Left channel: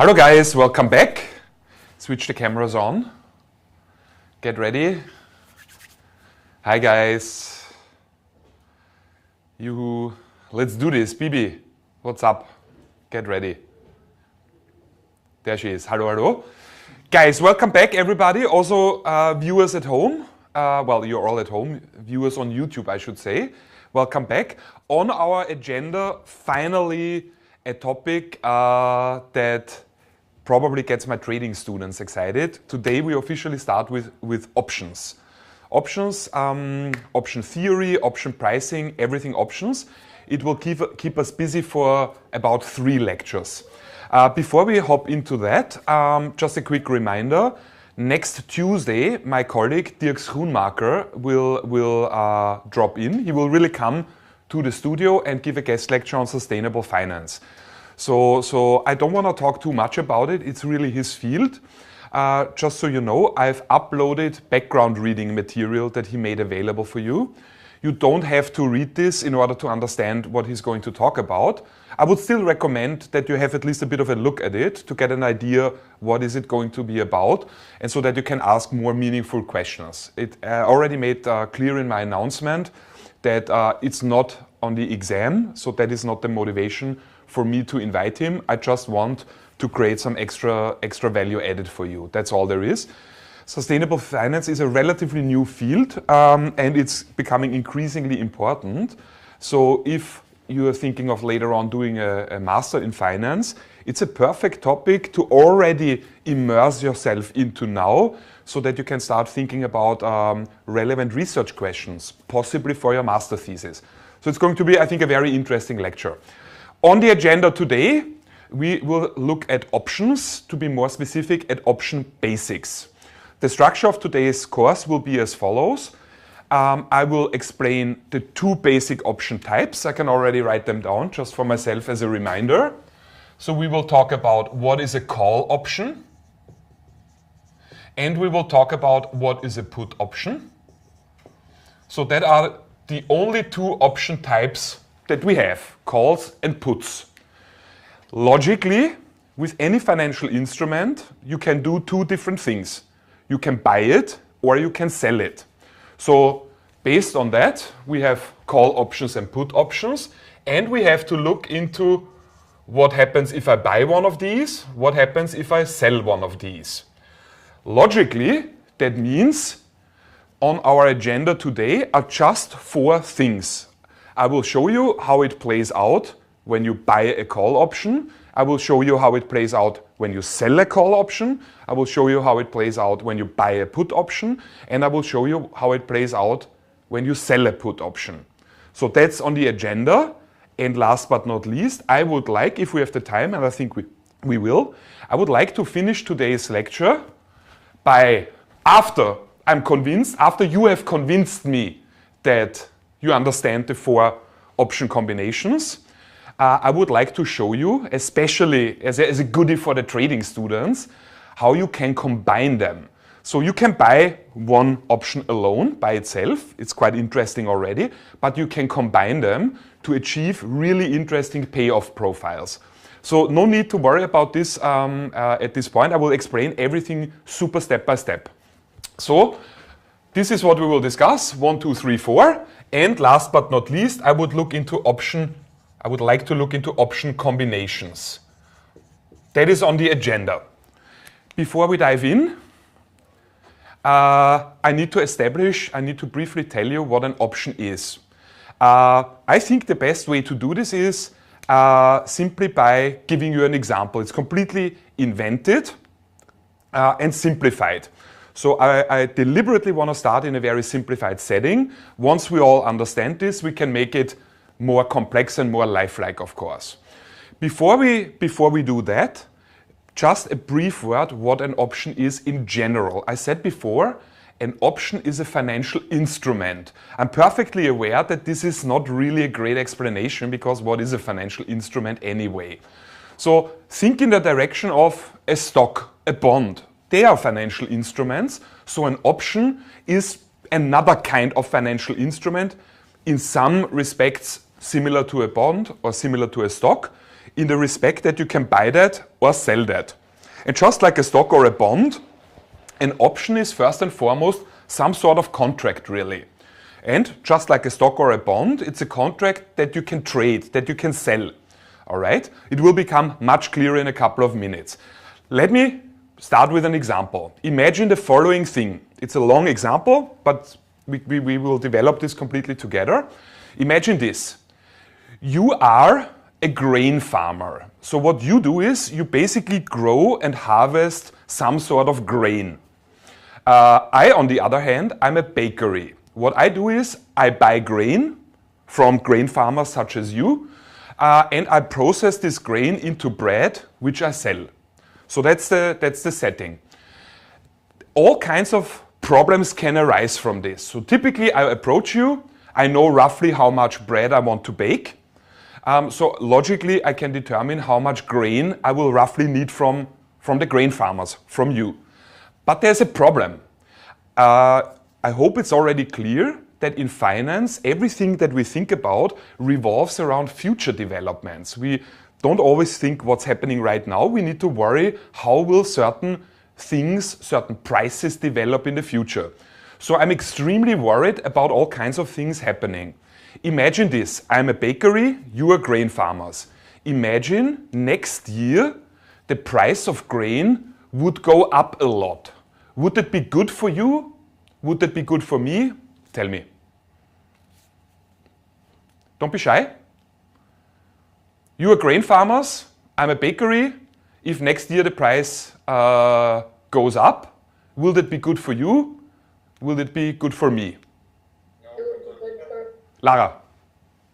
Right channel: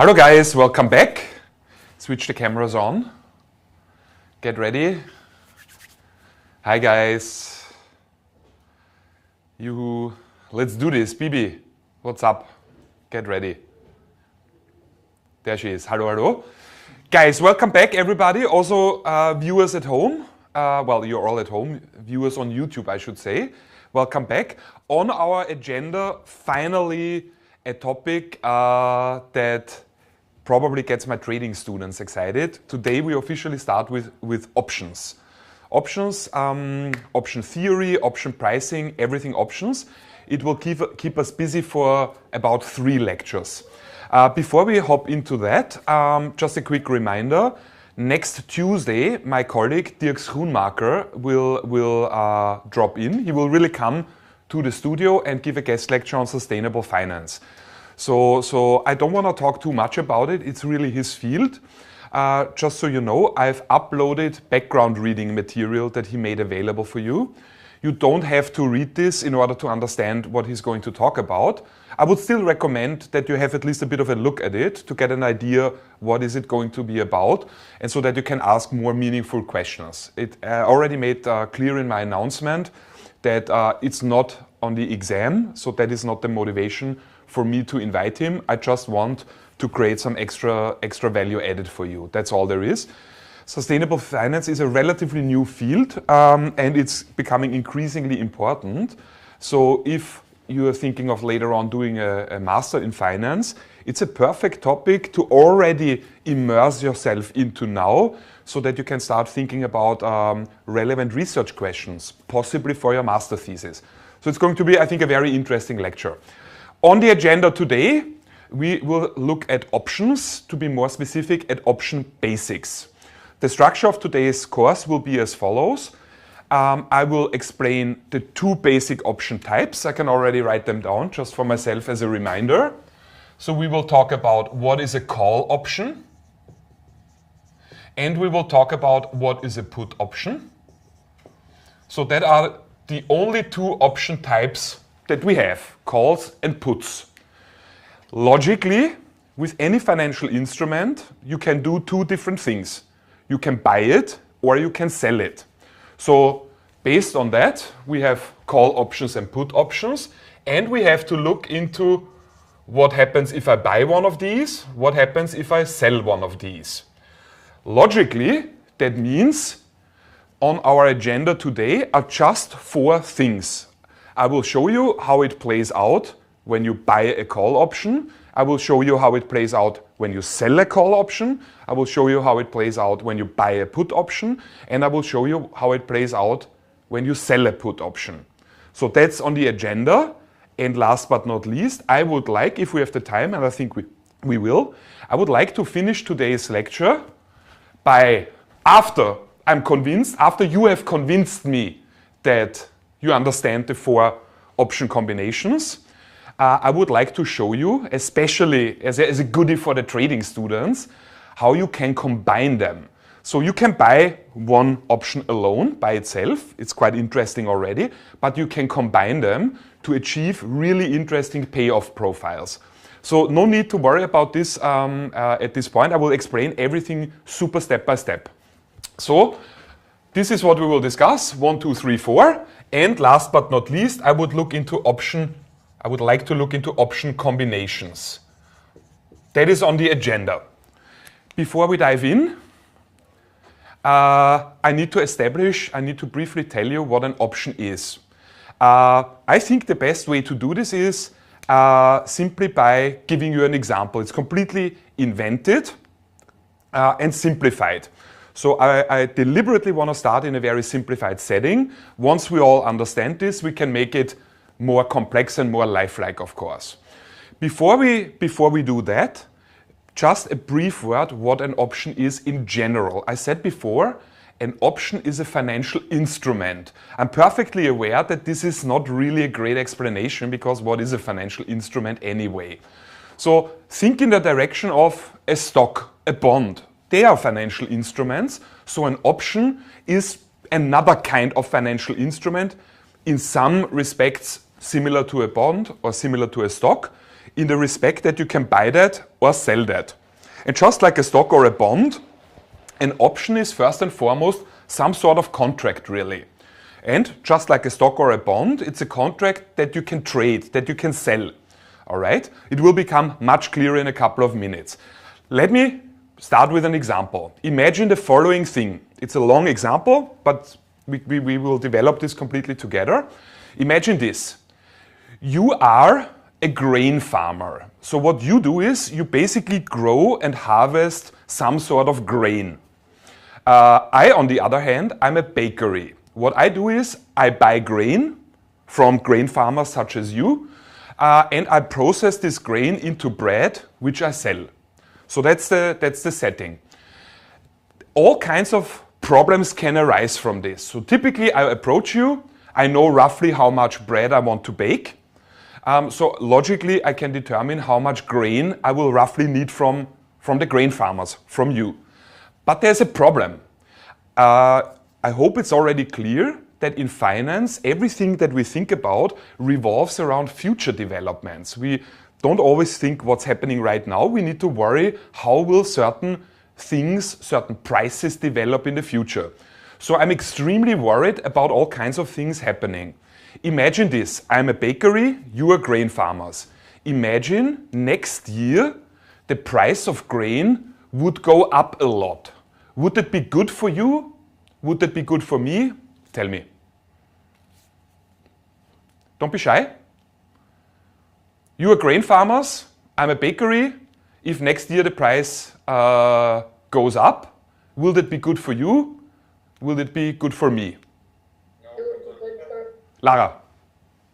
Hello guys, welcome back. Switch the cameras on. Get ready. Hi guys. Let's do this. Bibi, what's up? Get ready. There she is. Hello, hello. Guys, welcome back everybody. Also viewers at home. Well, you're all at home. Viewers on YouTube, I should say. Welcome back. On our agenda, finally, a topic that probably gets my trading students excited. Today we officially start with options. Options, option theory, option pricing, everything options. It will keep us busy for about 3 lectures. Before we hop into that, just a quick reminder. Next Tuesday, my colleague Dirk Schoenmaker will drop in. He will really come to the studio and give a guest lecture on sustainable finance. So I don't want to talk too much about it. It's really his field. Just so you know, I've uploaded background reading material that he made available for you. You don't have to read this in order to understand what he's going to talk about. I would still recommend that you have at least a bit of a look at it to get an idea what is it going to be about, and so that you can ask more meaningful questions. I already made clear in my announcement that it's not on the exam, so that is not the motivation for me to invite him. I just want to create some extra value added for you. That's all there is. Sustainable finance is a relatively new field and it's becoming increasingly important. So if you are thinking of later on doing a master in finance, it's a perfect topic to already immerse yourself into now so that you can start thinking about relevant research questions, possibly for your master thesis. So it's going to be, I think, a very interesting lecture. On the agenda today, we will look at options, to be more specific, at option basics. The structure of today's course will be as follows. I will explain the 2 basic option types. I can already write them down just for myself as a reminder. So we will talk about what is a call option, and we will talk about what is a put option. So that are the only 2 option types that we have, calls and puts. Logically, with any financial instrument, you can do 2 different things. You can buy it or you can sell it. So based on that, we have call options and put options, and we have to look into what happens if I buy one of these, what happens if I sell one of these. Logically, that means on our agenda today are just 4 things. I will show you how it plays out when you buy a call option. I will show you how it plays out when you sell a call option. I will show you how it plays out when you buy a put option. And I will show you how it plays out when you sell a put option. So that's on the agenda. And last but not least, I would like, if we have the time, and I think we will, I would like to finish today's lecture by, after you have convinced me that you understand the 4 option combinations, I would like to show you, especially as a goodie for the trading students, how you can combine them. So you can buy one option alone by itself. It's quite interesting already, but you can combine them to achieve really interesting payoff profiles. So no need to worry about this at this point. I will explain everything super step by step. So this is what we will discuss, 1, 2, 3, 4. And last but not least, I would like to look into option combinations. That is on the agenda. Before we dive in, I need to briefly tell you what an option is. I think the best way to do this is simply by giving you an example. It's completely invented and simplified. So I deliberately want to start in a very simplified setting. Once we all understand this, we can make it more complex and more lifelike, of course. Before we do that, just a brief word what an option is in general. I said before, an option is a financial instrument. I'm perfectly aware that this is not really a great explanation, because what is a financial instrument anyway? So think in the direction of a stock, a bond. They are financial instruments, so an option is another kind of financial instrument, in some respects similar to a bond or similar to a stock, in the respect that you can buy that or sell that. And just like a stock or a bond, an option is first and foremost some sort of contract, really. And just like a stock or a bond, it's a contract that you can trade, that you can sell. All right? It will become much clearer in a couple of minutes. Let me start with an example. Imagine the following thing. It's a long example, but we will develop this completely together. Imagine this. You are a grain farmer. So what you do is you basically grow and harvest some sort of grain. I, on the other hand, I'm a bakery. What I do is I buy grain from grain farmers such as you, and I process this grain into bread, which I sell. So that's the setting. All kinds of problems can arise from this. So typically I approach you, I know roughly how much bread I want to bake. So logically I can determine how much grain I will roughly need from the grain farmers, from you. But there's a problem. I hope it's already clear that in finance, everything that we think about revolves around future developments. We don't always think what's happening right now. We need to worry how will certain things, certain prices develop in the future. So I'm extremely worried about all kinds of things happening. Imagine this. I'm a bakery, you are grain farmers. Imagine next year the price of grain would go up a lot. Would that be good for you? Would that be good for me? Tell me. Don't be shy. You are grain farmers, I'm a bakery. If next year the price goes up, will that be good for you? Will it be good for me? It will be good for Lara.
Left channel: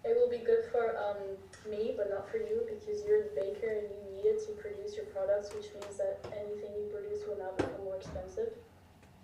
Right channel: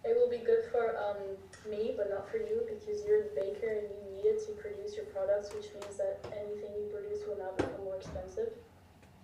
It will be good for me, but not for you, because you're the baker and you need it to produce your products, which means that anything you produce will now become more expensive.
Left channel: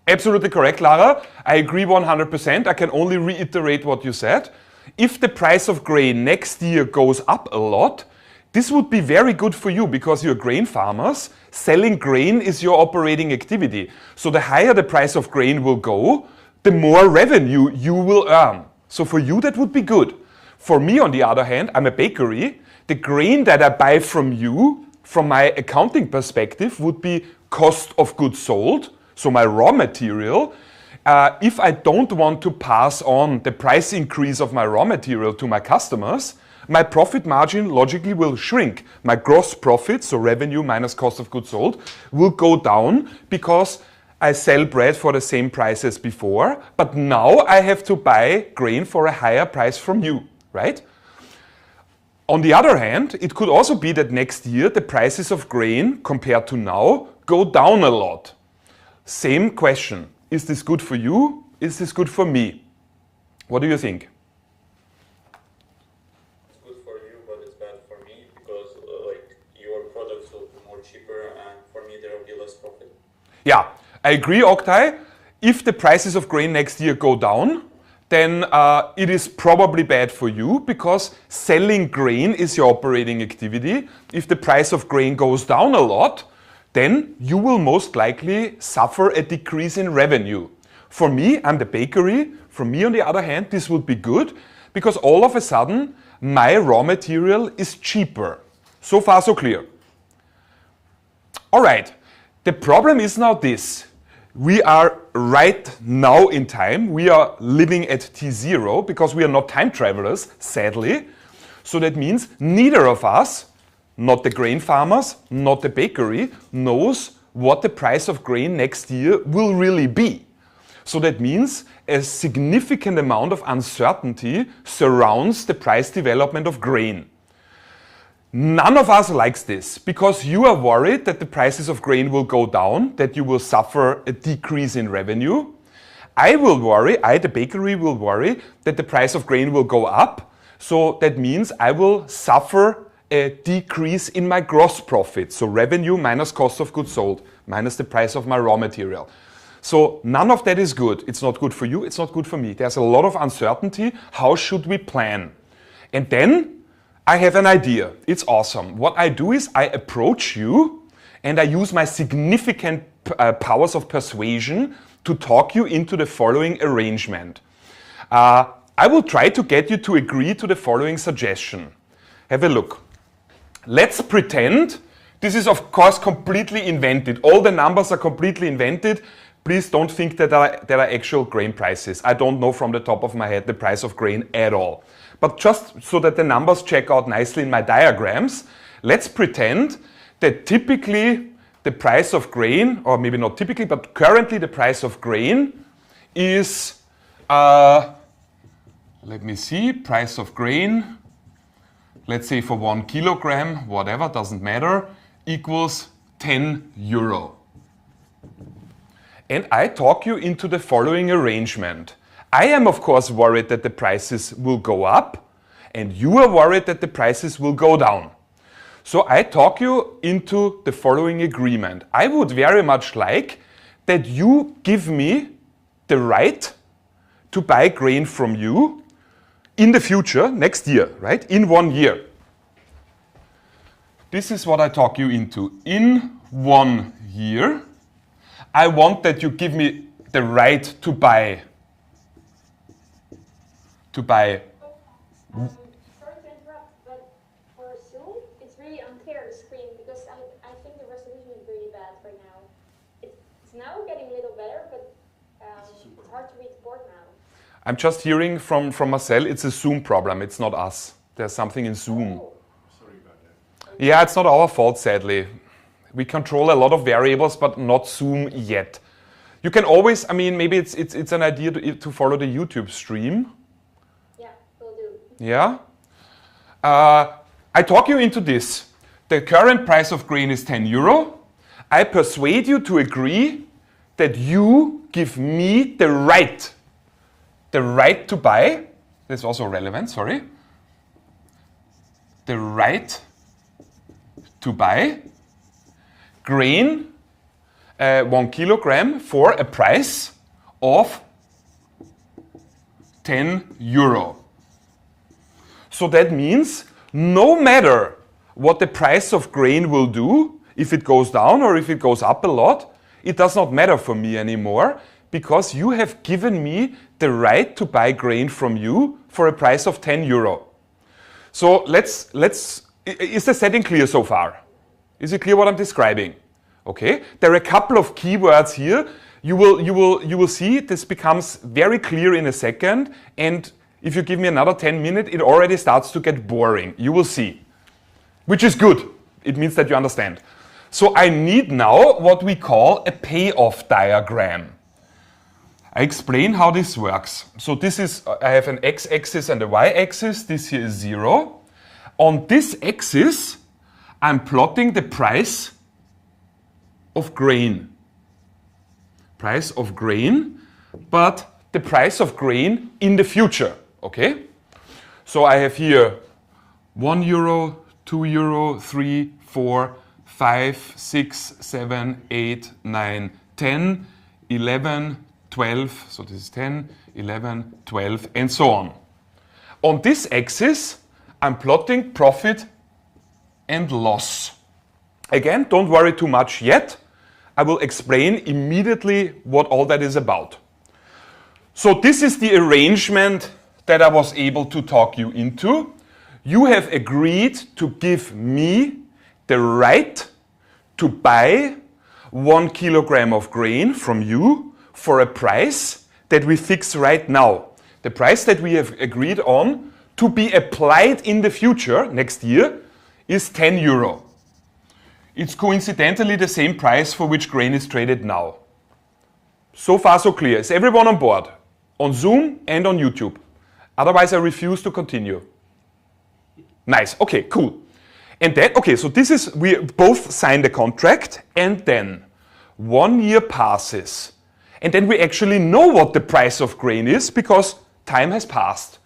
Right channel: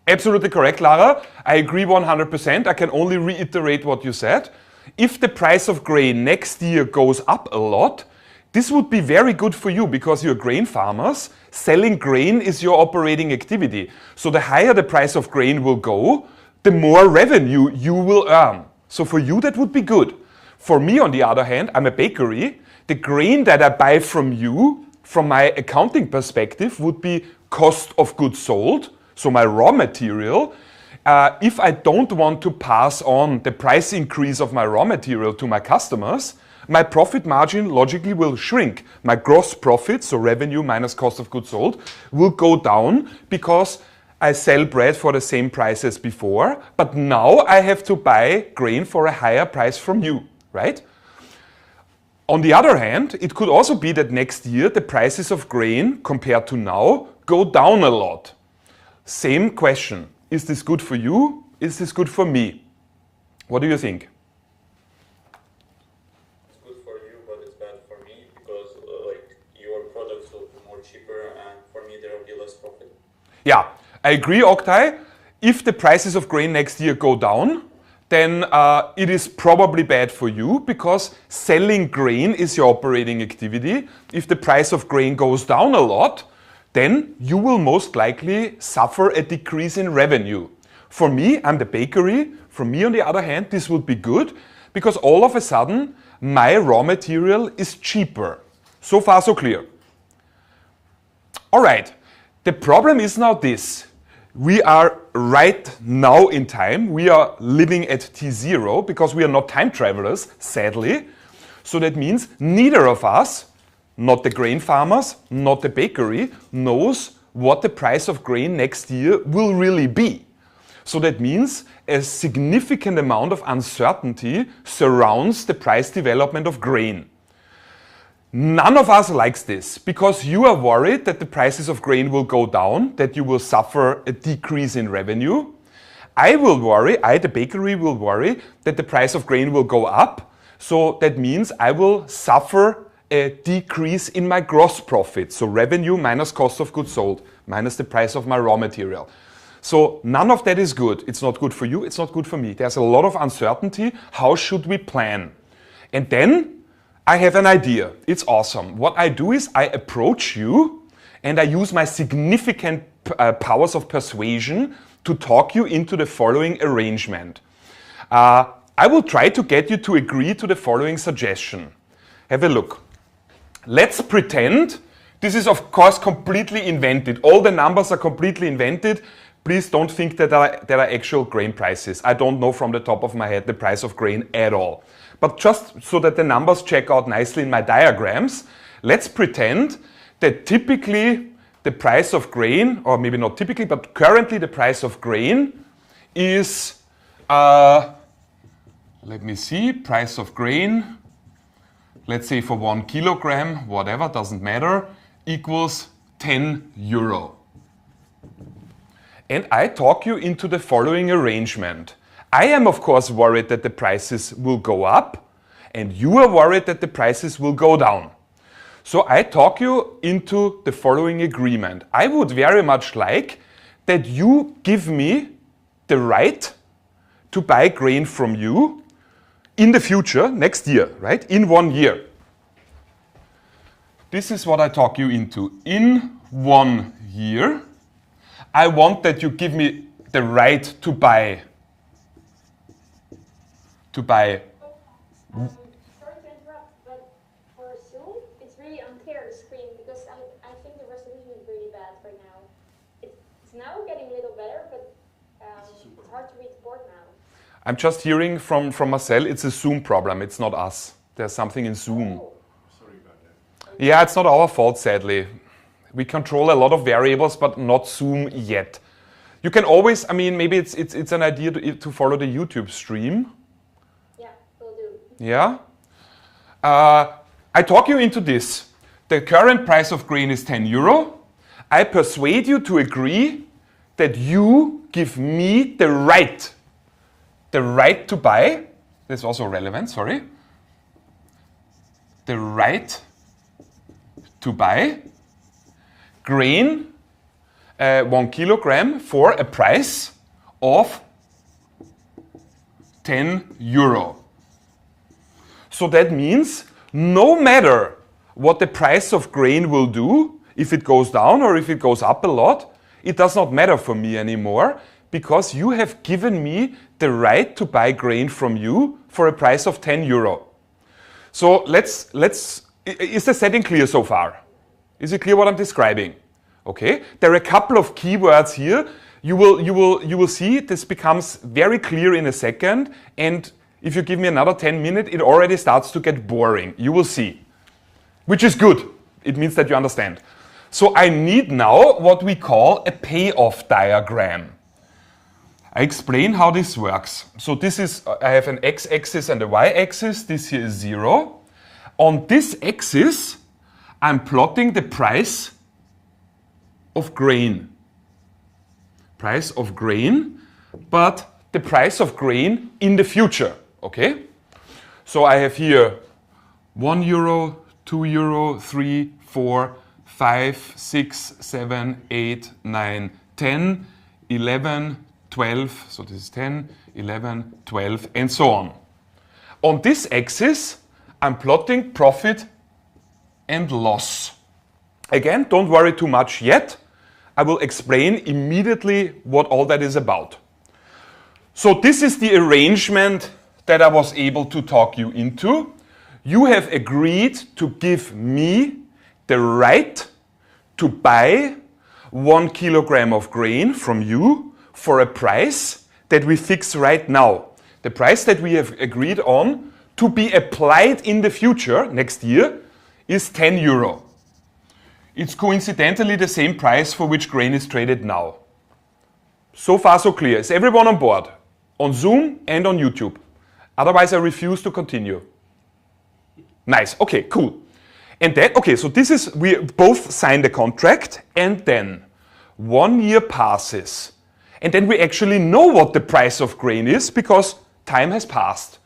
Absolutely correct, Lara. I agree 100%. I can only reiterate what you said. If the price of grain next year goes up a lot, this would be very good for you because you're grain farmers. Selling grain is your operating activity. So the higher the price of grain will go, the more revenue you will earn. So for you, that would be good. For me, on the other hand, I'm a bakery. The grain that I buy from you, from my accounting perspective, would be cost of goods sold. So my raw material. If I don't want to pass on the price increase of my raw material to my customers, my profit margin logically will shrink. My gross profit, so revenue minus cost of goods sold, will go down because I sell bread for the same price as before, but now I have to buy grain for a higher price from you, right? On the other hand, it could also be that next year the prices of grain compared to now go down a lot. Same question. Is this good for you? Is this good for me? What do you think? It's good for you, but it's bad for me because your products will be more cheaper and for me there will be less profit. Yeah, I agree, Oktay. If the prices of grain next year go down, then it is probably bad for you because selling grain is your operating activity. If the price of grain goes down a lot, then you will most likely suffer a decrease in revenue. For me, I'm the bakery. For me, on the other hand, this would be good because all of a sudden, my raw material is cheaper. So far, so clear. All right. The problem is now this. We are right now in time. We are living at T0 because we are not time travelers, sadly. So that means neither of us, not the grain farmers, not the bakery, knows what the price of grain next year will really be. So that means a significant amount of uncertainty surrounds the price development of grain. None of us likes this because you are worried that the prices of grain will go down, that you will suffer a decrease in revenue. I will worry, the bakery will worry that the price of grain will go up. So that means I will suffer a decrease in my gross profit. So revenue minus cost of goods sold, minus the price of my raw material. So none of that is good. It's not good for you, it's not good for me. There's a lot of uncertainty. How should we plan? And then I have an idea. It's awesome. What I do is I approach you and I use my significant powers of persuasion to talk you into the following arrangement. I will try to get you to agree to the following suggestion. Have a look. Let's pretend This is, of course, completely invented. All the numbers are completely invented. Please don't think that there are actual grain prices. I don't know from the top of my head the price of grain at all. But just so that the numbers check out nicely in my diagrams, let's pretend that typically the price of grain, or maybe not typically, but currently the price of grain is, let me see, price of grain, let's say for 1 kilogram, whatever, doesn't matter, equals 10 euro. And I talk you into the following arrangement. I am, of course, worried that the prices will go up, and you are worried that the prices will go down. So I talk you into the following agreement. I would very much like that you give me the right to buy grain from you in the future, next year, right? In 1 year. This is what I talk you into. In 1 year, I want that you give me the right to buy. Sorry to interrupt, but for Zoom, it's really unclear the screen because I think the resolution is really bad right now. It's now getting a little better, but it's hard to read the board now. I'm just hearing from Marcel, it's a Zoom problem, it's not us. There's something in Zoom. Sorry about that. Yeah, it's not our fault, sadly. We control a lot of variables, but not Zoom yet. You can always, I mean, maybe it's an idea to follow the YouTube stream. Yeah, will do. Yeah? I talk you into this. The current price of grain is 10 euro. I persuade you to agree that you give me the right to buy. That's also relevant, sorry. The right to buy grain, 1 kilogram, for a price of 10 euro. So that means no matter what the price of grain will do, if it goes down or if it goes up a lot, it does not matter for me anymore because you have given me the right to buy grain from you for a price of 10 euro. So is the setting clear so far? Is it clear what I'm describing? Okay, there are a couple of keywords here. You will see this becomes very clear in a second, and if you give me another 10 minutes, it already starts to get boring. You will see, which is good. It means that you understand. So I need now what we call a payoff diagram. I explain how this works. So this is, I have an x-axis and a y-axis. This here is 0. On this axis, I'm plotting the price of grain. Price of grain, but the price of grain in the future, okay? So I have here 1 euro, 2 euro, 3, 4, 5, 6, 7, 8, 9, 10, 11, 12, so this is 10, 11, 12, and so on. On this axis, I'm plotting profit and loss. Again, don't worry too much yet. I will explain immediately what all that is about. So this is the arrangement that I was able to talk you into. You have agreed to give me the right to buy 1 kilogram of grain from you for a price that we fix right now. The price that we have agreed on to be applied in the future, next year, is 10 euro. It's coincidentally the same price for which grain is traded now. So far so clear. Is everyone on board? On Zoom and on YouTube. Otherwise I refuse to continue. Nice, okay, cool. And then, okay, so this is, we both signed the contract and then 1 year passes. And then we actually know what the price of grain is because time has passed.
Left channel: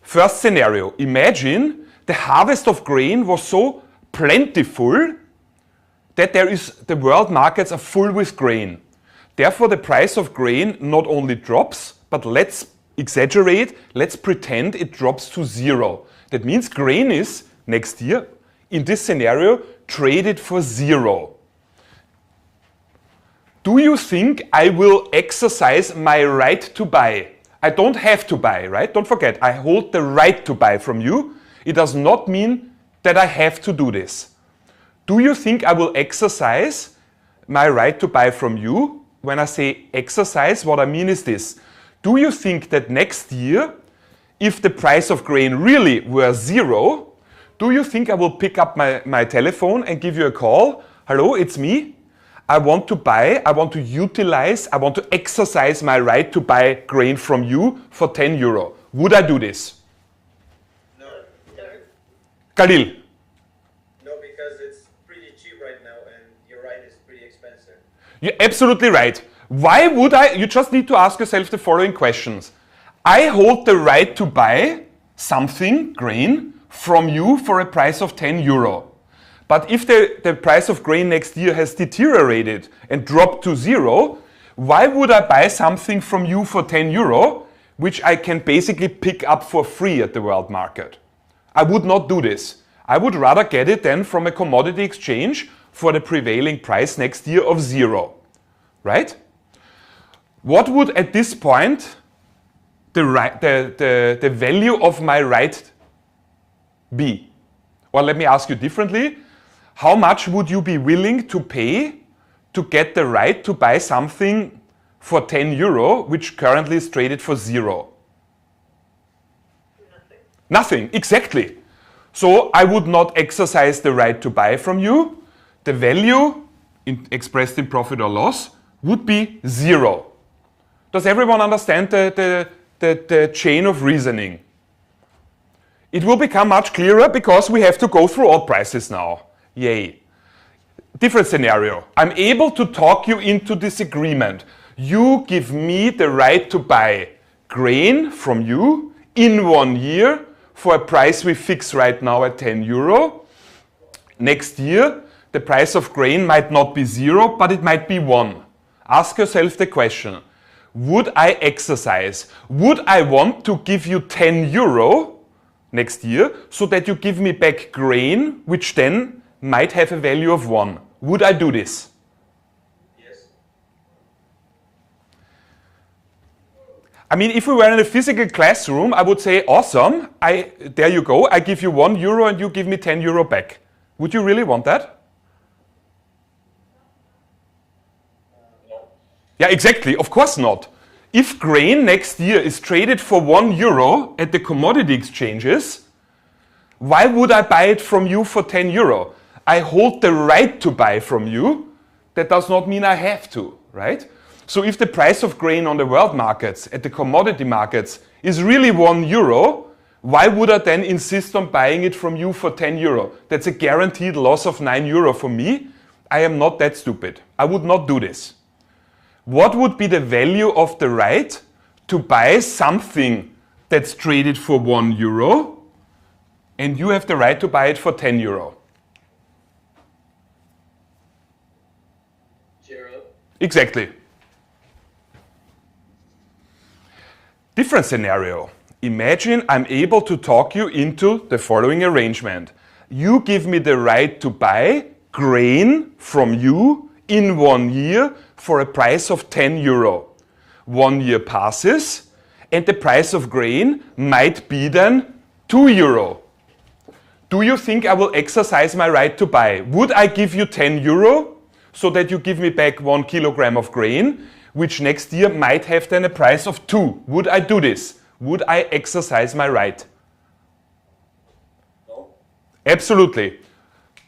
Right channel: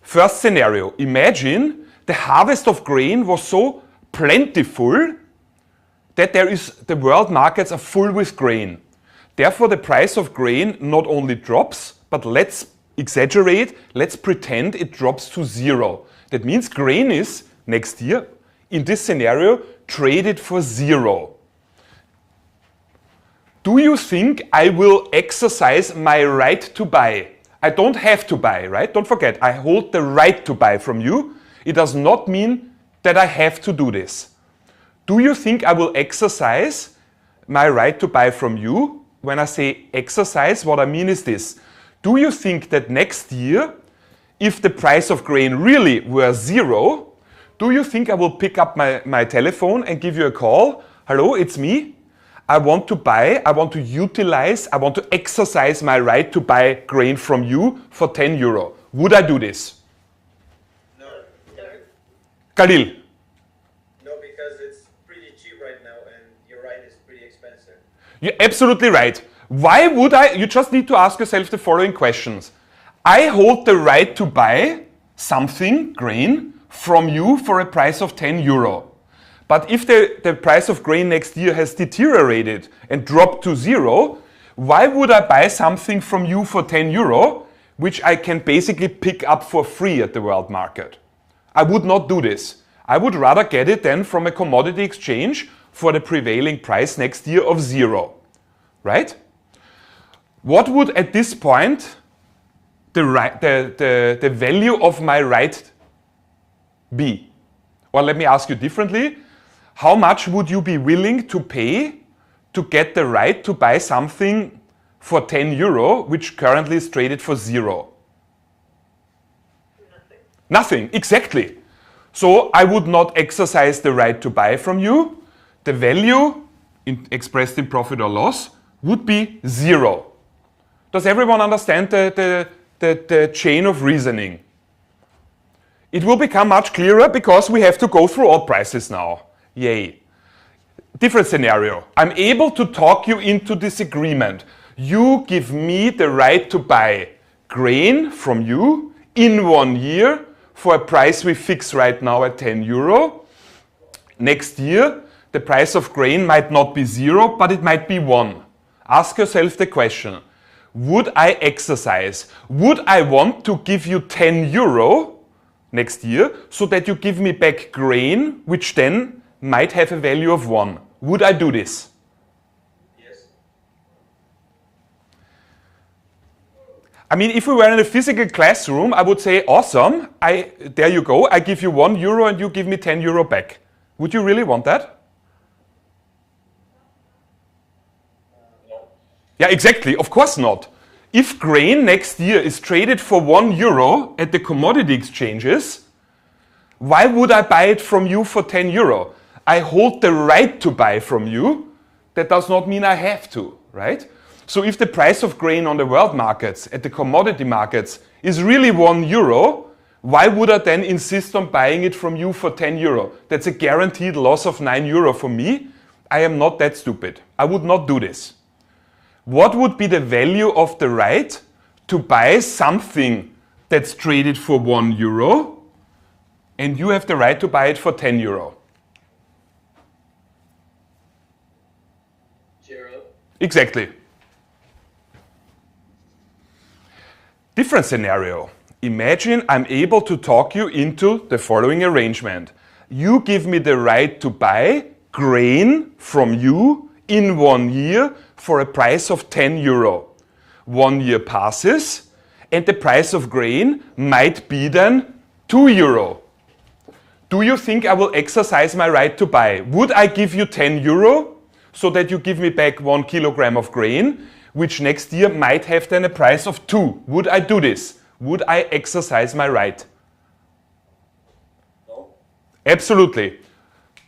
First scenario, imagine the harvest of grain was so plentiful that the world markets are full with grain. Therefore, the price of grain not only drops, but let's exaggerate, let's pretend it drops to 0. That means grain is, next year, in this scenario, traded for 0. Do you think I will exercise my right to buy? I don't have to buy, right? Don't forget, I hold the right to buy from you. It does not mean that I have to do this. Do you think I will exercise my right to buy from you? When I say exercise, what I mean is this. Do you think that next year, if the price of grain really were zero, do you think I will pick up my telephone and give you a call? Hello, it's me. I want to buy, I want to utilize, I want to exercise my right to buy grain from you for 10 euro. Would I do this? No. Khalil? No, because it's pretty cheap right now and your right is pretty expensive. You're absolutely right. Why would I? You just need to ask yourself the following questions. I hold the right to buy something, grain, from you for a price of 10 euro. But if the price of grain next year has deteriorated and dropped to zero, why would I buy something from you for 10 euro, which I can basically pick up for free at the world market? I would not do this. I would rather get it then from a commodity exchange for the prevailing price next year of zero. Right? What would at this point the value of my right be? Or let me ask you differently. How much would you be willing to pay to get the right to buy something for 10 euro, which currently is traded for zero? Nothing, exactly. So I would not exercise the right to buy from you. The value expressed in profit or loss would be zero. Does everyone understand the chain of reasoning? It will become much clearer because we have to go through all prices now. Yay. Different scenario. I'm able to talk you into this agreement. You give me the right to buy grain from you in 1 year for a price we fix right now at 10 euro. Next year, the price of grain might not be zero, but it might be 1. Ask yourself the question, would I exercise? Would I want to give you 10 euro next year so that you give me back grain, which then might have a value of 1? Would I do this? Yes. I mean, if we were in a physical classroom, I would say, awesome, there you go, I give you 1 euro and you give me 10 euro back. Would you really want that? Yeah, exactly, of course not. If grain next year is traded for 1 euro at the commodity exchanges, why would I buy it from you for 10 euro? I hold the right to buy from you. That does not mean I have to, right? So if the price of grain on the world markets, at the commodity markets, is really 1 euro, why would I then insist on buying it from you for 10 euro? That's a guaranteed loss of 9 euro for me. I am not that stupid. I would not do this. What would be the value of the right to buy something that's traded for 1 euro and you have the right to buy it for 10 euro? Zero. Exactly. Different scenario. Imagine I'm able to talk you into the following arrangement. You give me the right to buy grain from you in 1 year for a price of 10 euro. 1 year passes and the price of grain might be then 2 euro. Do you think I will exercise my right to buy? Would I give you 10 euro so that you give me back 1 kilogram of grain, which next year might have then a price of 2? Would I do this? Would I exercise my right? No. Absolutely.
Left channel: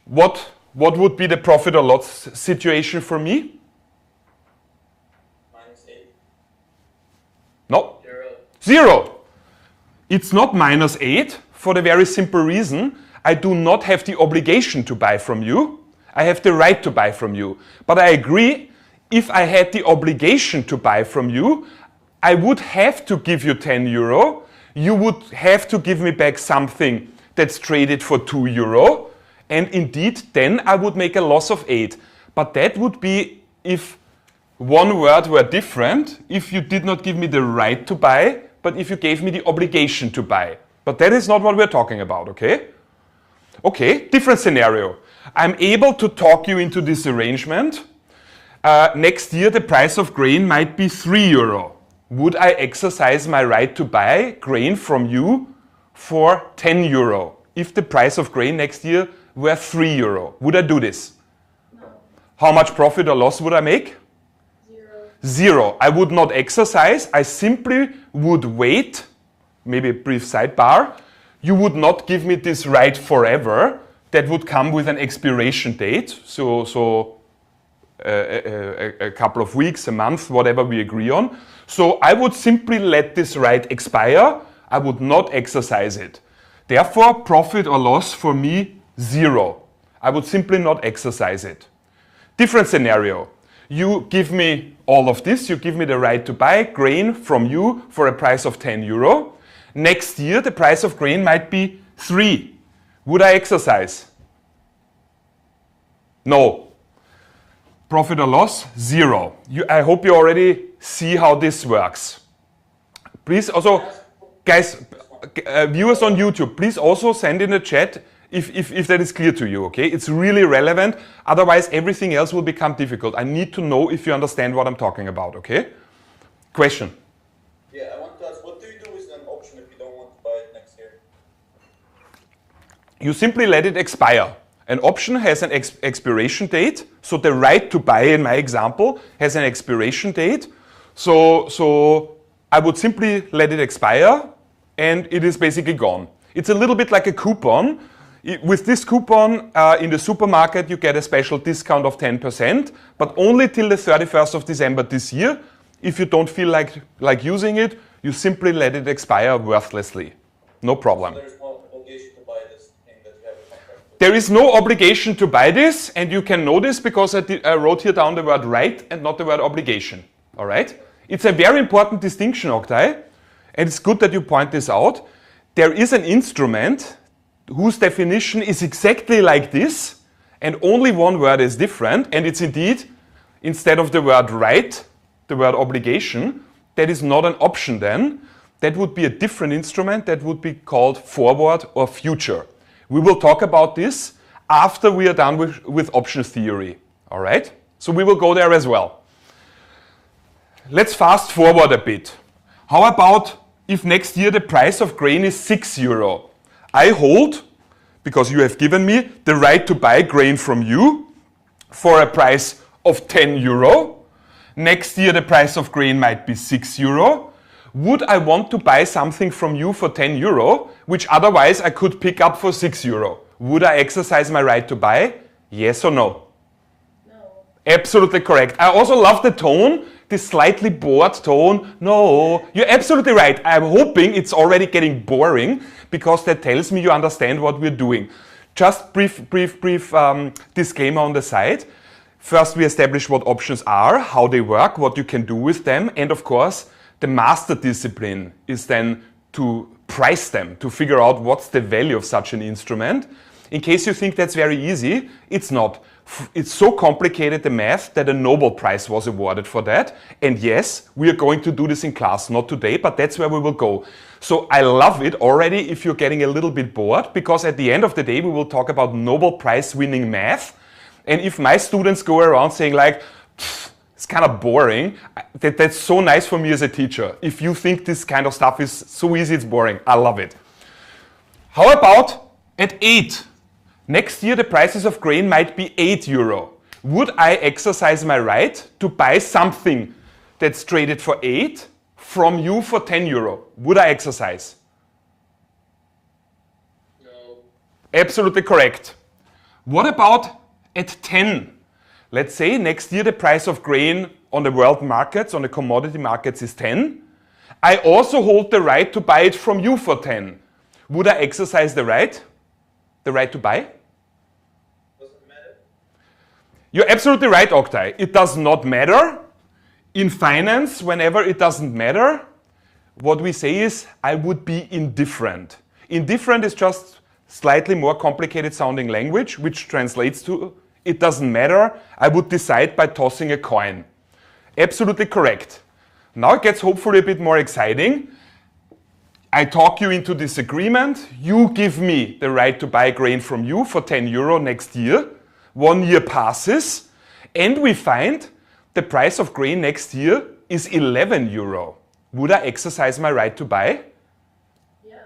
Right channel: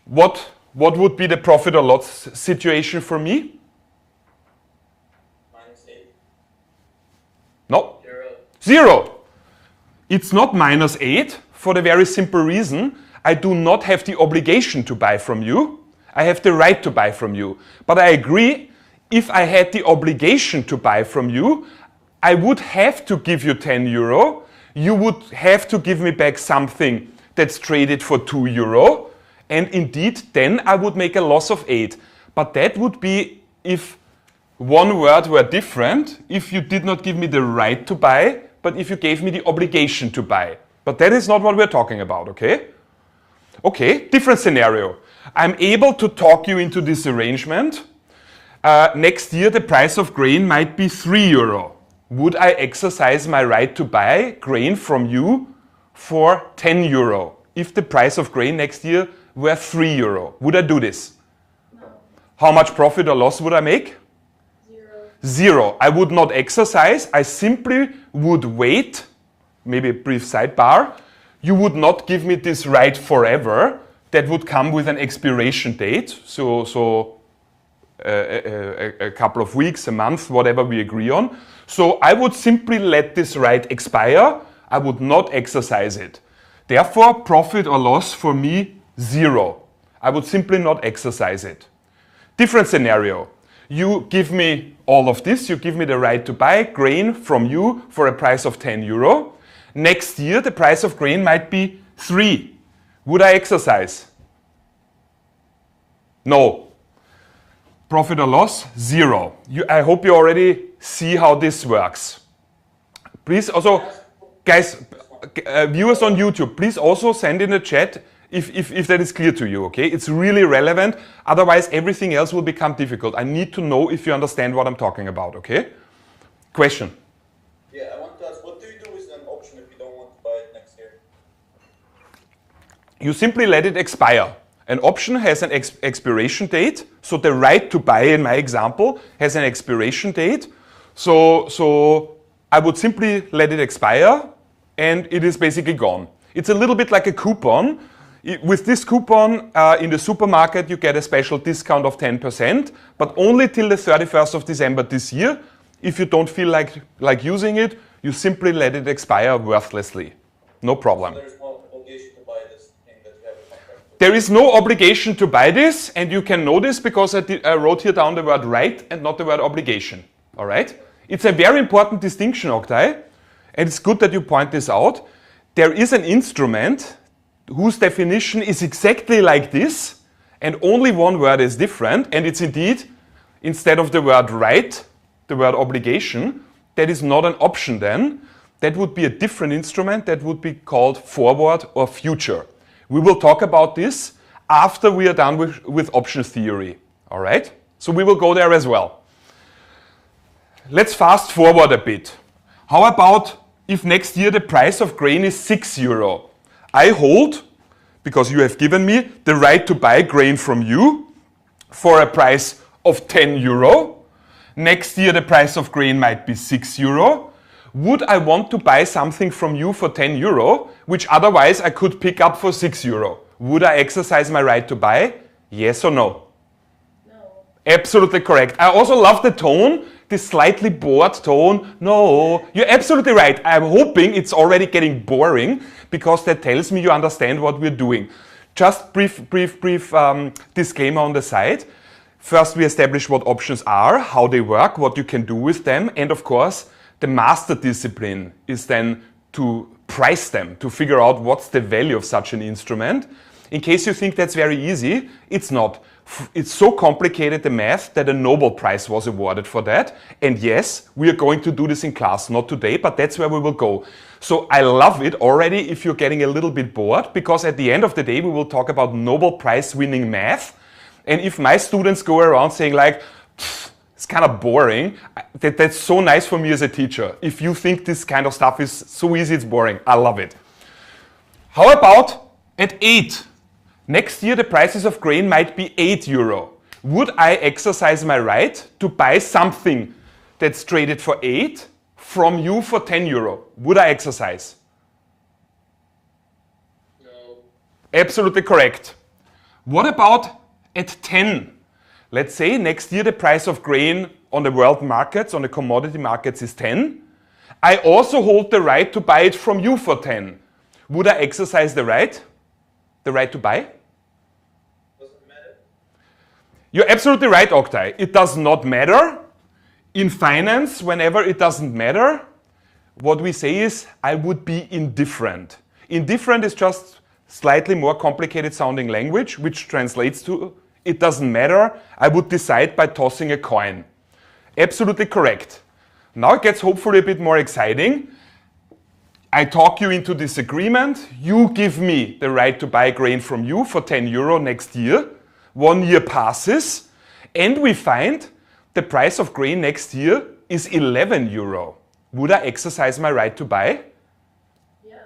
What would be the profit or loss situation for me? -8. No. Zero. 0. It's not -8 for the very simple reason I do not have the obligation to buy from you. I have the right to buy from you. But I agree, if I had the obligation to buy from you, I would have to give you 10 euro. You would have to give me back something that's traded for 2 euro. And indeed, then I would make a loss of 8. But that would be if one word were different, if you did not give me the right to buy, but if you gave me the obligation to buy. But that is not what we're talking about, okay? Okay, different scenario. I'm able to talk you into this arrangement. Next year, the price of grain might be 3 euro. Would I exercise my right to buy grain from you for 10 euro if the price of grain next year were 3 euro. Would I do this? No. How much profit or loss would I make? 0. 0. I would not exercise. I simply would wait. Maybe a brief sidebar. You would not give me this right forever. That would come with an expiration date. So a couple of weeks, a month, whatever we agree on. So I would simply let this right expire. I would not exercise it. Therefore, profit or loss for me, 0. I would simply not exercise it. Different scenario. You give me all of this. You give me the right to buy grain from you for a price of 10 euro. Next year, the price of grain might be 3. Would I exercise? No. Profit or loss? 0. I hope you already see how this works. Please also, guys, viewers on YouTube, please also send in the chat if that is clear to you, okay? It's really relevant. Otherwise, everything else will become difficult. I need to know if you understand what I'm talking about, okay? Question? Yeah, I want to ask, what do you do with an option if you don't want to buy it next year? You simply let it expire. An option has an expiration date. So the right to buy, in my example, has an expiration date. So I would simply let it expire, and it is basically gone. It's a little bit like a coupon. With this coupon in the supermarket, you get a special discount of 10%, but only till the 31st of December this year. If you don't feel like using it, you simply let it expire worthlessly. No problem. There is no obligation to buy this thing that you have a contract with. There is no obligation to buy this, and you can know this because I wrote here down the word right and not the word obligation. All right? It's a very important distinction, Oktay, and it's good that you point this out. There is an instrument whose definition is exactly like this, and only one word is different, and it's indeed, instead of the word right, the word obligation. That is not an option then. That would be a different instrument that would be called forward or future. We will talk about this after we are done with options theory. All right? So we will go there as well. Let's fast forward a bit. How about if next year the price of grain is 6 euro? I hold, because you have given me the right to buy grain from you for a price of 10 euro. Next year the price of grain might be 6 euro. Would I want to buy something from you for 10 euro, which otherwise I could pick up for 6 euro? Would I exercise my right to buy? Yes or no? No. Absolutely correct. I also love the tone, this slightly bored tone. No, you're absolutely right. I'm hoping it's already getting boring because that tells me you understand what we're doing. Just brief disclaimer on the side. First, we establish what options are, how they work, what you can do with them, and of course, the master discipline is then to price them, to figure out what's the value of such an instrument. In case you think that's very easy, it's not. It's so complicated, the math, that a Nobel Prize was awarded for that. And yes, we are going to do this in class, not today, but that's where we will go. So I love it already if you're getting a little bit bored, because at the end of the day, we will talk about Nobel Prize winning math. And if my students go around saying like, it's kind of boring, that's so nice for me as a teacher. If you think this kind of stuff is so easy, it's boring. I love it. How about at 8? Next year, the prices of grain might be 8 euro. Would I exercise my right to buy something that's traded for 8 from you for 10 euro? Would I exercise? No. Absolutely correct. What about at 10? Let's say next year the price of grain on the world markets, on the commodity markets is 10. I also hold the right to buy it from you for 10. Would I exercise the right? The right to buy? Doesn't matter. You're absolutely right, Oktay. It does not matter. In finance, whenever it doesn't matter, what we say is, I would be indifferent. Indifferent is just slightly more complicated sounding language, which translates to, it doesn't matter. I would decide by tossing a coin. Absolutely correct. Now it gets hopefully a bit more exciting. I talk you into this agreement. You give me the right to buy grain from you for 10 euro next year. 1 year passes, and we find the price of grain next year is 11 euro. Would I exercise my right to buy? Yeah.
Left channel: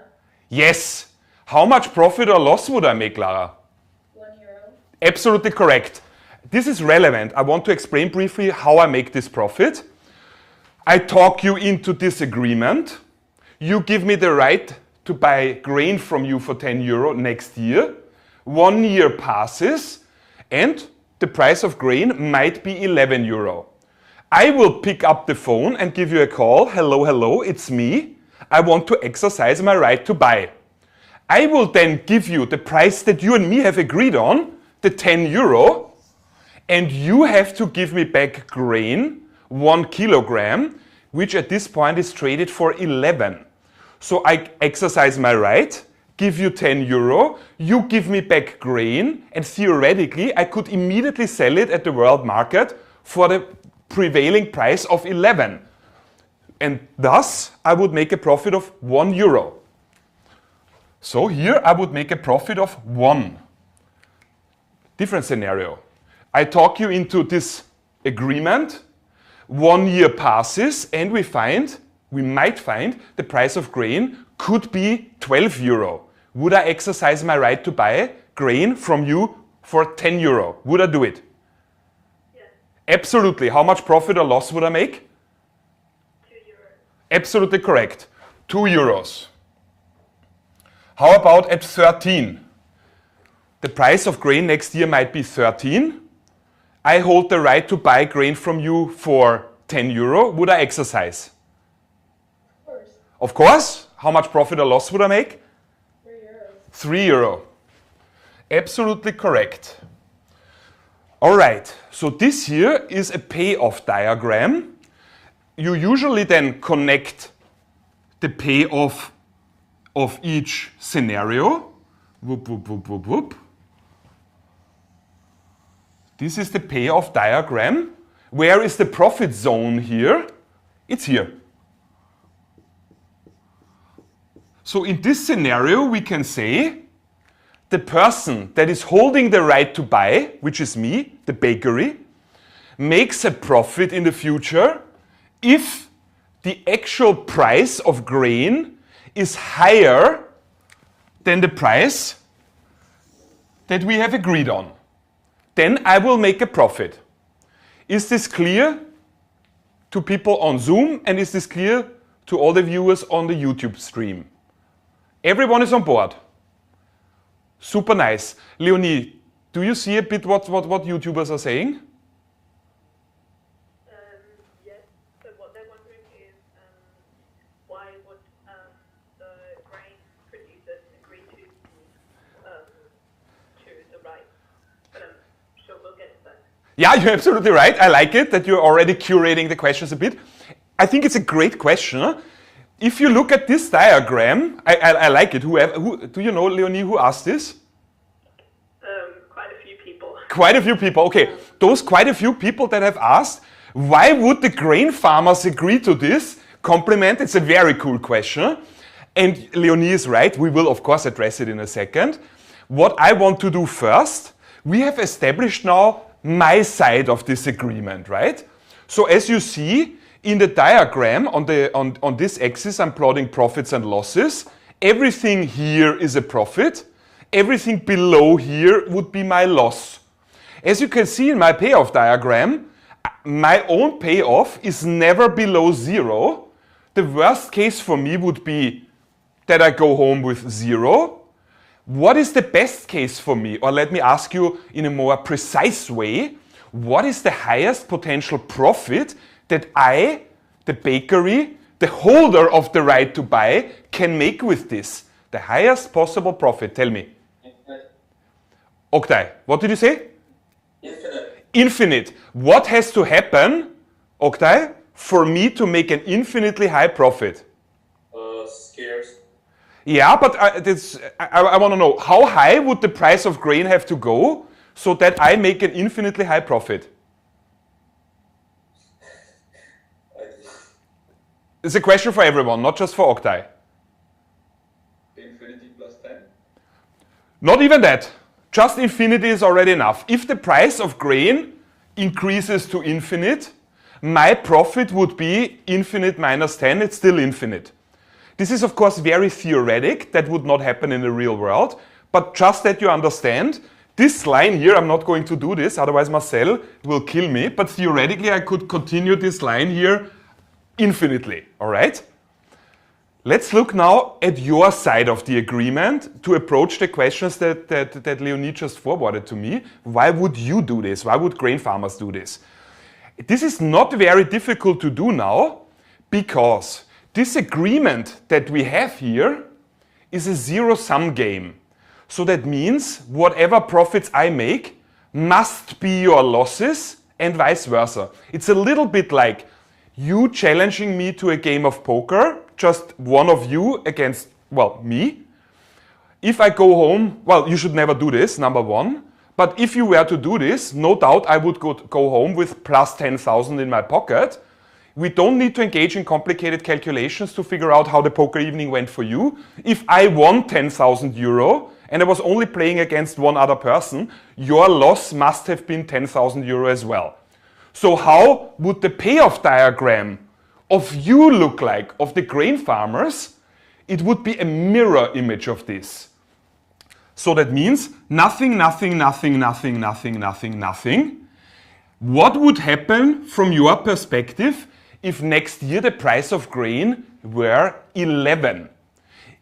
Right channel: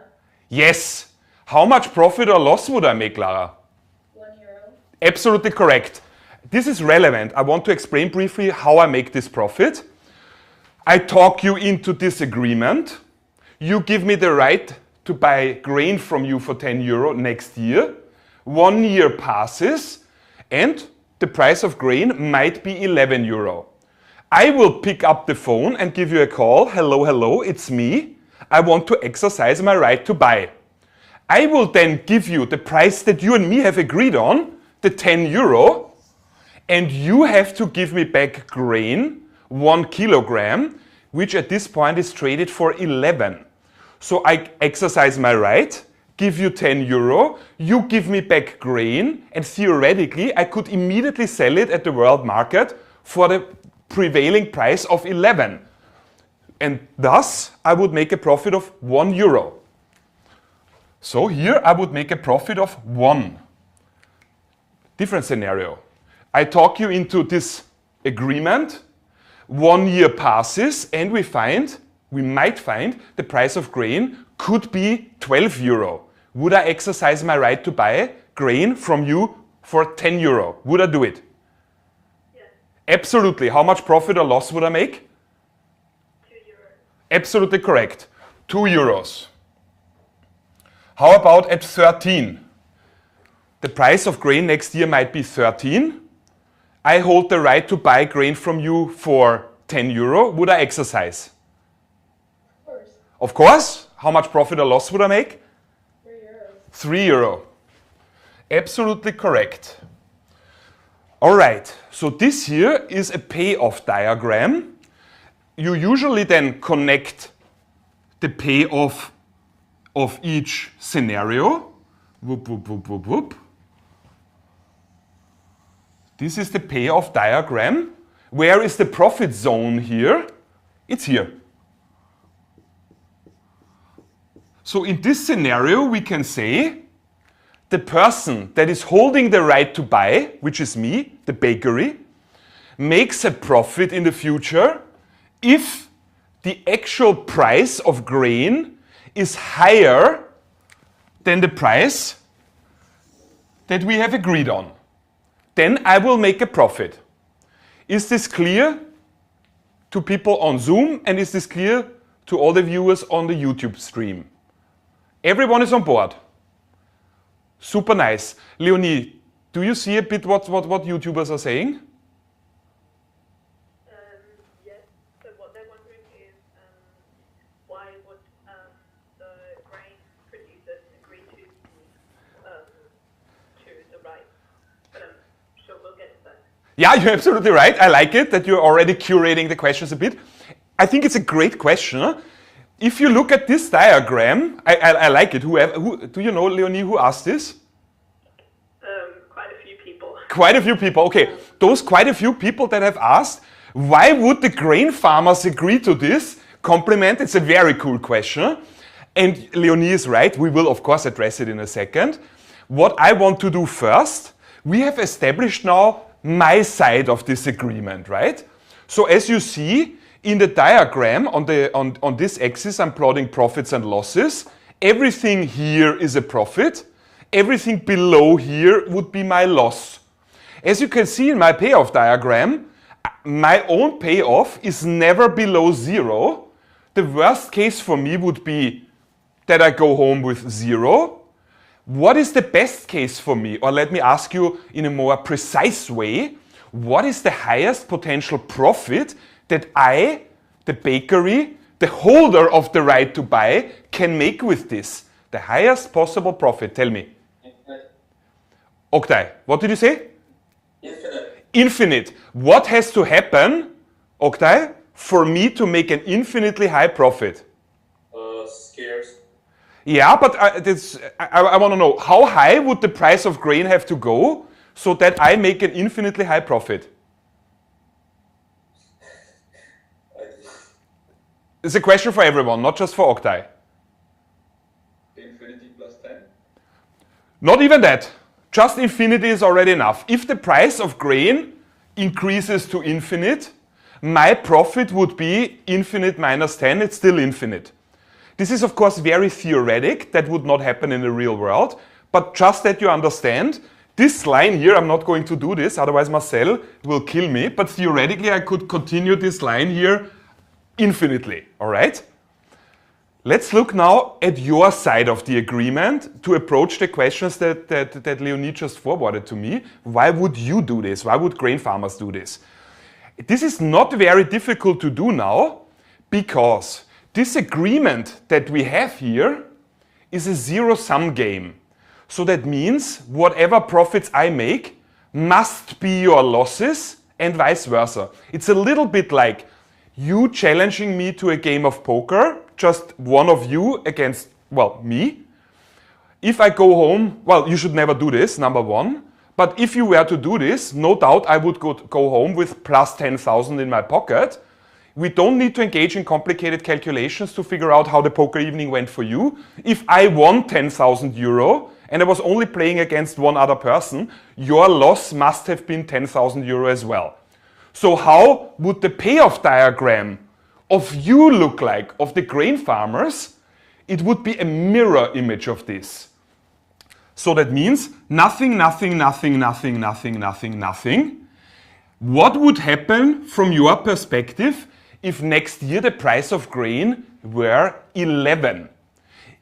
Yes. How much profit or loss would I make, Lara? 1. Absolutely correct. This is relevant. I want to explain briefly how I make this profit. I talk you into this agreement. You give me the right to buy grain from you for 10 euro next year. 1 year passes and the price of grain might be 11 euro. I will pick up the phone and give you a call. Hello, hello, it's me. I want to exercise my right to buy. I will then give you the price that you and me have agreed on, the 10 euro, and you have to give me back grain, 1 kilogram, which at this point is traded for 11. So I exercise my right, give you 10 euro, you give me back grain, and theoretically I could immediately sell it at the world market for the prevailing price of 11. And thus I would make a profit of 1 euro. So here I would make a profit of 1. Different scenario. I talk you into this agreement. 1 year passes and we might find the price of grain could be 12 euro. Would I exercise my right to buy grain from you for 10 euro? Would I do it? Yes. Absolutely. How much profit or loss would I make? 2 euros. Absolutely correct. 2 euros. How about at 13? The price of grain next year might be 13. I hold the right to buy grain from you for 10 euro. Would I exercise? Of course. Of course. How much profit or loss would I make? 3 euros. 3 euro. Absolutely correct. All right. So this here is a payoff diagram. You usually then connect the payoff of each scenario. Whoop, whoop, whoop, whoop, whoop. This is the payoff diagram. Where is the profit zone here? It's here. So in this scenario, we can say the person that is holding the right to buy, which is me, the bakery, makes a profit in the future if the actual price of grain is higher than the price that we have agreed on. Then I will make a profit. Is this clear to people on Zoom, and is this clear to all the viewers on the YouTube stream? Everyone is on board. Super nice. Leonie, do you see a bit what YouTubers are saying? Yes. So what they're wondering is why would the grain producers agree to the right? But I'm sure we'll get to that. Yeah, you're absolutely right. I like it that you're already curating the questions a bit. I think it's a great question. Huh? If you look at this diagram, I like it. Who do you know, Leonie, who asked this? Quite a few people. Quite a few people. Okay, those quite a few people that have asked, why would the grain farmers agree to this? Compliment. It's a very cool question. And Leonie is right. We will, of course, address it in a second. What I want to do first, we have established now my side of this agreement, right? So as you see, in the diagram on this axis, I'm plotting profits and losses. Everything here is a profit. Everything below here would be my loss. As you can see in my payoff diagram, my own payoff is never below 0. The worst case for me would be that I go home with 0. What is the best case for me? Or let me ask you in a more precise way, what is the highest potential profit that I, the bakery, the holder of the right to buy, can make with this? The highest possible profit, tell me. Oktay, what did you say? Infinite. Infinite. What has to happen, Oktay, for me to make an infinitely high profit? Scarce. Yeah, but I want to know, how high would the price of grain have to go so that I make an infinitely high profit? It's a question for everyone, not just for Oktay. Infinity plus 10. Not even that. Just infinity is already enough. If the price of grain increases to infinite, my profit would be infinite minus 10. It's still infinite. This is, of course, very theoretic. That would not happen in the real world. But just that you understand, This line here, I'm not going to do this, otherwise Marcel will kill me, but theoretically I could continue this line here infinitely, all right? Let's look now at your side of the agreement to approach the questions that Leonie just forwarded to me. Why would you do this? Why would grain farmers do this? This is not very difficult to do now because this agreement that we have here is a zero-sum game. So that means whatever profits I make must be your losses and vice versa. It's a little bit like you challenging me to a game of poker, just one of you against, well, me. If I go home, well, you should never do this, number one. But if you were to do this, no doubt I would go home with plus 10,000 in my pocket. We don't need to engage in complicated calculations to figure out how the poker evening went for you. If I won 10,000 euro and I was only playing against one other person, your loss must have been 10,000 euro as well. So how would the payoff diagram of you look like, of the grain farmers? It would be a mirror image of this. So that means nothing, nothing, nothing, nothing, nothing, nothing, nothing. What would happen from your perspective if next year the price of grain were 11?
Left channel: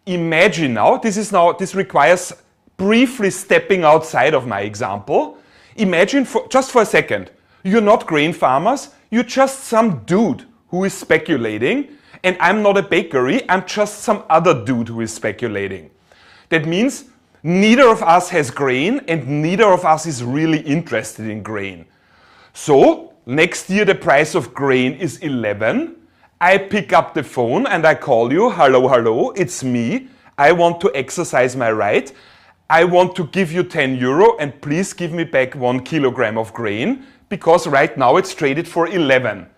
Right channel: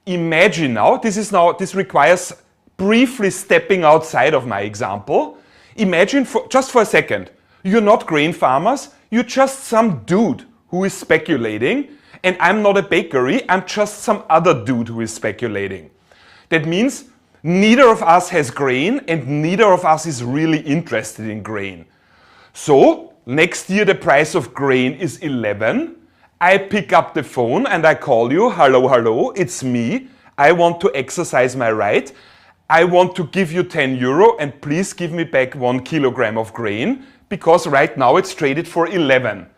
Imagine now, this requires briefly stepping outside of my example. Imagine just for a second, you're not grain farmers, you're just some dude who is speculating, and I'm not a bakery, I'm just some other dude who is speculating. That means neither of us has grain and neither of us is really interested in grain. So next year the price of grain is 11. I pick up the phone and I call you, hello, hello, it's me. I want to exercise my right. I want to give you 10 euro and please give me back 1 kilogram of grain because right now it's traded for 11.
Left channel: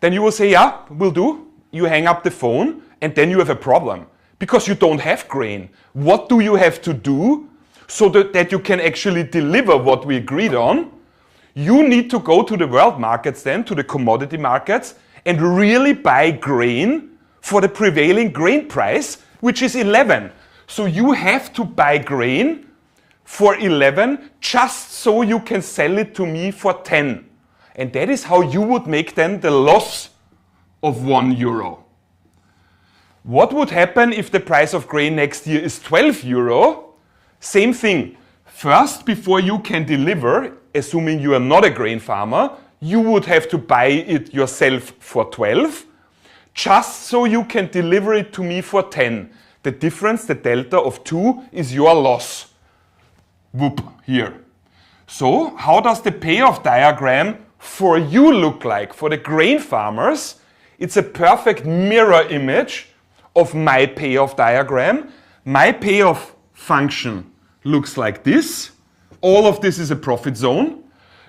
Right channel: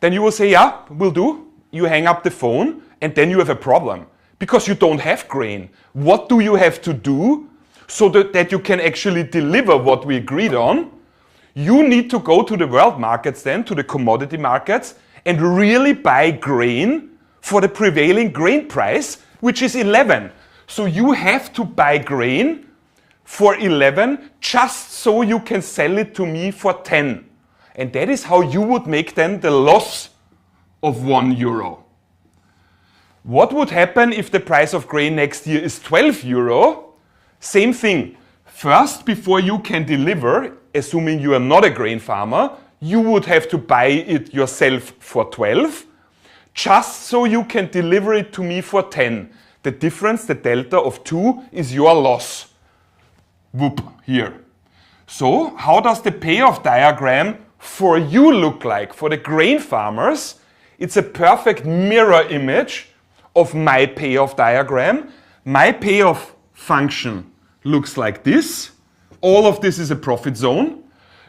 Then you will say, yeah, will do. You hang up the phone and then you have a problem because you don't have grain. What do you have to do so that you can actually deliver what we agreed on? You need to go to the world markets then, to the commodity markets, and really buy grain for the prevailing grain price, which is 11. So you have to buy grain for 11 just so you can sell it to me for 10. And that is how you would make then the loss of 1 euro. What would happen if the price of grain next year is 12 euro? Same thing. First, before you can deliver, assuming you are not a grain farmer, you would have to buy it yourself for 12, just so you can deliver it to me for 10. The difference, the delta of 2, is your loss. Whoop, here. So, how does the payoff diagram for you look like? For the grain farmers, it's a perfect mirror image of my payoff diagram. My payoff function looks like this. All of this is a profit zone.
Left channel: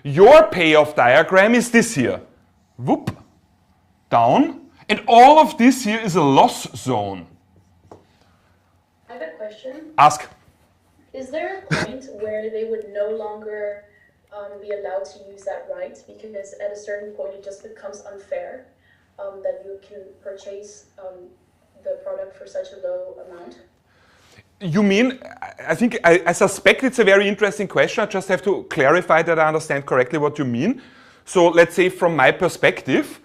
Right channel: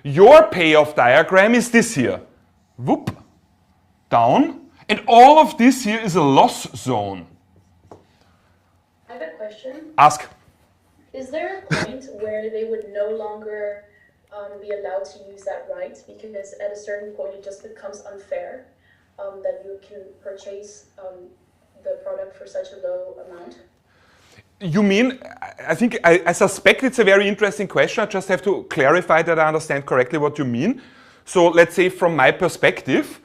Your payoff diagram is this here. Whoop, down. And all of this here is a loss zone. I have a question. Ask. Is there a point where they would no longer be allowed to use that right? Because at a certain point it just becomes unfair that you can purchase the product for such a low amount? You mean, I suspect it's a very interesting question. I just have to clarify that I understand correctly what you mean. So let's say from my perspective,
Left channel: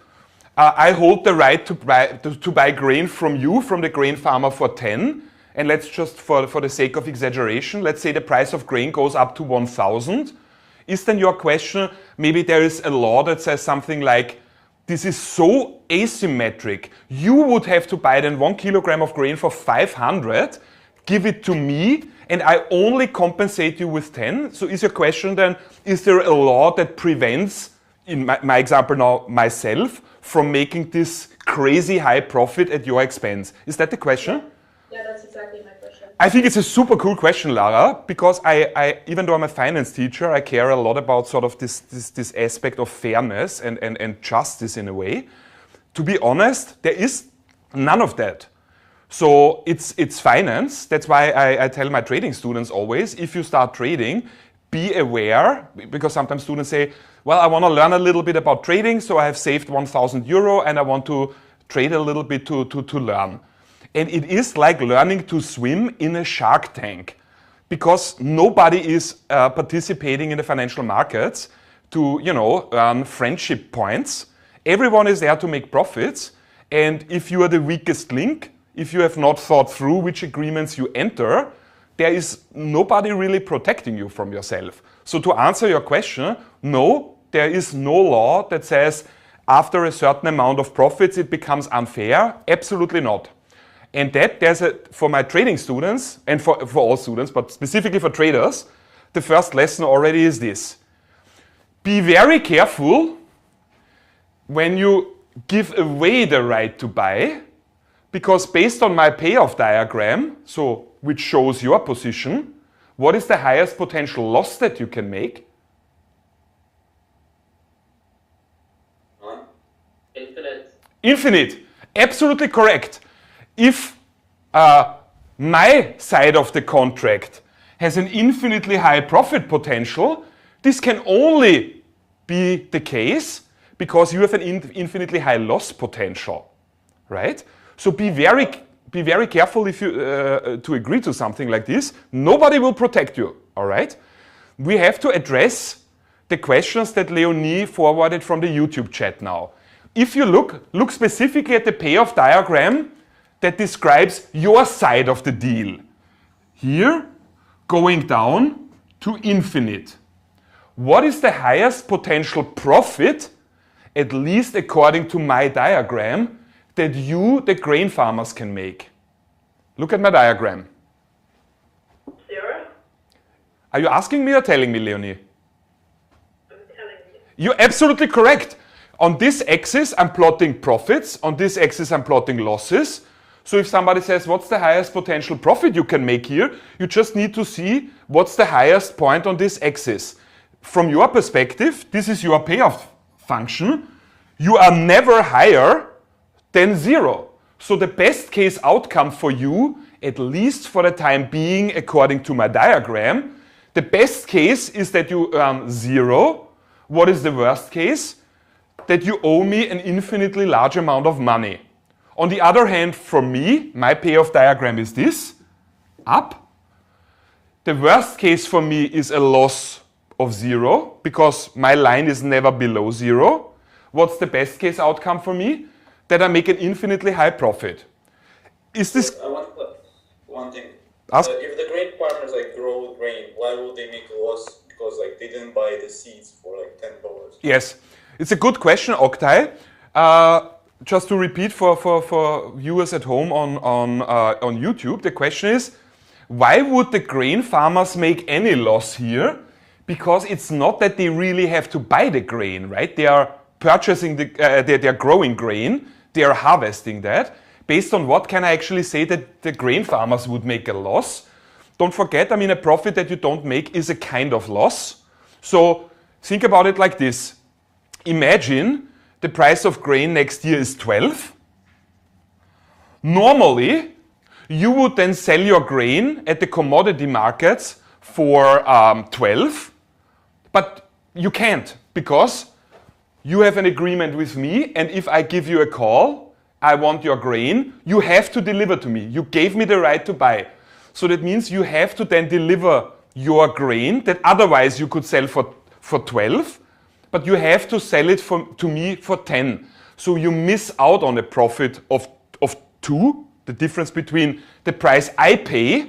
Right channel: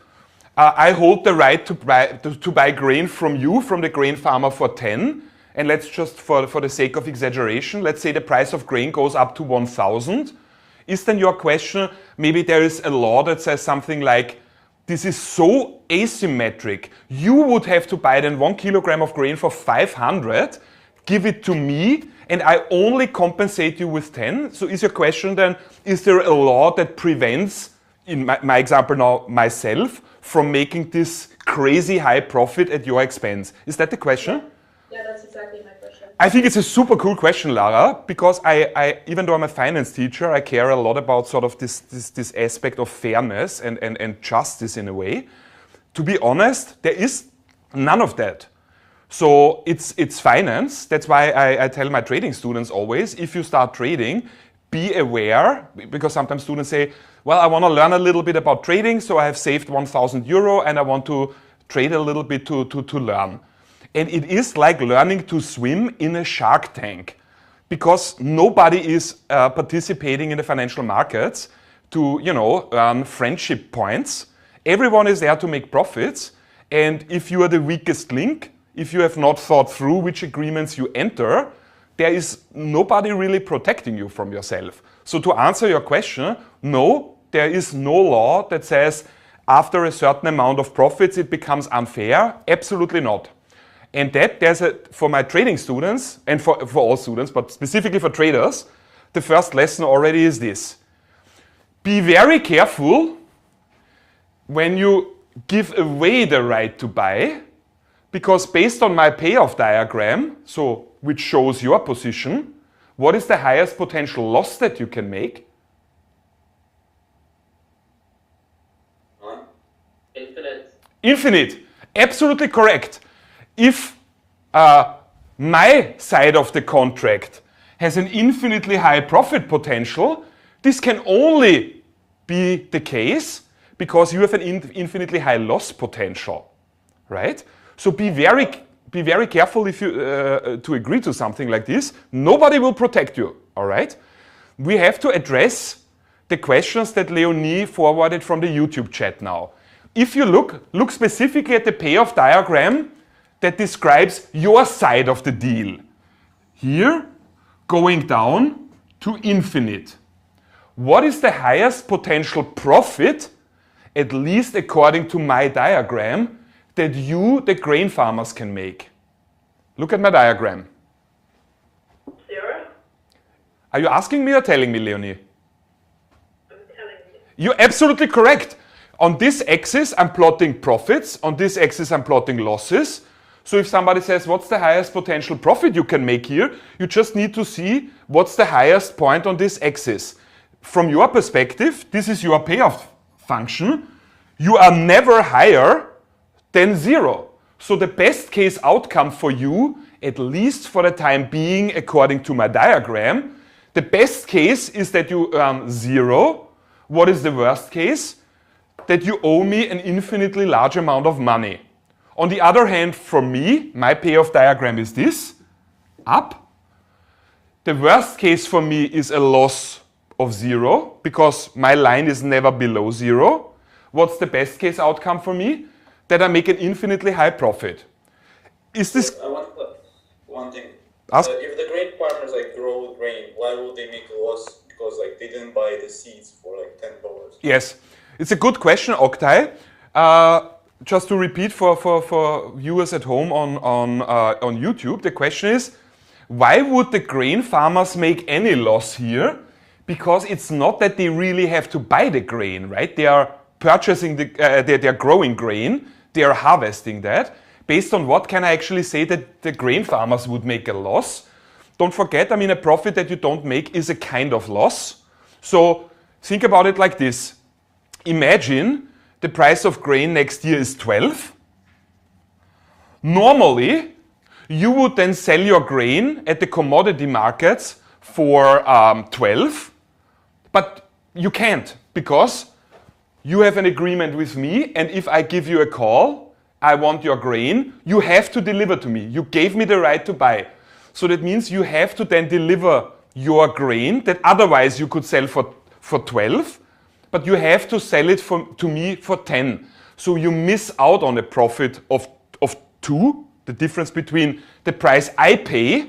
I hold the right to buy grain from you, from the grain farmer for 10. And let's just, for the sake of exaggeration, let's say the price of grain goes up to 1,000. Is then your question, maybe there is a law that says something like, this is so asymmetric. You would have to buy then 1 kilogram of grain for 500, give it to me, and I only compensate you with 10. So is your question then, is there a law that prevents, in my example now, myself, from making this crazy high profit at your expense? Is that the question? Yeah, that's exactly my question. I think it's a super cool question, Lara, because I even though I'm a finance teacher, I care a lot about sort of this aspect of fairness and justice in a way. To be honest, there is none of that. So it's finance. That's why I tell my trading students always, if you start trading, be aware, because sometimes students say, well, I want to learn a little bit about trading, so I have saved 1,000 euro and I want to trade a little bit to learn. And it is like learning to swim in a shark tank. because nobody is participating in the financial markets to, earn friendship points. Everyone is there to make profits. And if you are the weakest link, if you have not thought through which agreements you enter, there is nobody really protecting you from yourself. So to answer your question, no, there is no law that says after a certain amount of profits it becomes unfair. Absolutely not. And that for my trading students, and for all students, but specifically for traders, the first lesson already is this. Be very careful when you give away the right to buy, because based on my payoff diagram, so which shows your position, what is the highest potential loss that you can make? Infinite. Infinite. Absolutely correct. If my side of the contract has an infinitely high profit potential, this can only be the case because you have an infinitely high loss potential, right? So be very careful if you to agree to something like this. Nobody will protect you, all right? We have to address the questions that Leonie forwarded from the YouTube chat now. If you look specifically at the payoff diagram that describes your side of the deal. Here, going down to infinite. What is the highest potential profit, at least according to my diagram, that you, the grain farmers, can make? Look at my diagram. 0. Are you asking me or telling me, Leonie? I'm telling you. You're absolutely correct. On this axis, I'm plotting profits. On this axis, I'm plotting losses. So if somebody says, what's the highest potential profit you can make here? You just need to see what's the highest point on this axis. From your perspective, this is your payoff function. You are never higher than 0. So the best case outcome for you, at least for the time being, according to my diagram, the best case is that you earn 0. What is the worst case? That you owe me an infinitely large amount of money. On the other hand, for me, my payoff diagram is this, up. The worst case for me is a loss of 0, because my line is never below 0. What's the best case outcome for me? That I make an infinitely high profit. Is this... I want to put one thing. Ask. If the grain farmers grow grain, why would they make a loss? Because they didn't buy the seeds for $10. Yes, it's a good question, Oktay. Just to repeat for viewers at home on YouTube, the question is, why would the grain farmers make any loss here? Because it's not that they really have to buy the grain, right? They are purchasing they're growing grain, they are harvesting that. Based on what can I actually say that the grain farmers would make a loss? Don't forget, a profit that you don't make is a kind of loss. So think about it like this. Imagine the price of grain next year is 12. Normally, you would then sell your grain at the commodity markets for 12, but you can't because you have an agreement with me, and if I give you a call, I want your grain, you have to deliver to me. You gave me the right to buy. So that means you have to then deliver your grain that otherwise you could sell for 12, but you have to sell it to me for 10. So you miss out on a profit of 2, the difference between the price I pay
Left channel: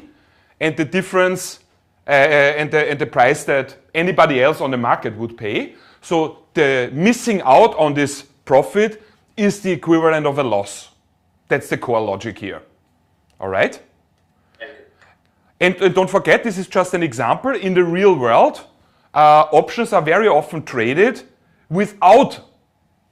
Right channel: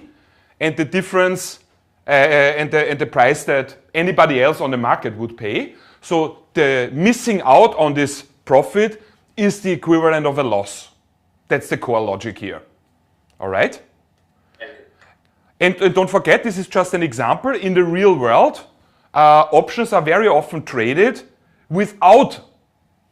and the difference and the price that anybody else on the market would pay. So the missing out on this profit is the equivalent of a loss. That's the core logic here. All right? And don't forget, this is just an example. In the real world, options are very often traded without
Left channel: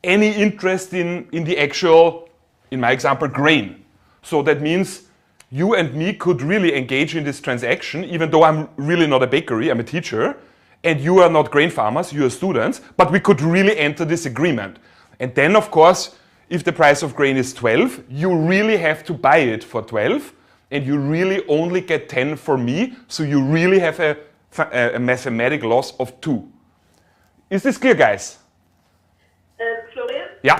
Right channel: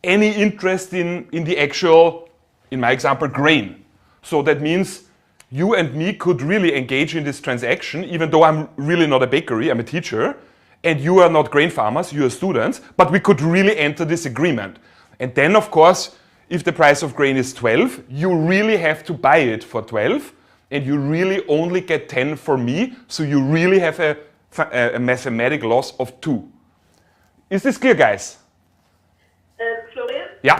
any interest in the actual, in my example, grain. So that means you and me could really engage in this transaction, even though I'm really not a bakery, I'm a teacher, and you are not grain farmers, you are students, but we could really enter this agreement. And then, of course, if the price of grain is 12, you really have to buy it for 12, and you really only get 10 for me, so you really have a mathematical loss of 2. Is this clear, guys? Florian? Yeah.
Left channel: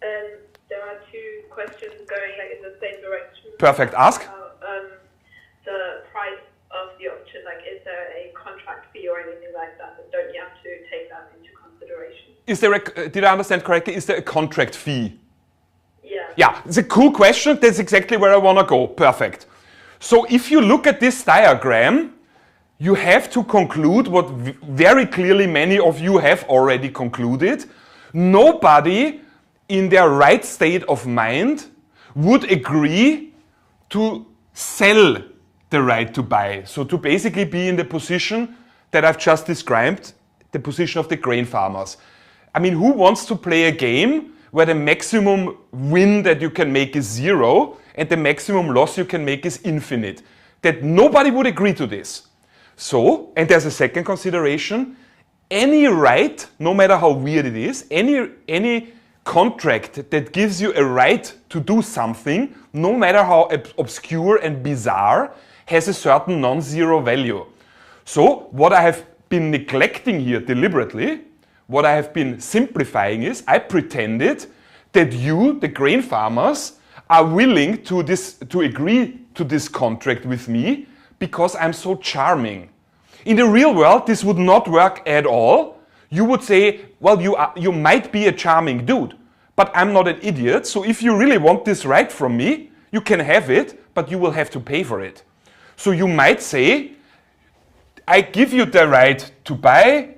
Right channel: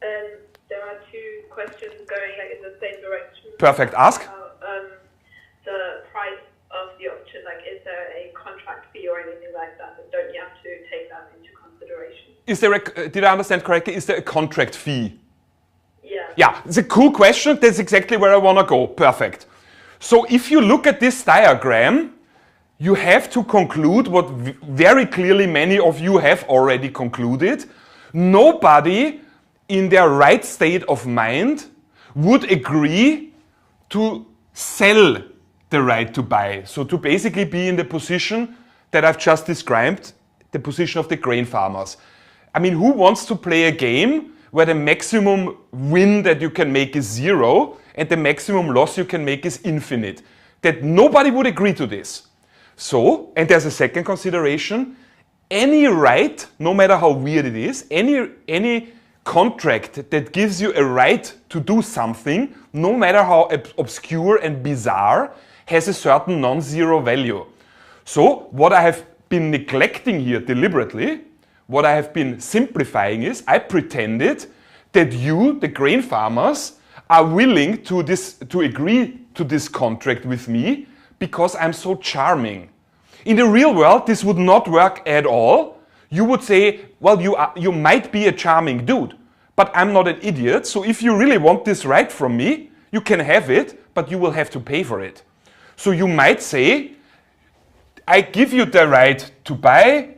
There are 2 questions going in the same direction. Perfect. Ask. The price of the did I understand correctly? Is there a contract fee? Yeah. Yeah, it's a cool question. That's exactly where I want to go. Perfect. So if you look at this diagram, you have to conclude what very clearly many of you have already concluded. Nobody in their right state of mind would agree to sell the right to buy. So to basically be in the position that I've just described, the position of the grain farmers. I mean, who wants to play a game where the maximum win that you can make is 0 and the maximum loss you can make is infinite? That nobody would agree to this. So, and there's a second consideration, any right, no matter how weird it is, any contract that gives you a right to do something, no matter how obscure and bizarre, has a certain non-zero value. So, what I have been neglecting here deliberately, what I have been simplifying is, I pretended that you, the grain farmers, are willing to agree to this contract with me because I'm so charming. In the real world, this would not work at all. You would say, well, you might be a charming dude, but I'm not an idiot, so if you really want this right from me, you can have it, but you will have to pay for it. So you might say, I give you the right to buy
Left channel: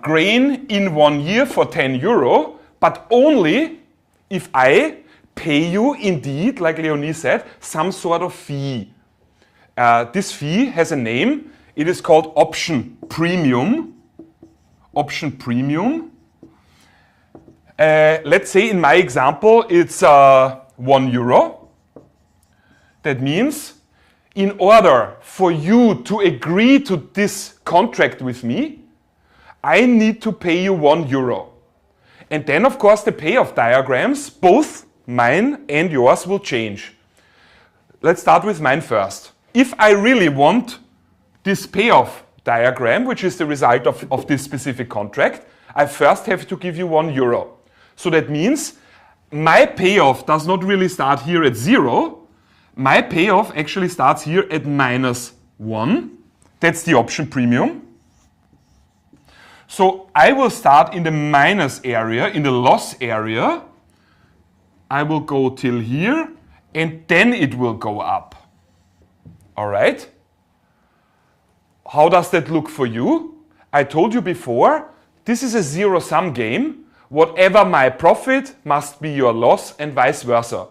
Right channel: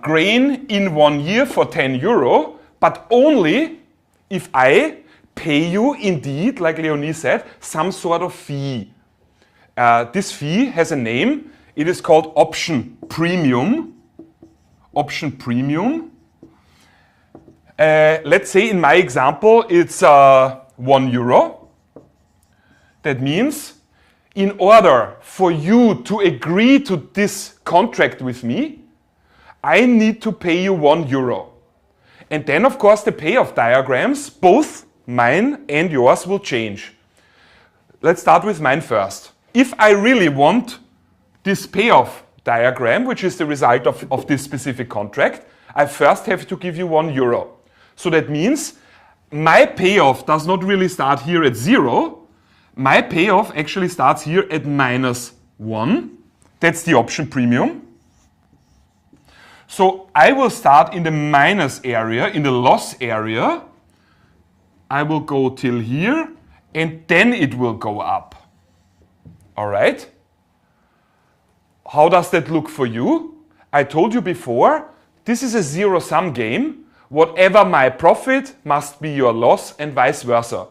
grain in 1 year for 10 euro, but only if I pay you indeed, like Leonie said, some sort of fee. This fee has a name. It is called option premium. Option premium. Let's say in my example, it's 1 euro. That means in order for you to agree to this contract with me, I need to pay you 1 euro. And then, of course, the payoff diagrams, both mine and yours, will change. Let's start with mine first. If I really want this payoff diagram, which is the result of this specific contract, I first have to give you 1 euro. So that means my payoff does not really start here at 0. My payoff actually starts here at -1. That's the option premium. So I will start in the minus area, in the loss area. I will go till here, and then it will go up. All right? How does that look for you? I told you before, this is a zero-sum game. Whatever my profit must be your loss, and vice versa.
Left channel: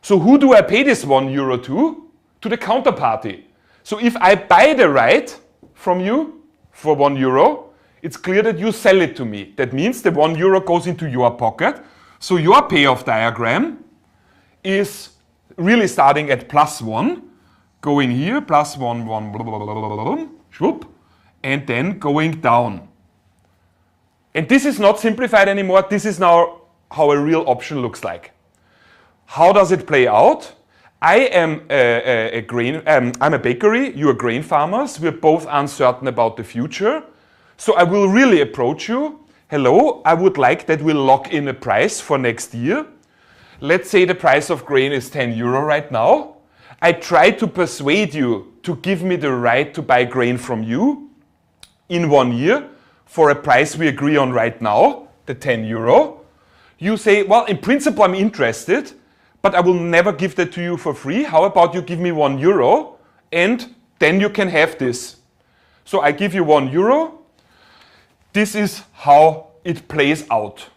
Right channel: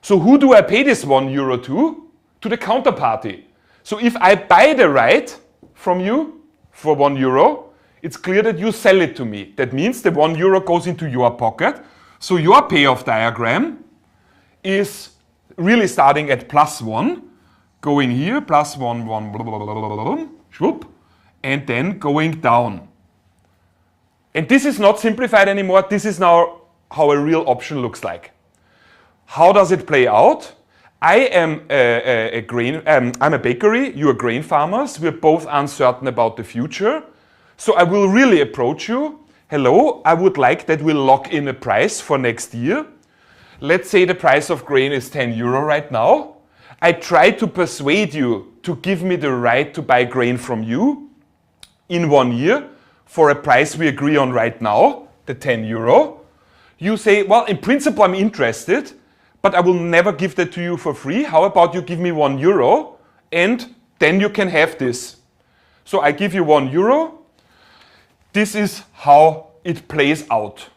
So who do I pay this 1 euro to? To the counterparty. So if I buy the right from you for 1 euro, it's clear that you sell it to me. That means the 1 euro goes into your pocket. So your payoff diagram is really starting at +1, going here, +1, 1, blah, blah, blah, blah, blah, whoop, and then going down. And this is not simplified anymore. This is now how a real option looks like. How does it play out? I am I'm a bakery, you are grain farmers. We're both uncertain about the future. So I will really approach you. Hello, I would like that we'll lock in a price for next year. Let's say the price of grain is 10 euro right now. I try to persuade you to give me the right to buy grain from you in 1 year for a price we agree on right now, the 10 euro. You say, well, in principle, I'm interested, but I will never give that to you for free. How about you give me 1 euro and then you can have this. So I give you 1 euro. This is how it plays out.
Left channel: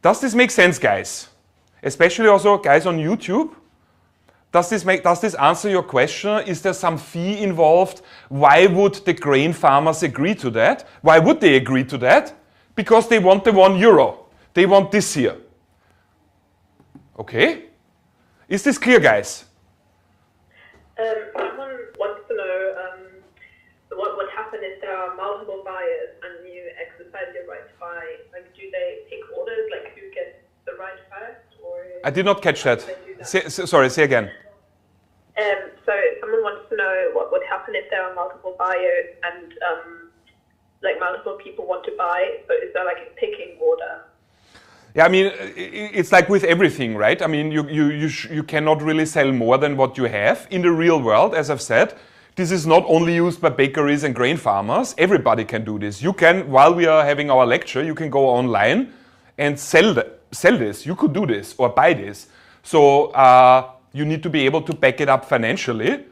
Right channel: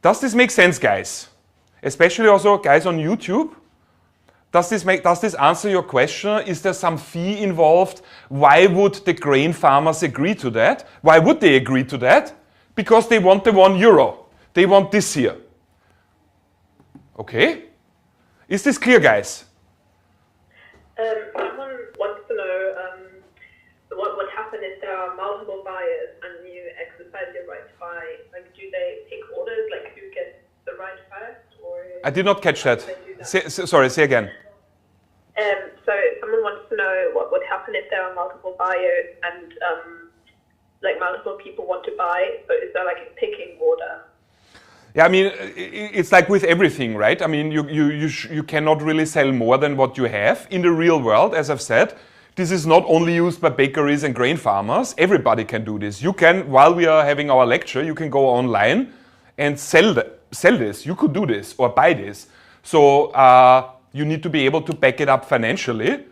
Does this make sense, guys? Especially also guys on YouTube. Does this answer your question? Is there some fee involved? Why would the grain farmers agree to that? Why would they agree to that? Because they want the 1 euro. They want this here. Okay? Is this clear, guys? Someone wants to know what would happen if there are multiple buyers and you exercise your right to buy. Like, do they pick orders? Like, who gets the right first? Or I did not catch that. Sorry, say again. So someone wants to know what would happen if there are multiple buyers and like multiple people want to buy. So is there like a picking order? Yeah, I mean, it's like with everything, right? I mean, you cannot really sell more than what you have. In the real world, as I've said, This is not only used by bakeries and grain farmers. Everybody can do this. You can, while we are having our lecture, you can go online and sell this. You could do this or buy this. So you need to be able to back it up financially,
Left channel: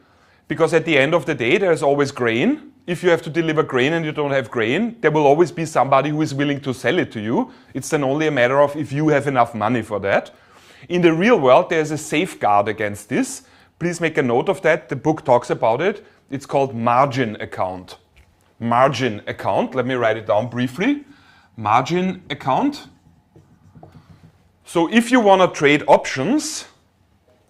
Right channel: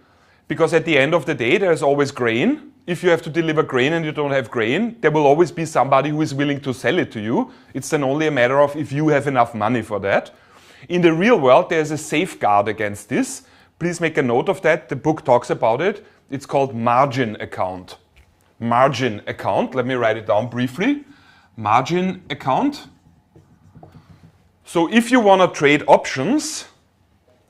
because at the end of the day, there's always grain. If you have to deliver grain and you don't have grain, there will always be somebody who is willing to sell it to you. It's then only a matter of if you have enough money for that. In the real world, there's a safeguard against this. Please make a note of that. The book talks about it. It's called margin account. Margin account. Let me write it down briefly. Margin account. So if you want to trade options,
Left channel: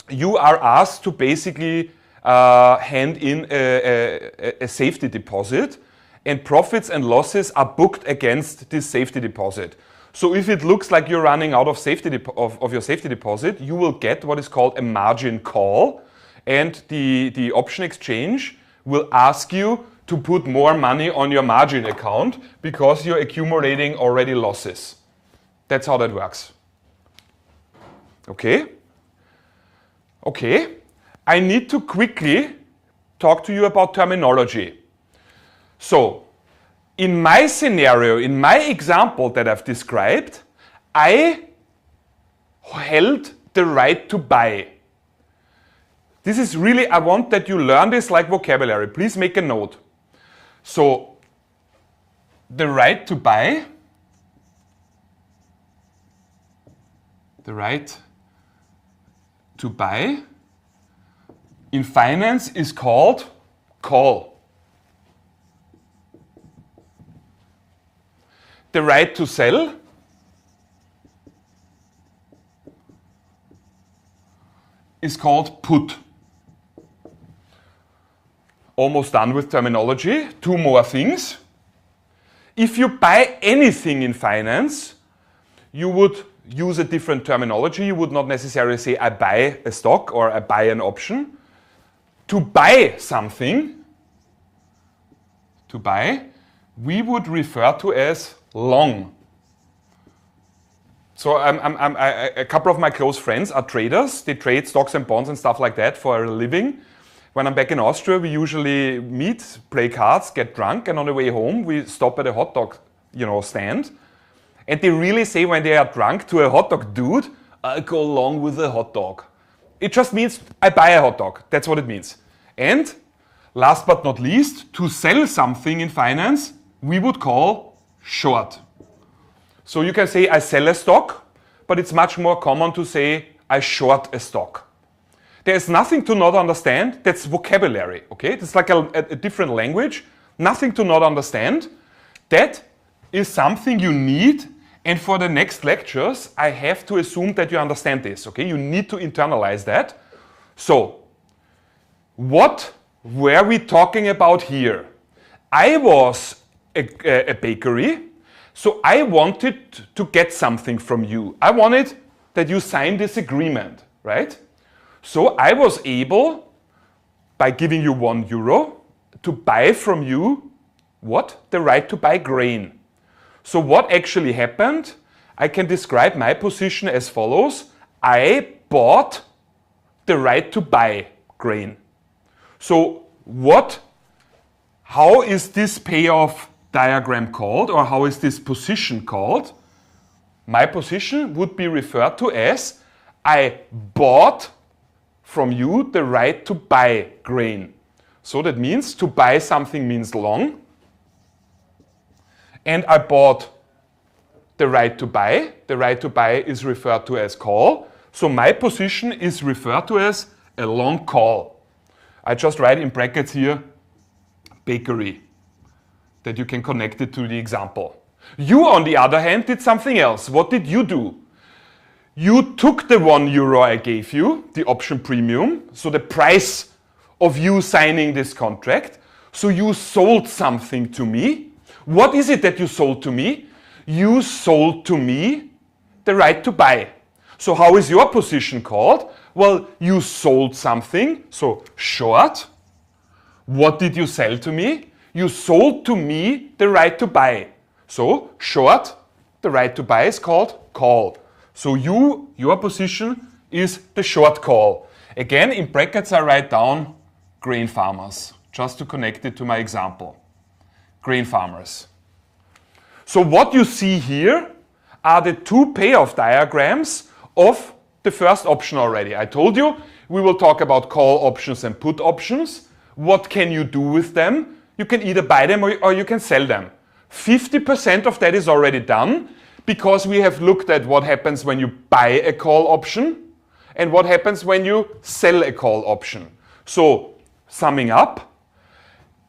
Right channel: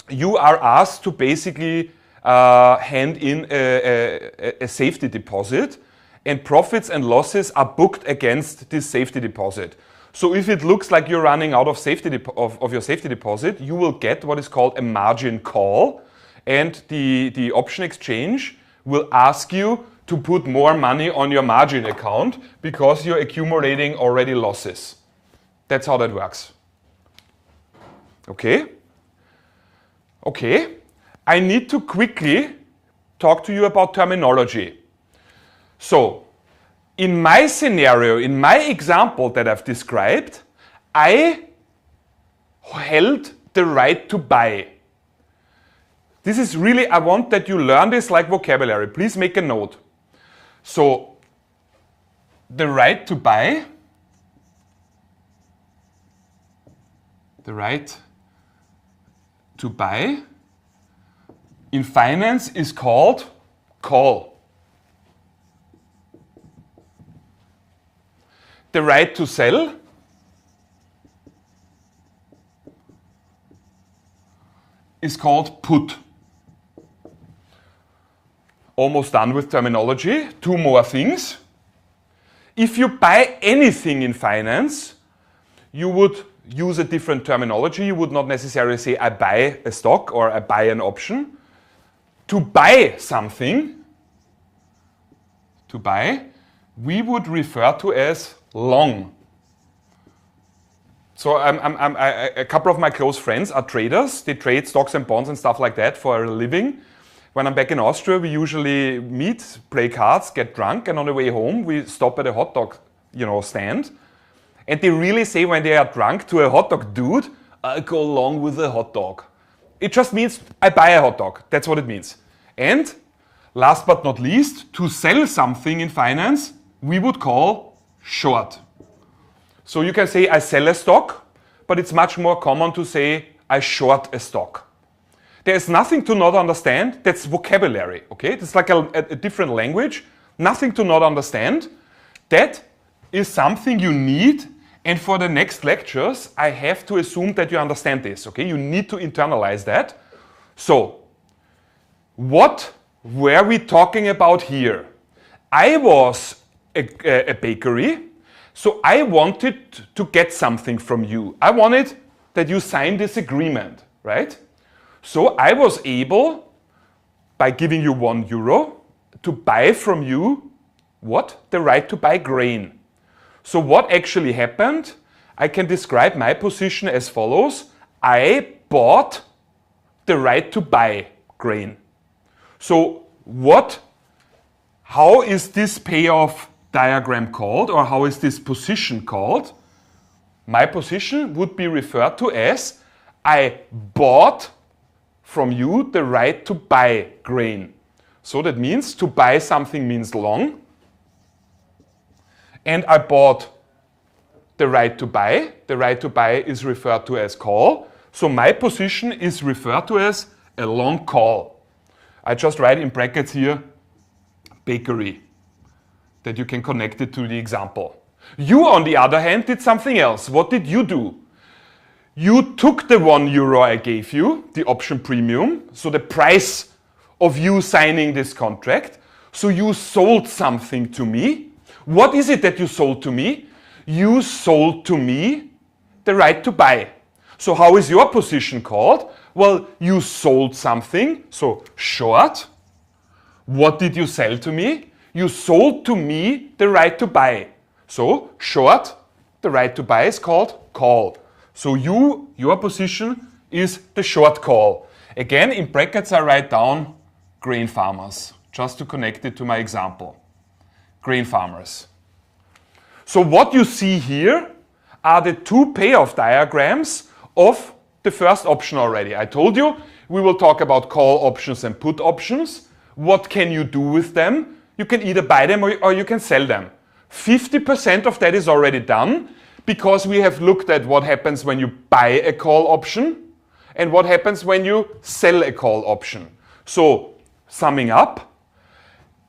you are asked to basically hand in a safety deposit, and profits and losses are booked against this safety deposit. So if it looks like you're running out of of your safety deposit, you will get what is called a margin call, and the option exchange will ask you to put more money on your margin account because you're accumulating already losses. That's how that works. Okay? Okay. I need to quickly talk to you about terminology. So, in my scenario, in my example that I've described, I held the right to buy. This is really, I want that you learn this like vocabulary. Please make a note. So, the right to buy, in finance is called call. The right to sell is called put. Almost done with terminology. Two more things. If you buy anything in finance, you would use a different terminology. You would not necessarily say I buy a stock or I buy an option. To buy something, we would refer to as long. So a couple of my close friends are traders. They trade stocks and bonds and stuff like that for a living. When I'm back in Austria, we usually meet, play cards, get drunk, and on the way home, we stop at a hot dog, stand. And they really say when they are drunk to a hot dog dude, I'll go along with a hot dog. It just means I buy a hot dog. That's what it means. And last but not least, to sell something in finance, we would call short. So you can say I sell a stock, but it's much more common to say I short a stock. There's nothing to not understand. That's vocabulary, okay? It's like a different language. Nothing to not understand. That is something you need. And for the next lectures, I have to assume that you understand this, okay? You need to internalize that. So, what were we talking about here? I was a bakery, so I wanted to get something from you. I wanted that you sign this agreement, right? So I was able, by giving you €1, to buy from you, what? The right to buy grain. So what actually happened? I can describe my position as follows. I bought the right to buy grain. So how is this payoff diagram called, or how is this position called? My position would be referred to as I bought from you the right to buy grain. So that means to buy something means long. And I bought the right to buy. The right to buy is referred to as call. So my position is referred to as a long call. I just write in brackets here, bakery, that you can connect it to the example. You, on the other hand, did something else. What did you do? You took the €1 I gave you, the option premium, so the price of you signing this contract. So you sold something to me. What is it that you sold to me? You sold to me the right to buy. So how is your position called? Well, you sold something, so short. What did you sell to me? You sold to me the right to buy. So short, the right to buy is called call. So your position is the short call. Again, in brackets I write down grain farmers, just to connect it to my example. Grain farmers. So what you see here are the two payoff diagrams of the first option already. I told you we will talk about call options and put options. What can you do with them? You can either buy them or you can sell them. 50% of that is already done because we have looked at what happens when you buy a call option and what happens when you sell a call option. So, summing up,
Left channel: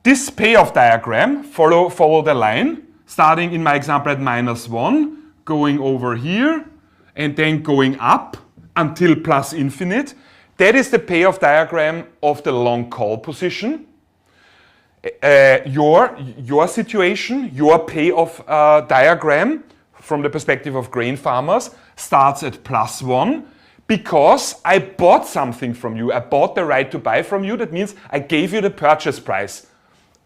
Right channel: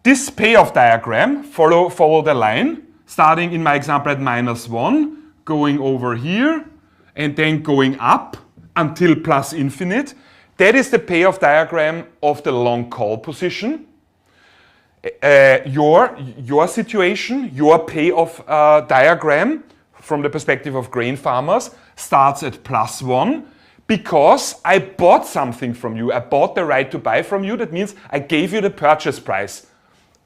this payoff diagram, follow the line, starting in my example at -1, going over here, and then going up until plus infinite. That is the payoff diagram of the long call position. Your situation, your payoff diagram from the perspective of grain farmers starts at +1 because I bought something from you. I bought the right to buy from you. That means I gave you the purchase price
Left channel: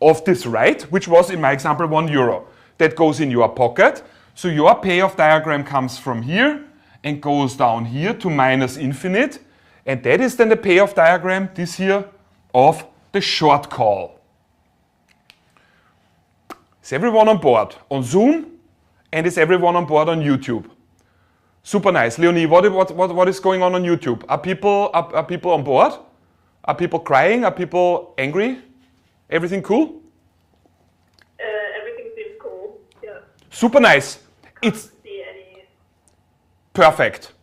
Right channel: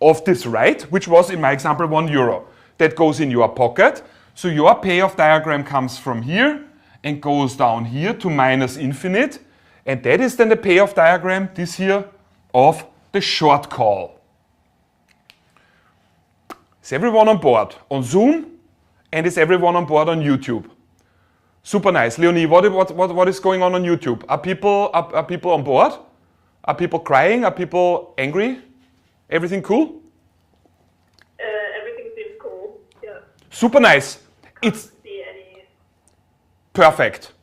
of this right, which was in my example €1. That goes in your pocket. So your payoff diagram comes from here and goes down here to minus infinite. And that is then the payoff diagram, this here, of the short call. Is everyone on board on Zoom? And is everyone on board on YouTube? Super nice. Leonie, what is going on YouTube? Are people on board? Are people crying? Are people angry? Everything cool? Everything seems cool. Yeah. Super nice. It's See any... perfect.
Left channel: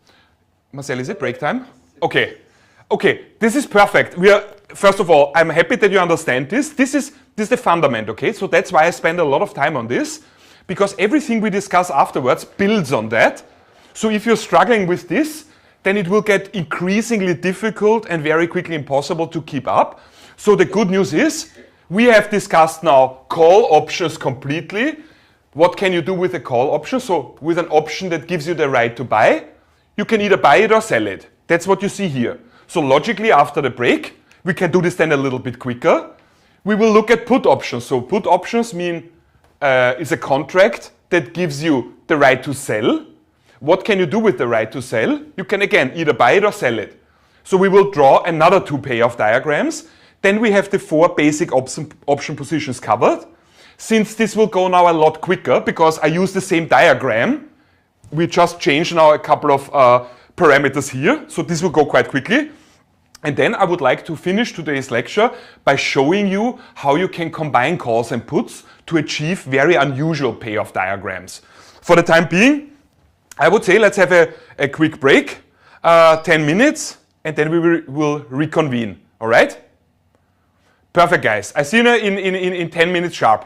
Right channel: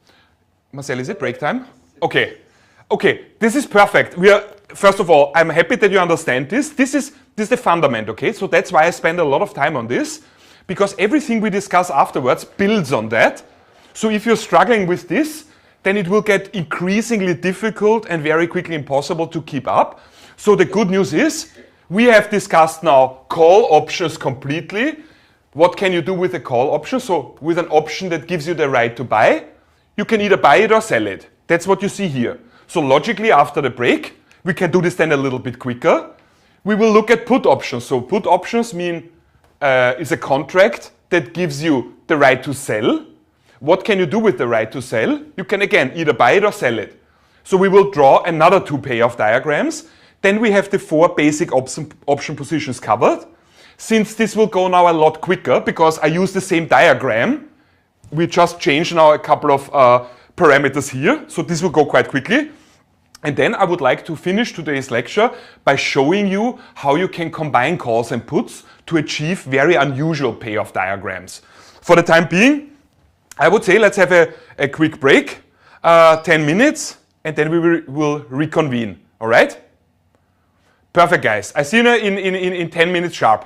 Marcel, is it break time? Okay. Okay, this is perfect. First of all, I'm happy that you understand this. This is the fundament, okay? So that's why I spend a lot of time on this, because everything we discuss afterwards builds on that. So if you're struggling with this, then it will get increasingly difficult and very quickly impossible to keep up. So the good news is, we have discussed now call options completely. What can you do with a call option? So with an option that gives you the right to buy, you can either buy it or sell it. That's what you see here. So logically, after the break, we can do this then a little bit quicker. We will look at put options. So put options is a contract that gives you the right to sell. What can you do with the right to sell? You can again either buy it or sell it. So we will draw another two payoff diagrams. Then we have the four basic option positions covered. Since this will go now a lot quicker because I use the same diagram, we just change now a couple of parameters here. So this will go quite quickly. And then I would like to finish today's lecture by showing you how you can combine calls and puts to achieve very unusual payoff diagrams. For the time being, I would say let's have a quick break, 10 minutes, and then we will reconvene. All right? Perfect, guys. I see you in 10 minutes sharp.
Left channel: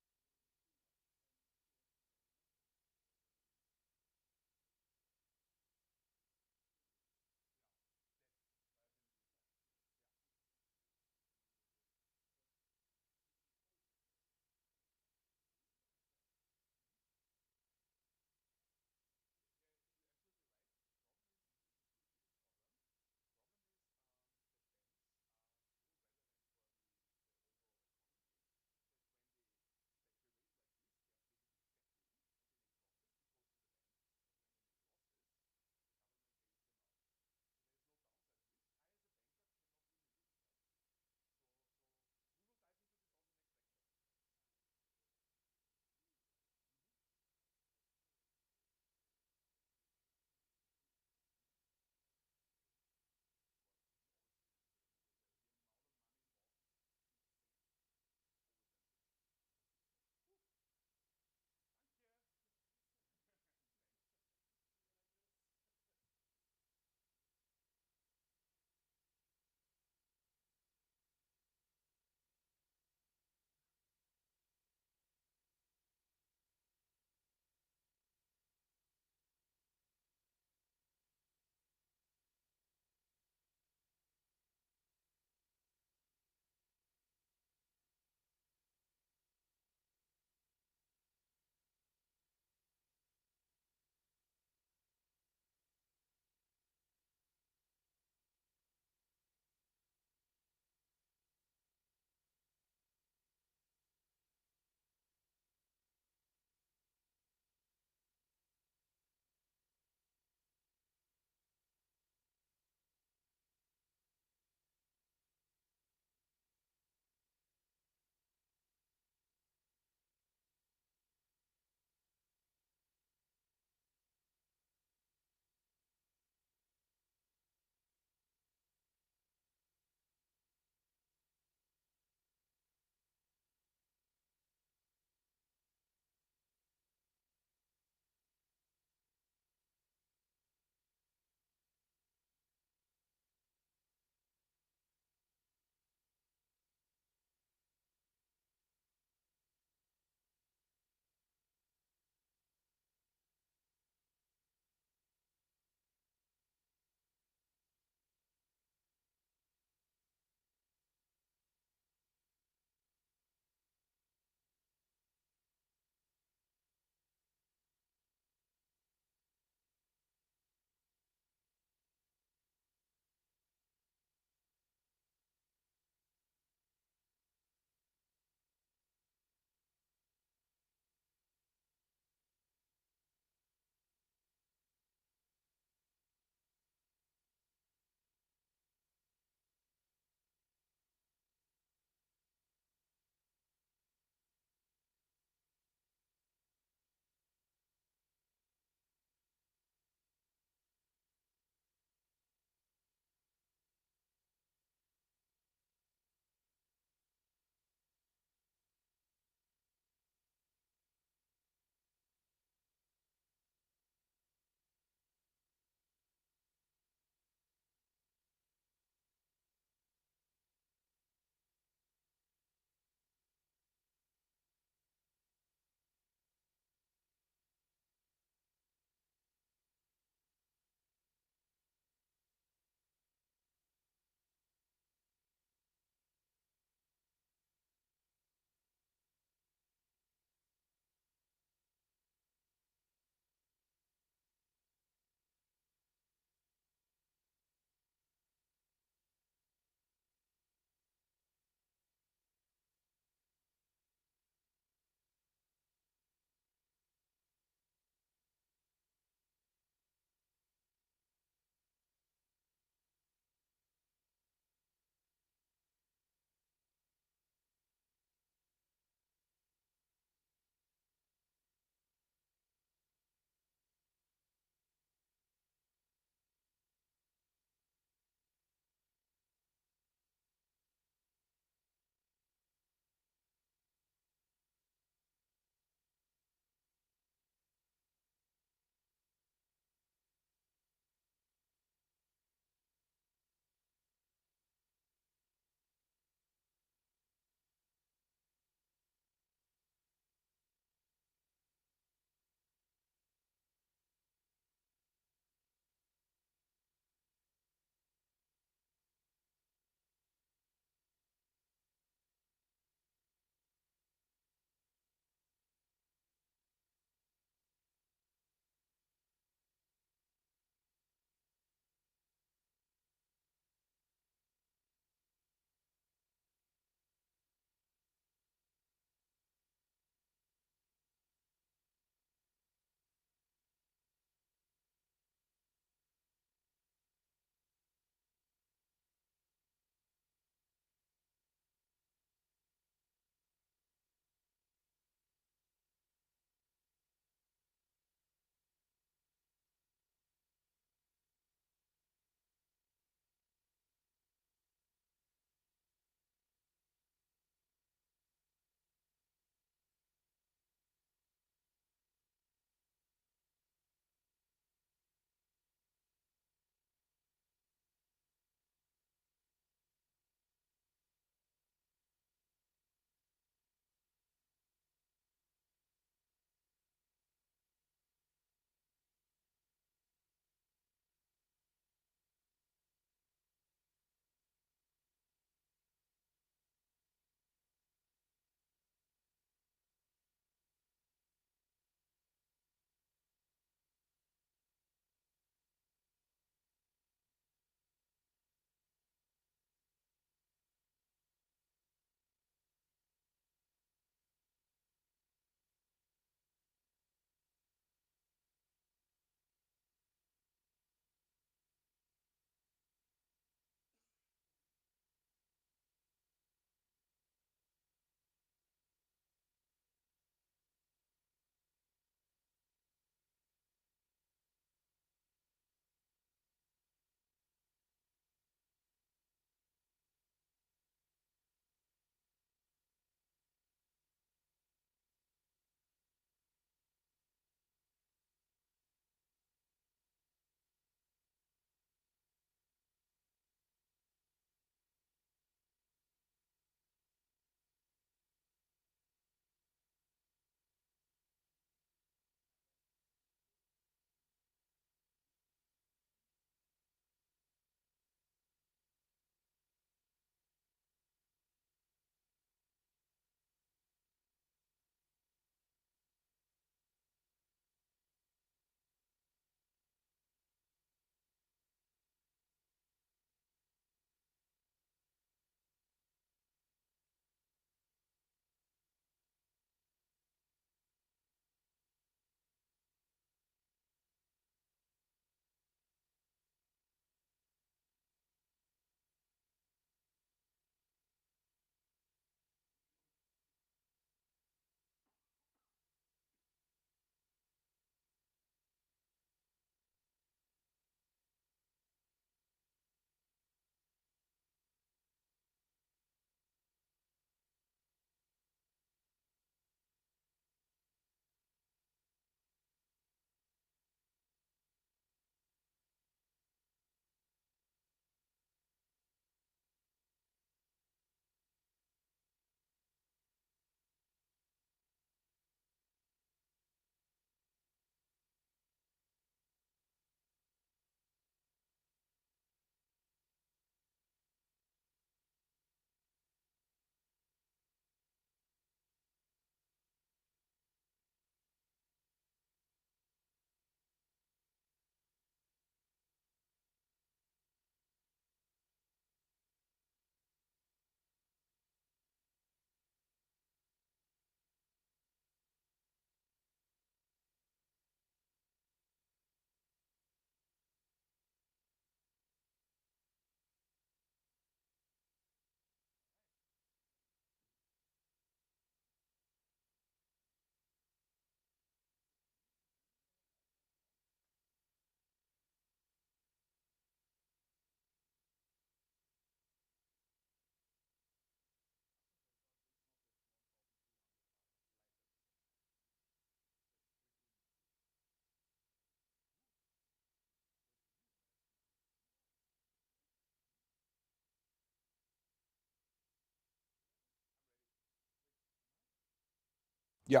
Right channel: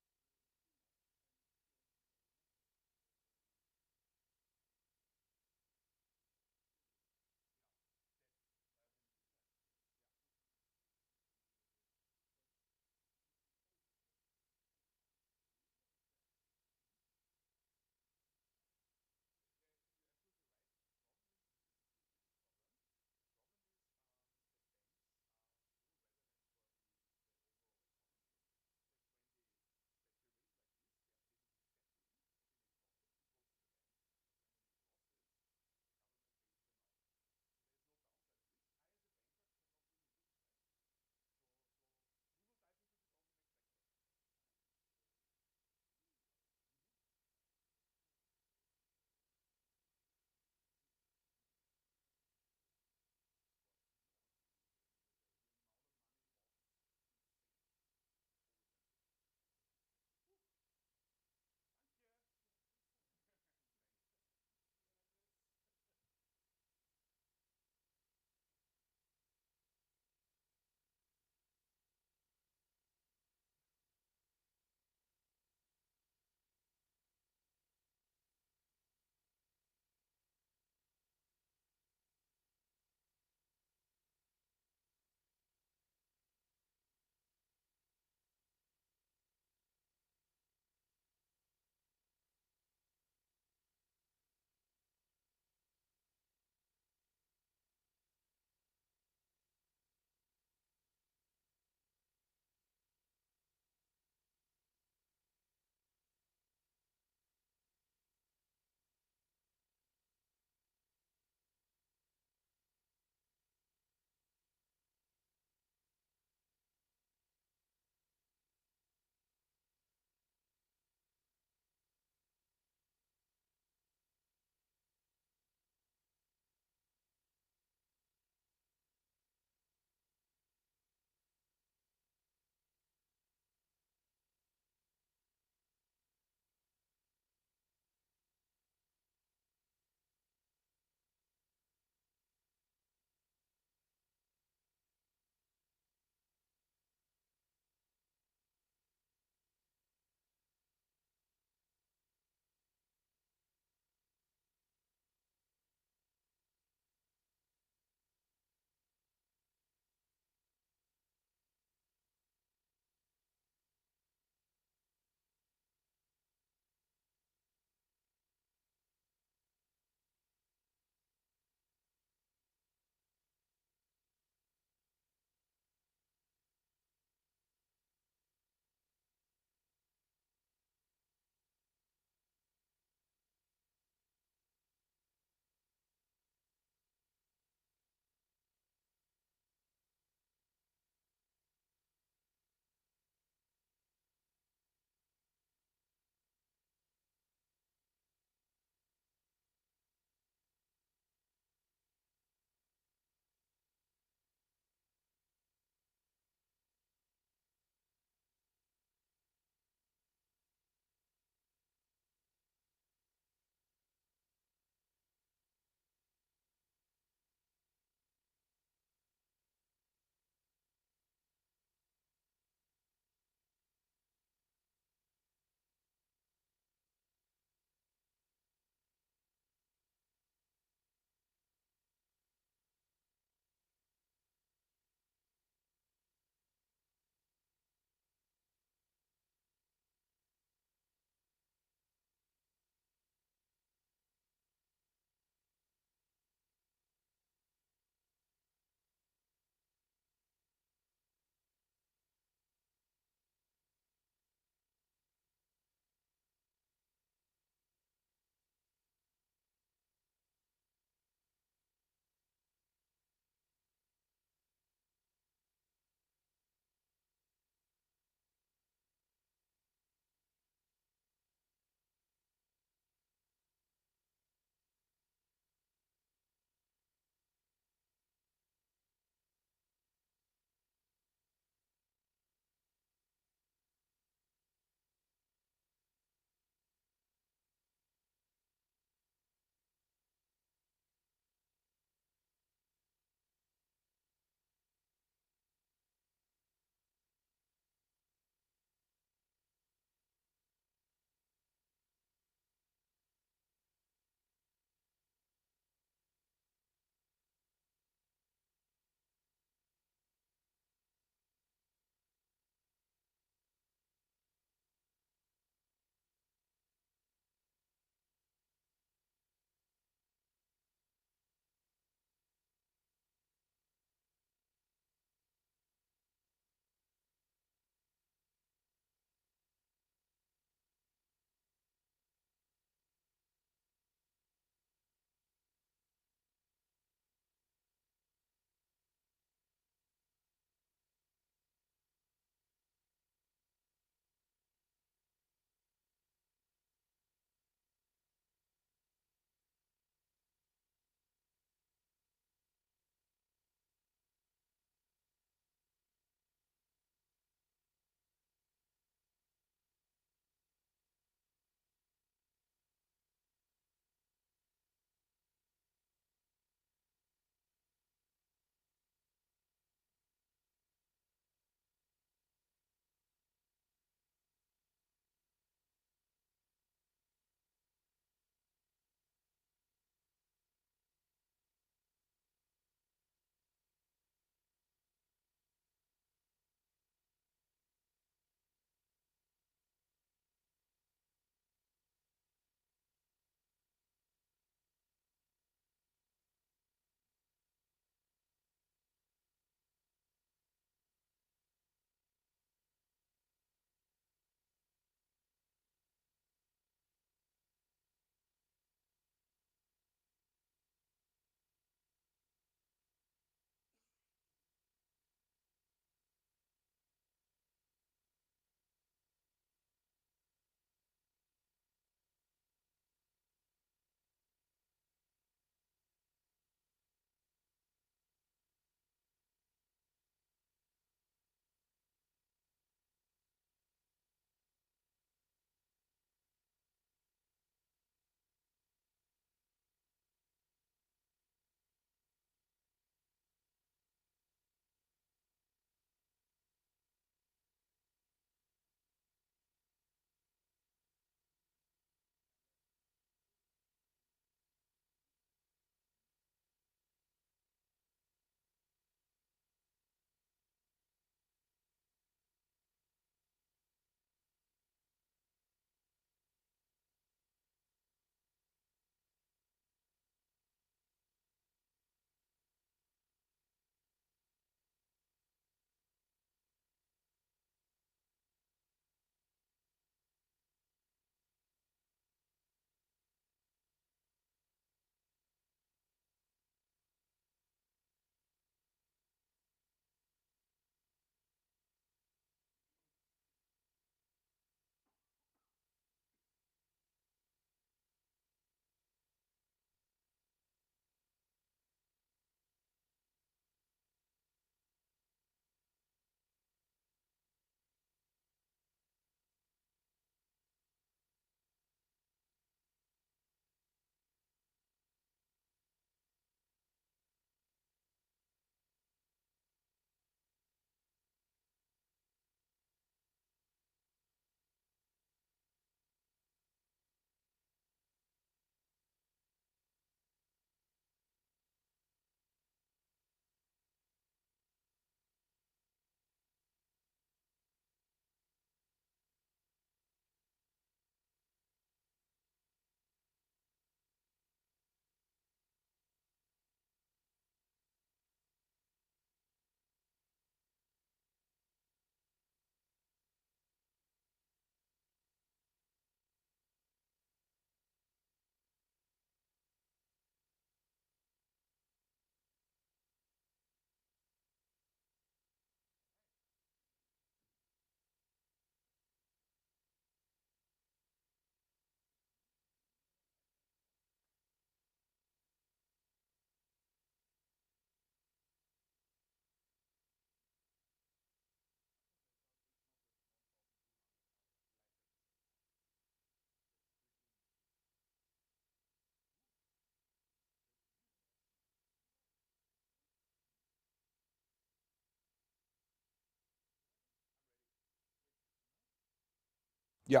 Yeah.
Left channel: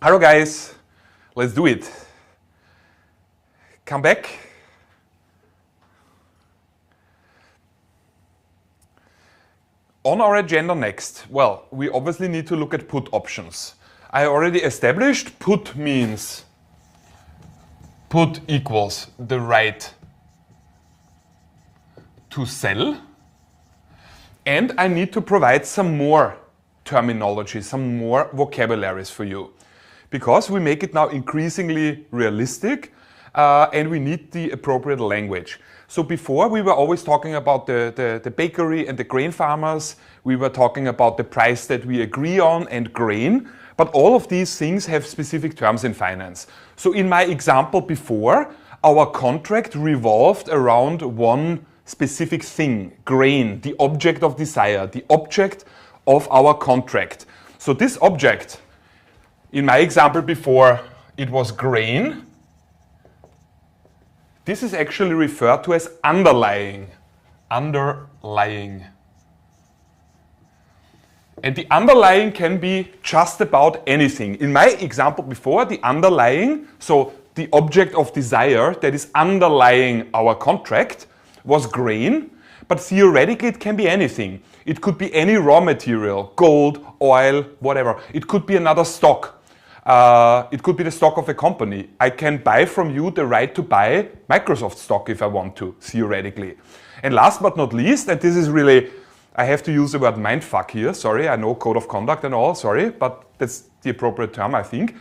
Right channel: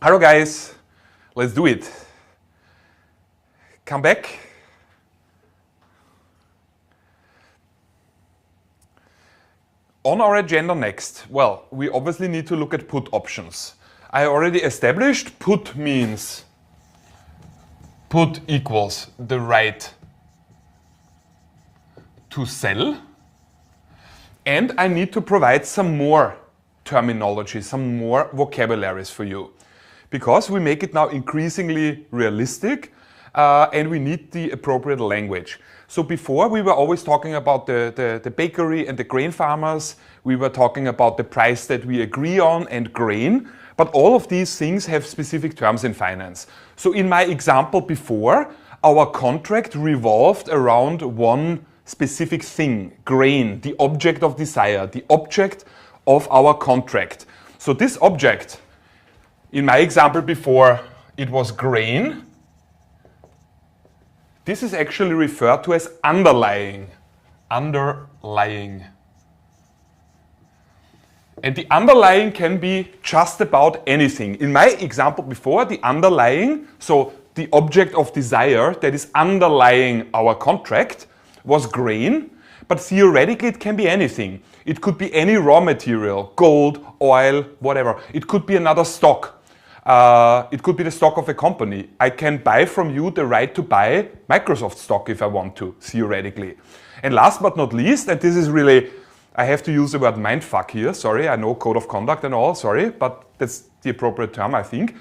Hello guys, let's do it. Come back. On our agenda next, well, we obviously need to look at put options. I already established put means put equals the right to sell. And I need to provide some more terminology, some more vocabularies for you. Because we make it now increasingly realistic and we need the appropriate language. So before we were always talking about the bakery and the grain farmers. We were talking about the price that we agree on and grain. But all of these things have specific terms in finance. So in my example before, our contract revolved around one specific thing, grain, the object of desire, the object of our contract. So this object, in my example before, it was grain. This is actually referred to as underlying. Underlying. And the underlying can be just about anything. In my example before, the underlying, so the object of desire that is underlying our contract, was grain, but theoretically it can be anything. It could be any raw material, gold, oil, whatever. It could be another stock. It could be the stock of a company. I can buy from you the right to buy Microsoft stock if I want to, theoretically. And last but not least, and this is really, I have to use the word mindfuck here, sorry, I know code of conduct and all, sorry, but that's the appropriate term, I think.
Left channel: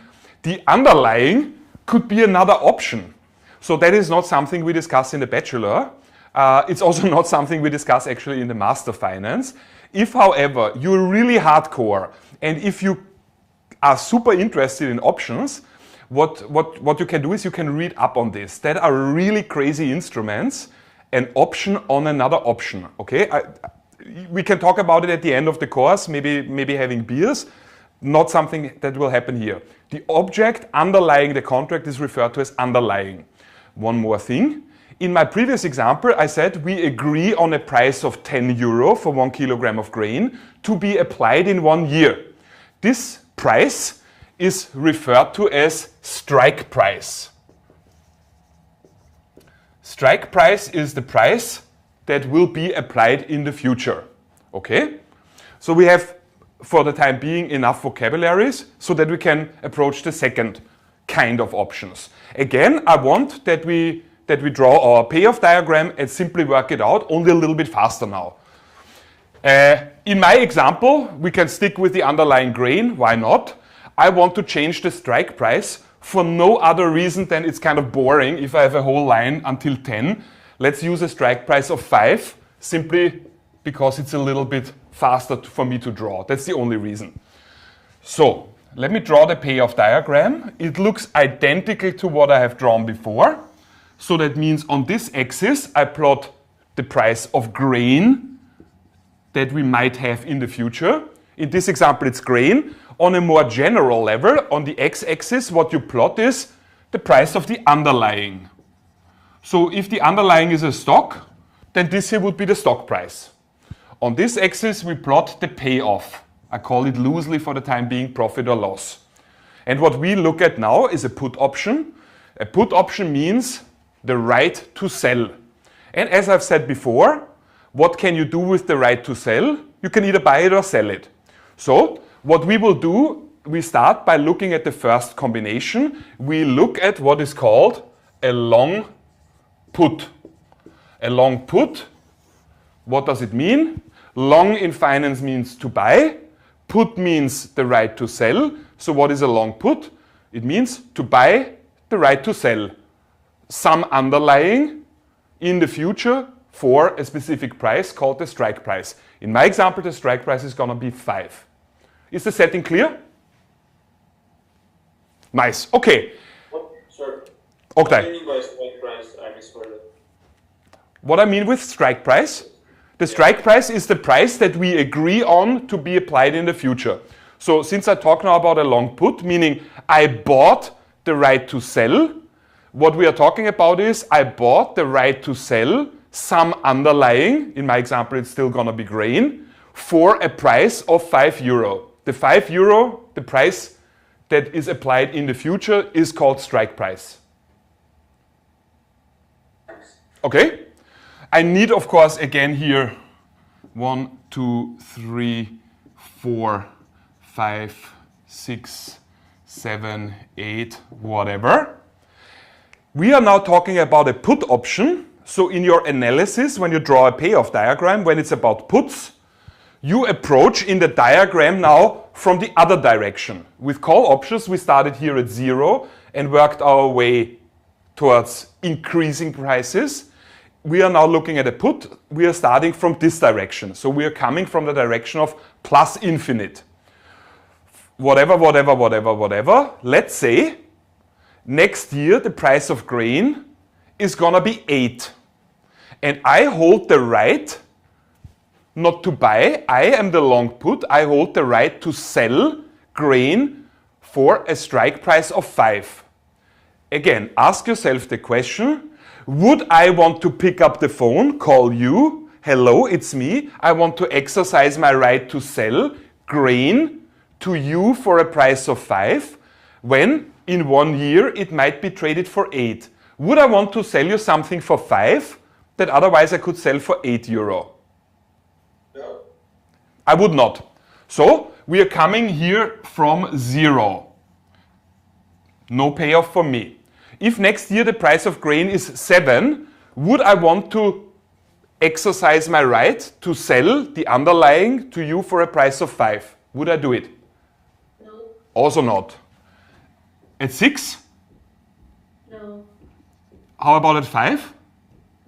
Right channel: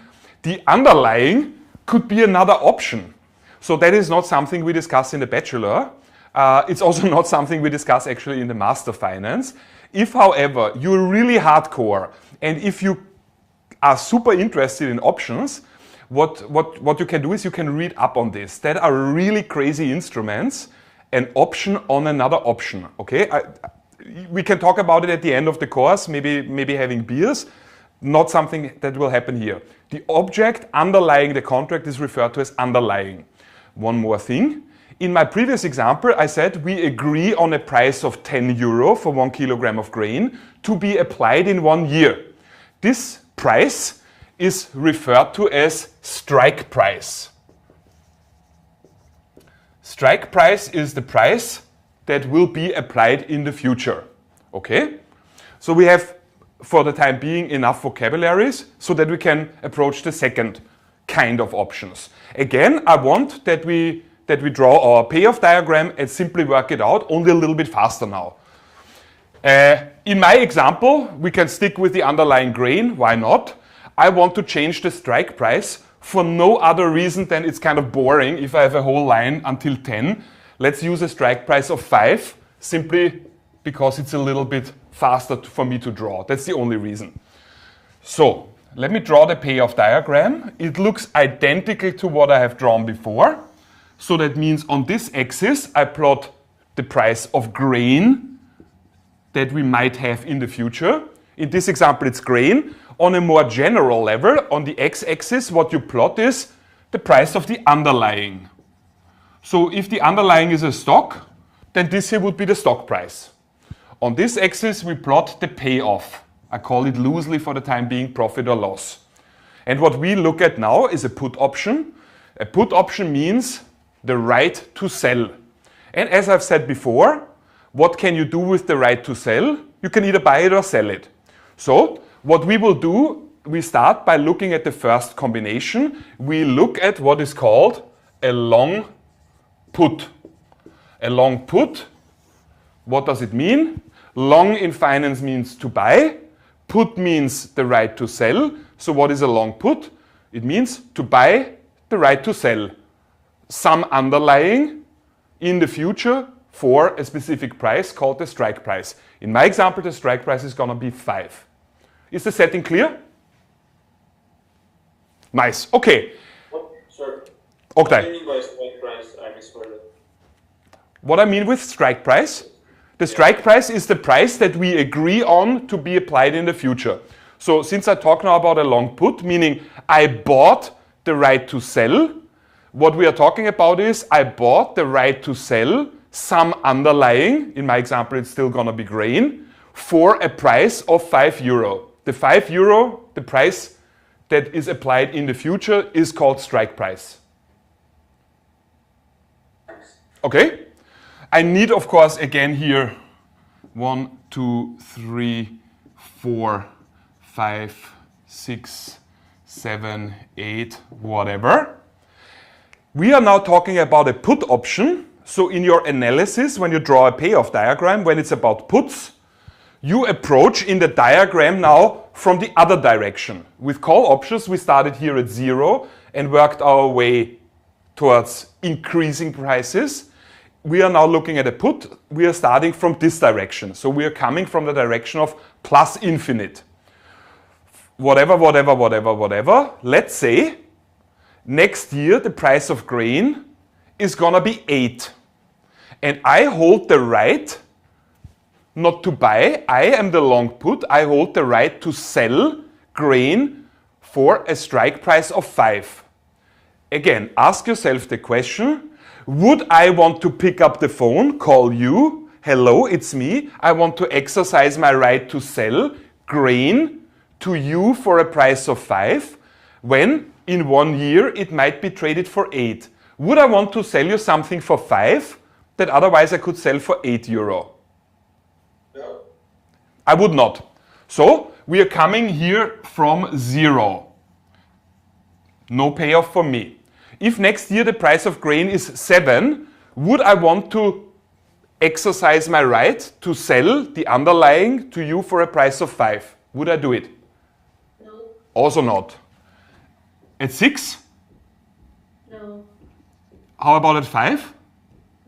The underlying could be another option. So that is not something we discuss in the bachelor. It's also not something we discuss actually in the master finance. If, however, you're really hardcore and if you are super interested in options, what you can do is you can read up on this. That are really crazy instruments, an option on another option, okay? We can talk about it at the end of the course, maybe having beers, not something that will happen here. The object underlying the contract is referred to as underlying. One more thing. In my previous example, I said we agree on a price of 10 euro for 1 kilogram of grain to be applied in 1 year. This price is referred to as strike price. Strike price is the price that will be applied in the future. Okay? So we have, for the time being, enough vocabularies so that we can approach the second kind of options. Again, I want that we draw our payoff diagram and simply work it out, only a little bit faster now. In my example, we can stick with the underlying grain, why not? I want to change the strike price for no other reason than it's kind of boring if I have a whole line until 10. Let's use a strike price of 5, simply because it's a little bit faster for me to draw. That's the only reason. So, let me draw the payoff diagram. It looks identical to what I have drawn before. So that means on this axis, I plot the price of grain that we might have in the future. In this example, it's grain. On a more general level, on the x-axis, what you plot is the price of the underlying. So if the underlying is a stock, then this here would be the stock price. On this axis, we plot the payoff. I call it loosely for the time being profit or loss. And what we look at now is a put option. A put option means the right to sell. And as I've said before, what can you do with the right to sell? You can either buy it or sell it. So what we will do, we start by looking at the first combination. We look at what is called a long put. A long put, what does it mean? Long in finance means to buy. Put means the right to sell. So what is a long put? It means to buy the right to sell. Some underlying in the future for a specific price called the strike price. In my example, the strike price is going to be 5. Is the setting clear? Nice. Okay. Sure. Okay. What do you mean by strike price? I misheard it. What I mean with strike price? The strike price is the price that we agree on to be applied in the future. So since I talk now about a long put, meaning I bought the right to sell, what we are talking about is I bought the right to sell some underlying, in my example it's still going to be grain, for a price of €5. The €5, the price that is applied in the future, is called strike price. Okay? I need, of course, again here 1, 2, 3, 4, 5, 6, 7, 8, whatever. We are now talking about a put option. So in your analysis, when you draw a payoff diagram, when it's about puts, you approach in the diagram now from the other direction. With call options, we started here at 0 and worked our way towards increasing prices. We are now looking at a put. We are starting from this direction. So we are coming from the direction of plus infinite. Whatever. Let's say next year the price of grain is gonna be 8. And I hold the right not to buy. I am the long put. I hold the right to sell grain for a strike price of 5. Again, ask yourself the question, would I want to pick up the phone, call you, hello, it's me, I want to exercise my right to sell grain to you for a price of 5, when in 1 year it might be traded for 8. Would I want to sell you something for 5 that otherwise I could sell for €8? No. I would not. So we are coming here from 0. No payoff for me. If next year the price of grain is 7, would I want to exercise my right to sell the underlying to you for a price of 5? Would I do it? No. Also not. At 6? No. How about at 5?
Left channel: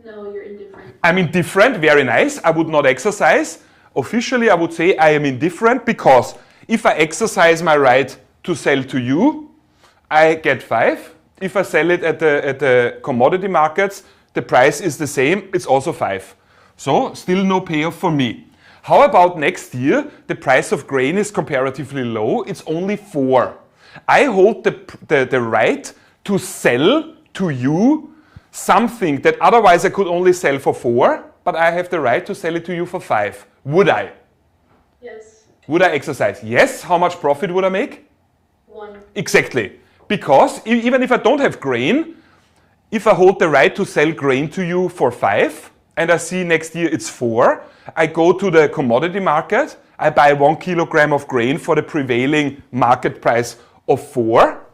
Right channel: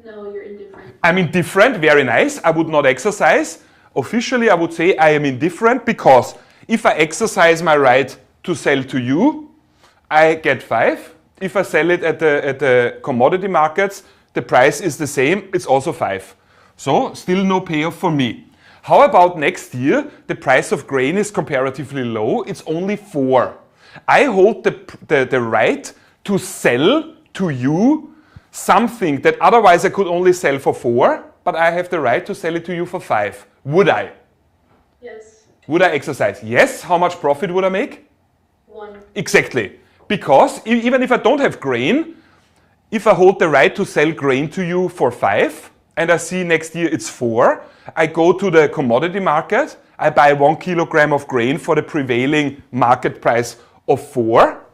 No, you're indifferent. I'm indifferent, very nice. I would not exercise. Officially, I would say I am indifferent because if I exercise my right to sell to you, I get 5. If I sell it at the commodity markets, the price is the same, it's also 5. So, still no payoff for me. How about next year? The price of grain is comparatively low, it's only 4. I hold the right to sell to you something that otherwise I could only sell for 4, but I have the right to sell it to you for 5. Would I? Yes. Would I exercise? Yes. How much profit would I make? 1. Exactly. Because even if I don't have grain, if I hold the right to sell grain to you for 5, and I see next year it's 4, I go to the commodity market, I buy 1 kilogram of grain for the prevailing market price of 4,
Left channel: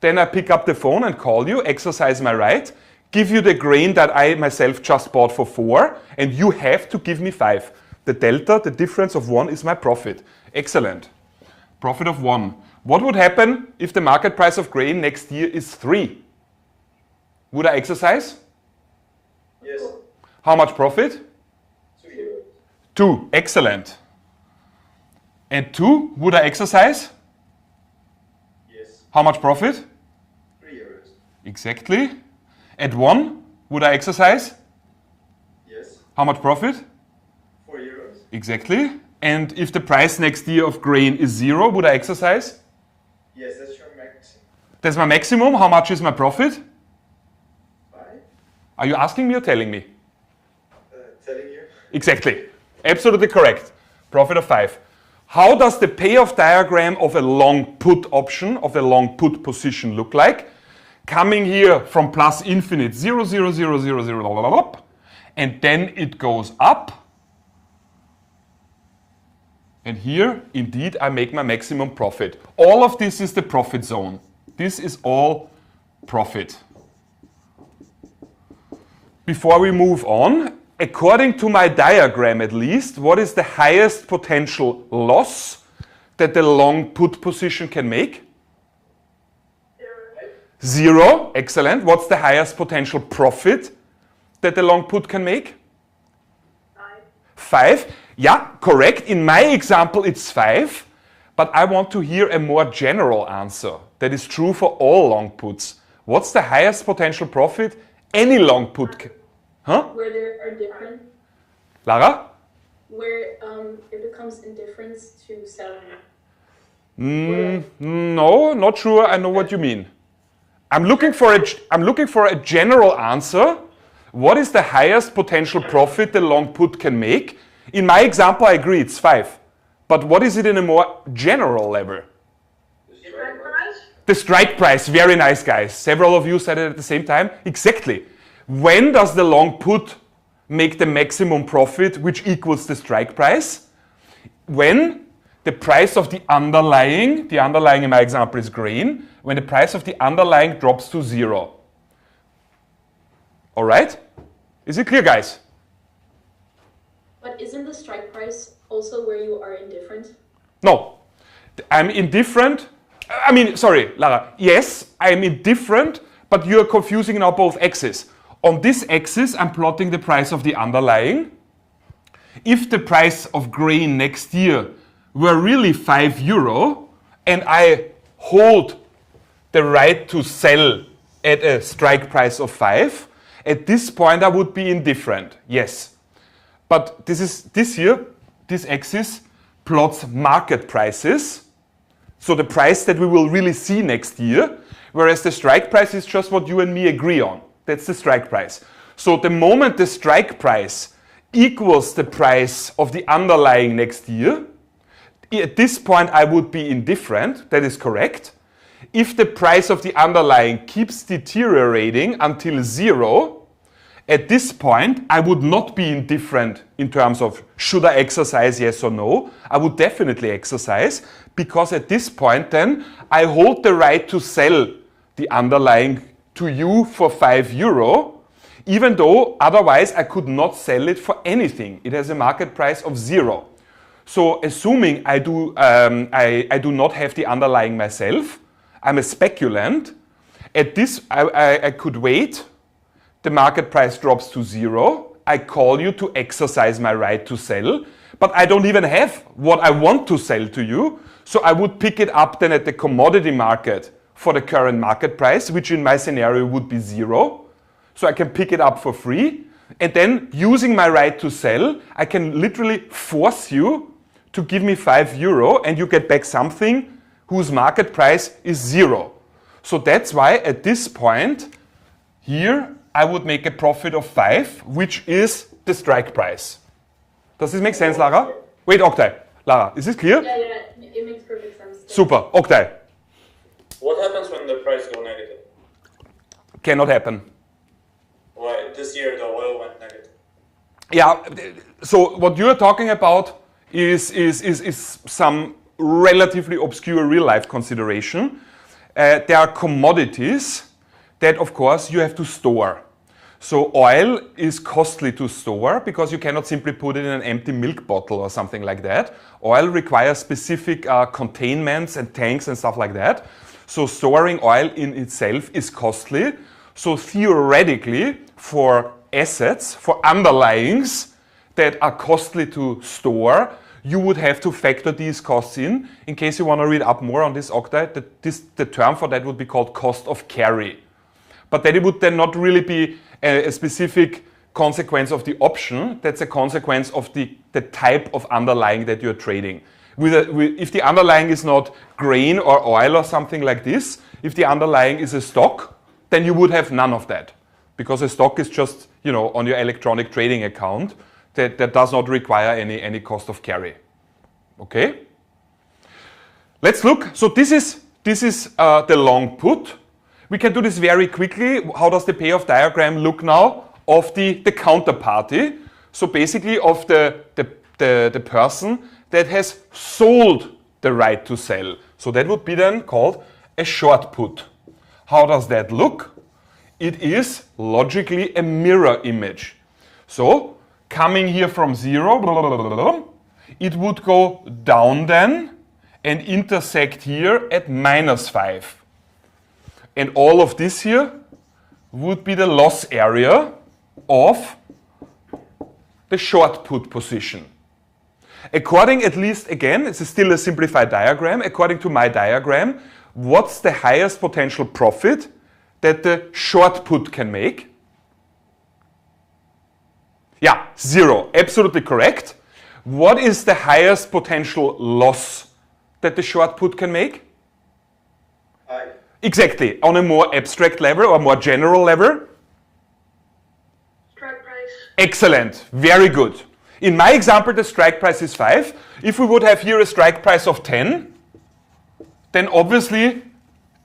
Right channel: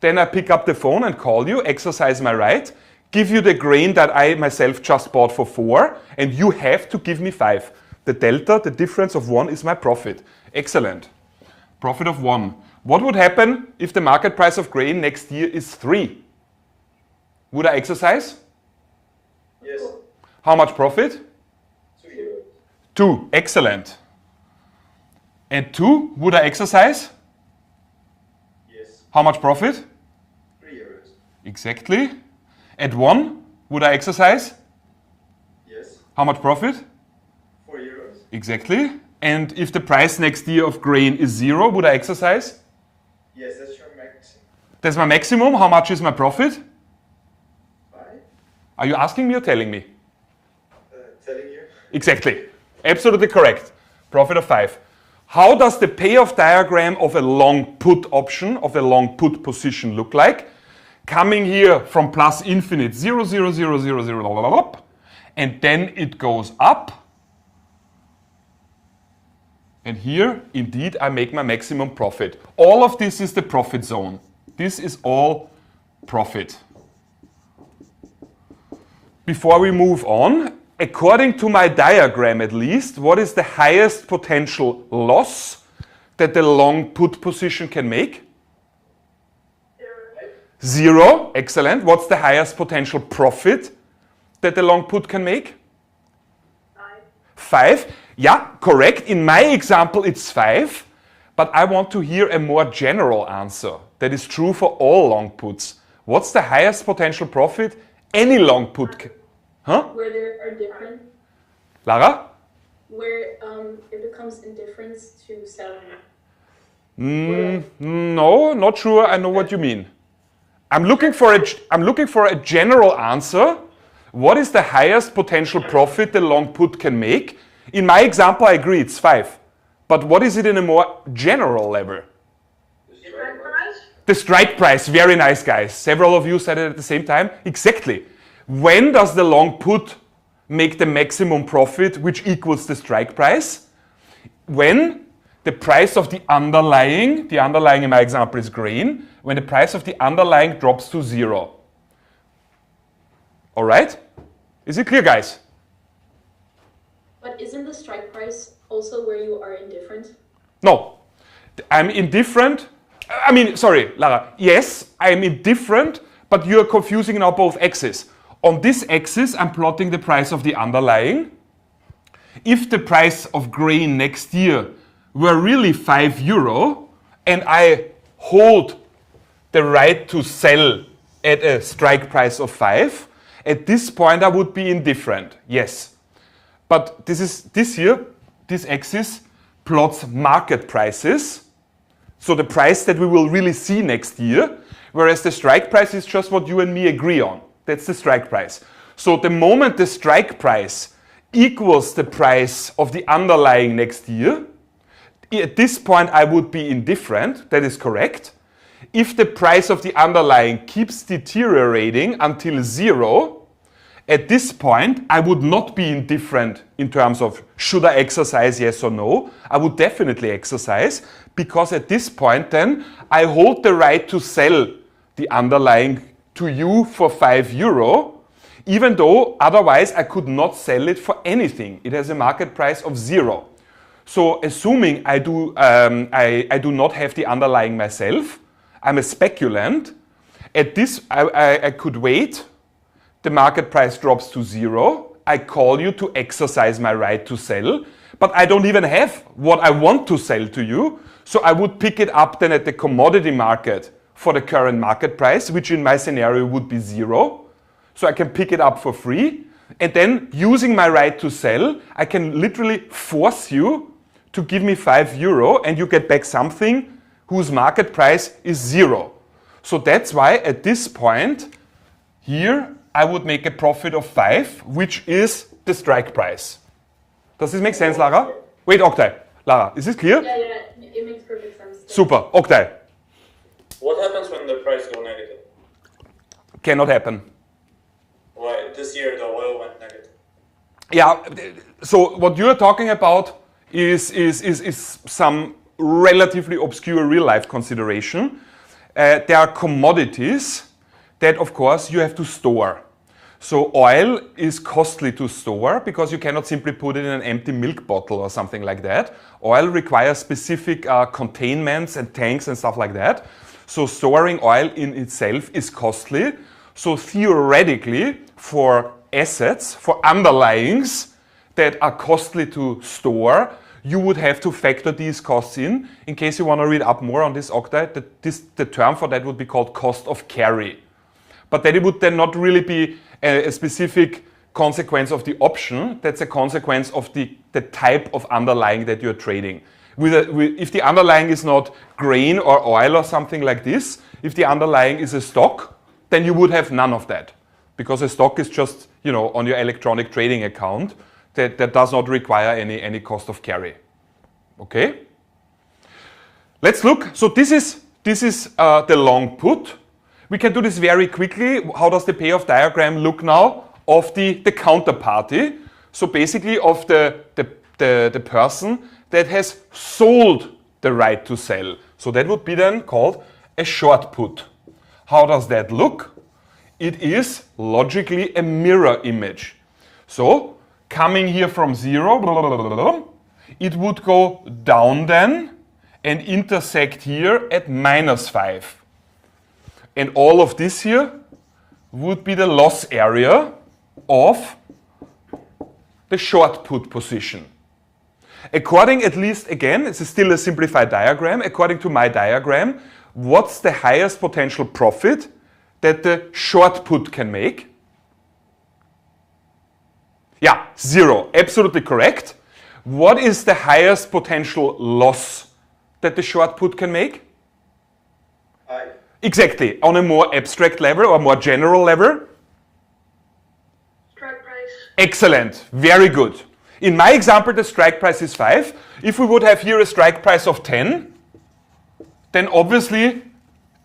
then I pick up the phone and call you, exercise my right, give you the grain that I myself just bought for 4, and you have to give me 5. The delta, the difference of 1 is my profit. Excellent. Profit of 1. What would happen if the market price of grain next year is 3? Would I exercise? Yes. How much profit? €2. 2. Excellent. At 2, would I exercise? Yes. How much profit? €3. Exactly. At 1, would I exercise? Yes. How much profit? €4. Exactly. And if the price next year of grain is 0, would I exercise? Yes, that's your max. That's my maximum. How much is my profit? 5. Are you asking me or telling me? Telling you. Exactly. Absolutely correct. Profit of 5. How does the payoff diagram of a long put option, of a long put position look like? Coming here from plus infinite, 0, 0, 0, 0, 0, and then it goes up. And here, indeed, I make my maximum profit. All of this is the profit zone. This is all profit. Before we move on, according to my diagram at least, what is the highest potential loss that the long put position can make? 0. Excellent. What's the highest potential profit that the long put can make? 5. Yeah, correct. In my example, it's 5. But I want to hear a more general answer that is true for all long puts. What's the highest potential profit any long put Huh? Where there are different, Lara? where it becomes indifference to selling. No, not sure I know what you mean. I'm looking for a general answer. What is the highest potential profit the long put can make In my example, I agree, it's 5. But what is it in a more general level? The strike price. Very nice, guys. Several of you said it at the same time. Exactly. When does the long put make the maximum profit, which equals the strike price? When the price of the underlying in my example is green, when the price of the underlying drops to 0. All right? Is it clear, guys? But isn't the strike price also where you are indifferent? No. I'm indifferent. I mean, sorry, Lara. Yes, I'm indifferent, but you're confusing now both axes. On this axis, I'm plotting the price of the underlying. If the price of grain next year were really €5, and I hold the right to sell at a strike price of 5, at this point I would be indifferent, yes. But this axis plots market prices, so the price that we will really see next year, whereas the strike price is just what you and me agree on. That's the strike price. So the moment the strike price equals the price of the underlying next year, at this point I would be indifferent, that is correct. If the price of the underlying keeps deteriorating until 0, at this point I would not be indifferent in terms of should I exercise, yes or no. I would definitely exercise, because at this point then I hold the right to sell the underlying to you for €5, even though otherwise I could not sell it for anything. It has a market price of 0. So assuming I do not have the underlying myself, I'm a speculant. At this, I could wait. The market price drops to 0. I call you to exercise my right to sell, but I don't even have what I want to sell to you. So I would pick it up then at the commodity market for the current market price, which in my scenario would be 0. So I can pick it up for free. And then using my right to sell, I can literally force you to give me €5 and you get back something whose market price is 0. So that's why at this point here I would make a profit of 5, which is the strike price. Does this make sense, Lara? Wait, Oktay. Lara, is this clear? Yeah, it makes perfect sense. Super, Oktay. What happens when the price goes negative? Cannot happen. Well, this year the oil went negative. Yeah, so what you're talking about is some relatively obscure real-life consideration. There are commodities that, of course, you have to store. So oil is costly to store because you cannot simply put it in an empty milk bottle or something like that. Oil requires specific containments and tanks and stuff like that. So storing oil in itself is costly. So theoretically, for assets, for underlyings that are costly to store, you would have to factor these costs in. In case you want to read up more on this, Oktay, the term for that would be called cost of carry. But that it would then not really be a specific consequence of the option. That's a consequence of the type of underlying that you're trading. If the underlying is not grain or oil or something like this, if the underlying is a stock, then you would have none of that. Because a stock is just, on your electronic trading account that does not require any cost of carry. Okay? Let's look. So this is the long put. We can do this very quickly. How does the payoff diagram look now of the counterparty? So basically of the person that has sold the right to sell. So that would be then called a short put. How does that look? It is logically a mirror image. So coming here from 0, it would go down then and intersect here at -5. And all of this here would be the loss area of the short put position. According, at least again, it's still a simplified diagram, according to my diagram, what's the highest potential profit that the short put can make? Yeah, 0, absolutely correct. What is the highest potential loss that the short put can make? Exactly, on a more abstract level or more general level. Strike price. Excellent, very good. In my example, the strike price is 5. If we would have here a strike price of 10, then obviously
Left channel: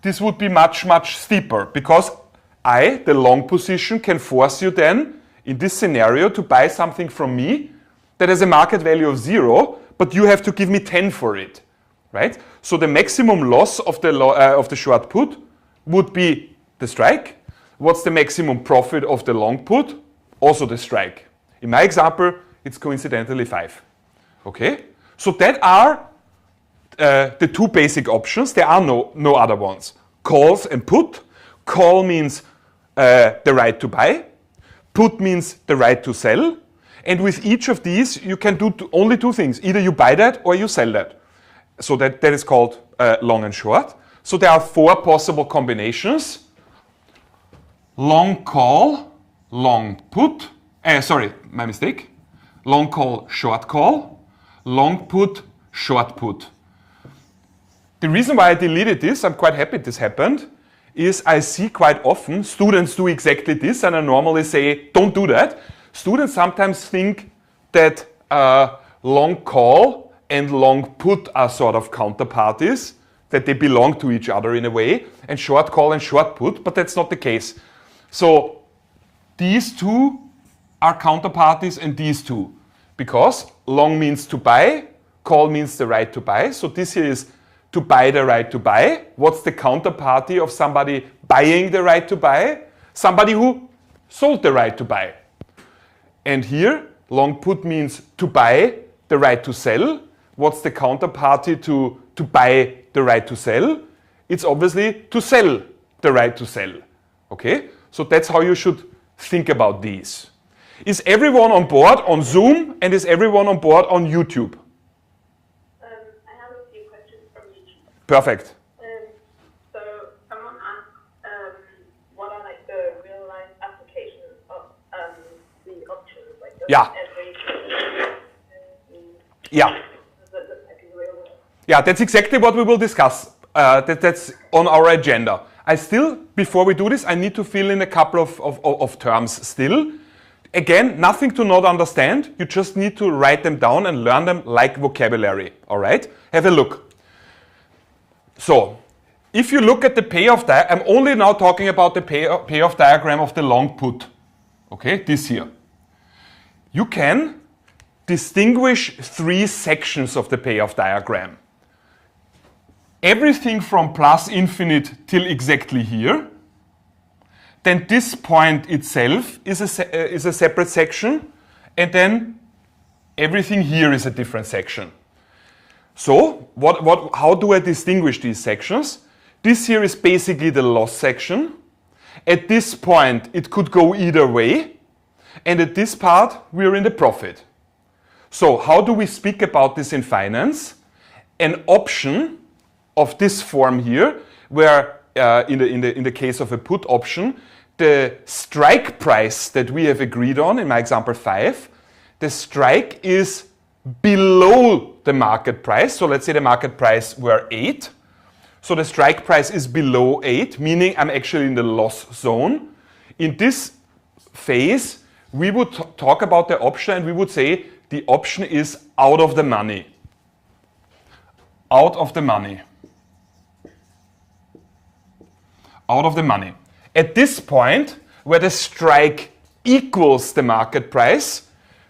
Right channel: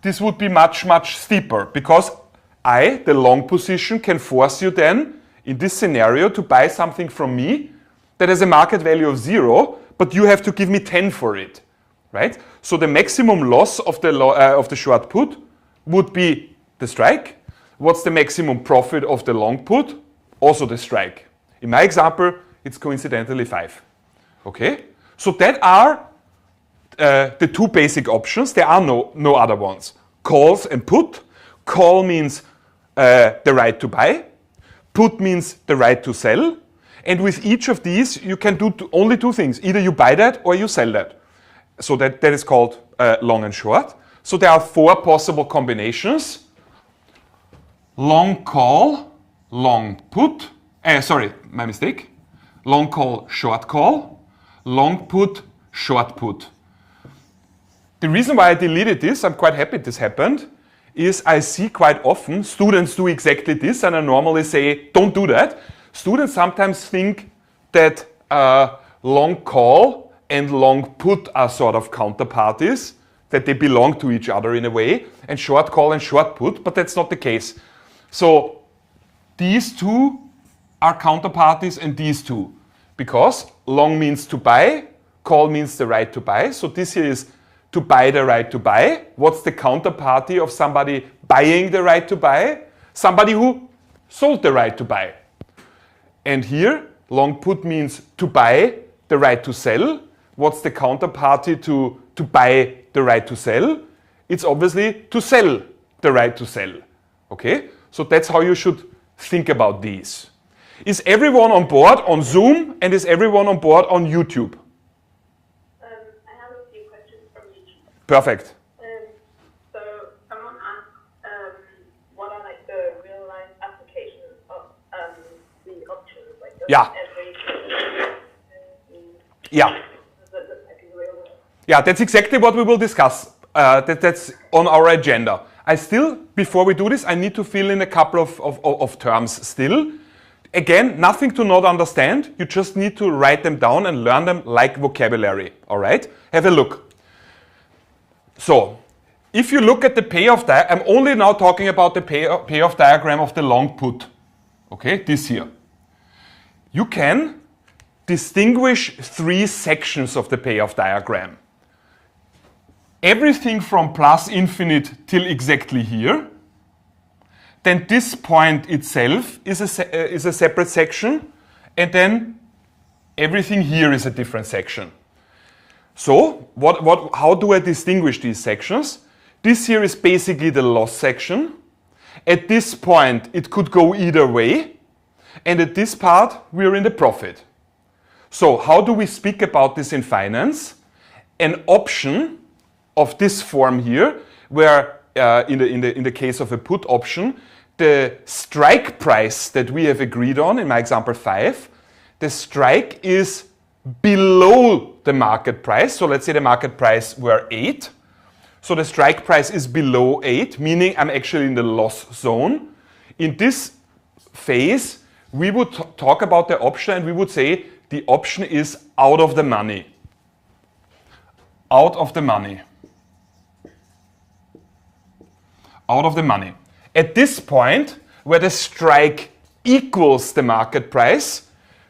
this would be much, much steeper, because I, the long position, can force you then, in this scenario, to buy something from me that has a market value of 0, but you have to give me 10 for it, right? So the maximum loss of the short put would be the strike. What's the maximum profit of the long put? Also the strike. In my example, it's coincidentally 5. Okay? So that are the two basic options. There are no other ones. Calls and put. Call means the right to buy. Put means the right to sell. And with each of these, you can do only two things. Either you buy that or you sell that. So that is called long and short. So there are 4 possible combinations. Long call, long put. Sorry, my mistake. Long call, short call. Long put, short put. The reason why I deleted this, I'm quite happy this happened, is I see quite often students do exactly this, and I normally say, don't do that. Students sometimes think that long call and long put are sort of counterparties, that they belong to each other in a way, and short call and short put, but that's not the case. So these two are counterparties and these two, because long means to buy, call means the right to buy. So this here is to buy the right to buy. What's the counterparty of somebody buying the right to buy? Somebody who sold the right to buy. And here, long put means to buy the right to sell. What's the counterparty to buy the right to sell? It's obviously to sell the right to sell. Okay? So that's how you should think about these. Is everyone on board on Zoom, and is everyone on board on YouTube? I have a few questions from YouTube. Perfect. So someone asked, what are like the real life applications of the options, like Yeah. Yeah. Yeah, that's exactly what we will discuss. That's on our agenda. Before we do this, I need to fill in a couple of terms still. Again, nothing to not understand. You just need to write them down and learn them like vocabulary. All right? Have a look. So, if you look at the payoff diagram, I'm only now talking about the payoff diagram of the long put. Okay, this here. You can distinguish 3 sections of the payoff diagram. Everything from plus infinite till exactly here. Then this point itself is a separate section, and then everything here is a different section. So, how do I distinguish these sections? This here is basically the loss section. At this point, it could go either way, and at this part, we're in the profit. So, how do we speak about this in finance? An option of this form here, where in the case of a put option, the strike price that we have agreed on, in my example 5, the strike is below the market price. So let's say the market price were 8. So the strike price is below 8, meaning I'm actually in the loss zone. In this phase, we would talk about the option and we would say the option is out of the money. Out of the money. Out of the money. At this point, where the strike equals the market price,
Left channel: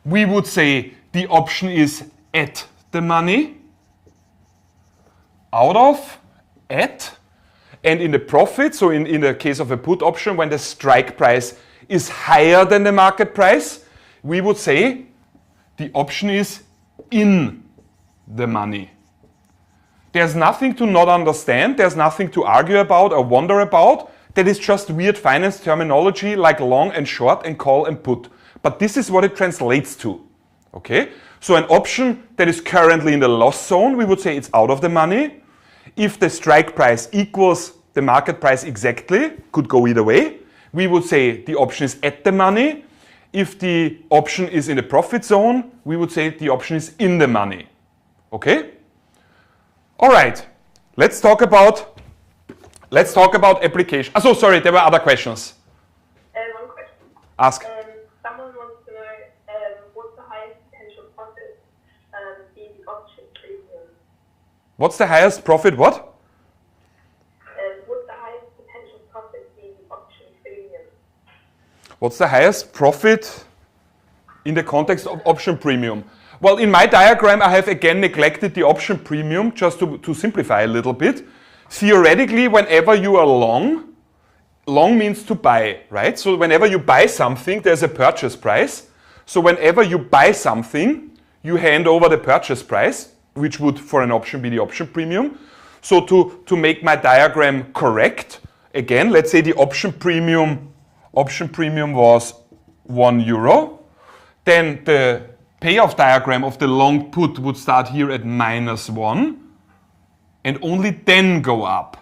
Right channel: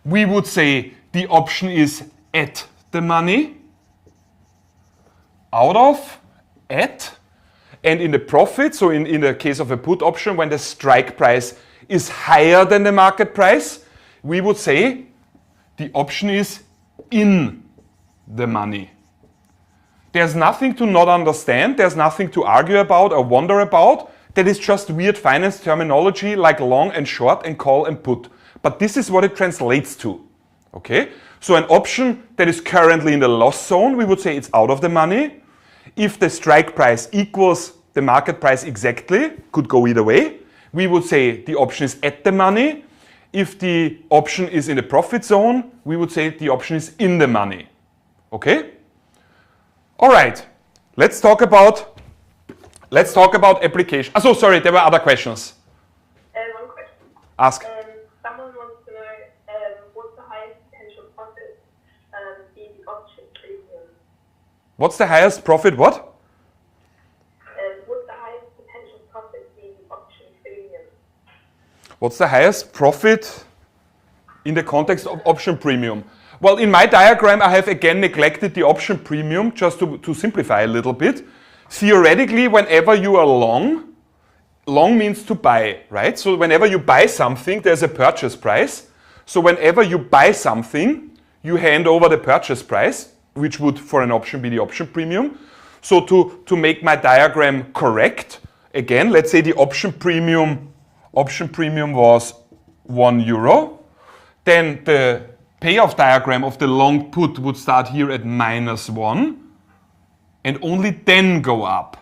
we would say the option is at the money, out of, at, and in the profit, so in the case of a put option, when the strike price is higher than the market price, we would say the option is in the money. There's nothing to not understand, there's nothing to argue about or wonder about. That is just weird finance terminology like long and short and call and put. But this is what it translates to. Okay? So an option that is currently in the loss zone, we would say it's out of the money. If the strike price equals the market price exactly, could go either way, we would say the option is at the money. If the option is in the profit zone, we would say the option is in the money. Okay? All right. Let's talk about application. Oh, sorry, there were other questions. One question. Ask. Someone wants to know what's the highest potential What's the highest profit? What? What's the highest potential profit in option premium? What's the highest profit in the context of option premium? Well, in my diagram, I have again neglected the option premium just to simplify a little bit. Theoretically, whenever you are long means to buy, right? So whenever you buy something, there's a purchase price. So whenever you buy something, you hand over the purchase price, which would for an option be the option premium. So to make my diagram correct, again, let's say the option premium was €1. Then the payoff diagram of the long put would start here at -1 and only then go up.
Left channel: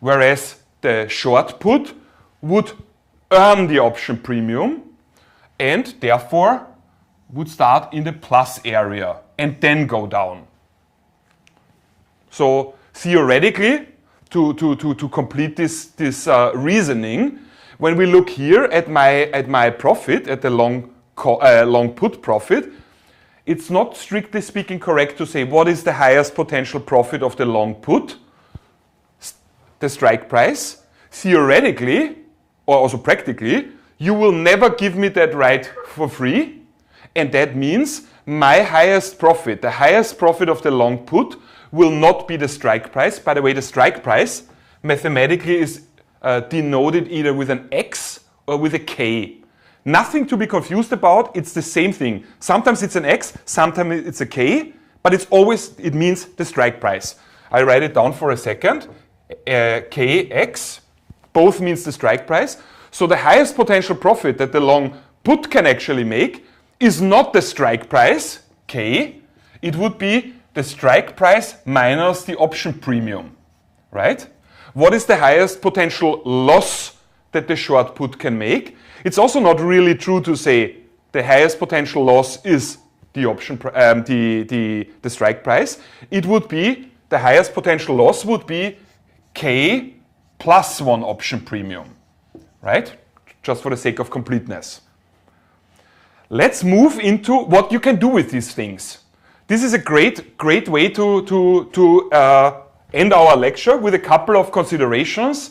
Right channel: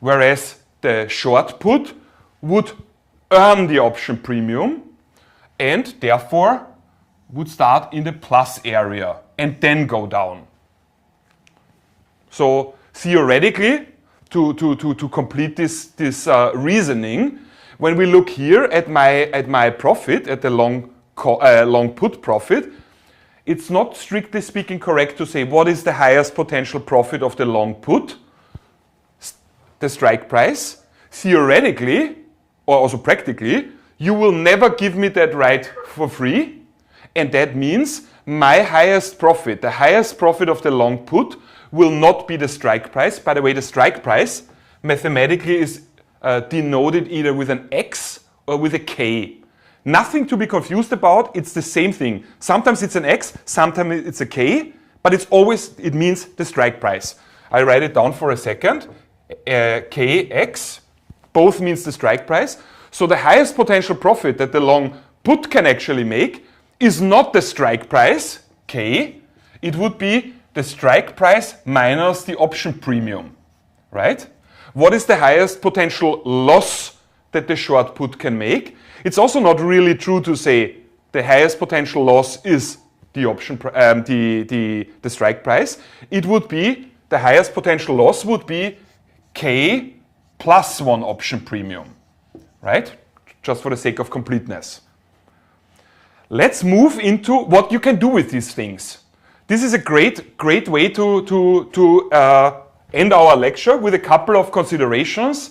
Whereas the short put would earn the option premium and therefore would start in the plus area and then go down. So theoretically, to complete this reasoning, when we look here at my profit, at the long put profit, it's not strictly speaking correct to say what is the highest potential profit of the long put, the strike price. Theoretically, or also practically, you will never give me that right for free, and that means my highest profit, the highest profit of the long put, will not be the strike price. By the way, the strike price mathematically is denoted either with an X or with a K. Nothing to be confused about, it's the same thing. Sometimes it's an X, sometimes it's a K, but it means the strike price. I write it down for a second. KX, both means the strike price. So the highest potential profit that the long put can actually make is not the strike price, K, it would be the strike price minus the option premium, right? What is the highest potential loss that the short put can make? It's also not really true to say the highest potential loss is the option, the strike price. It would be, the highest potential loss would be K plus 1 option premium, right? Just for the sake of completeness. Let's move into what you can do with these things. This is a great way to end our lecture with a couple of considerations,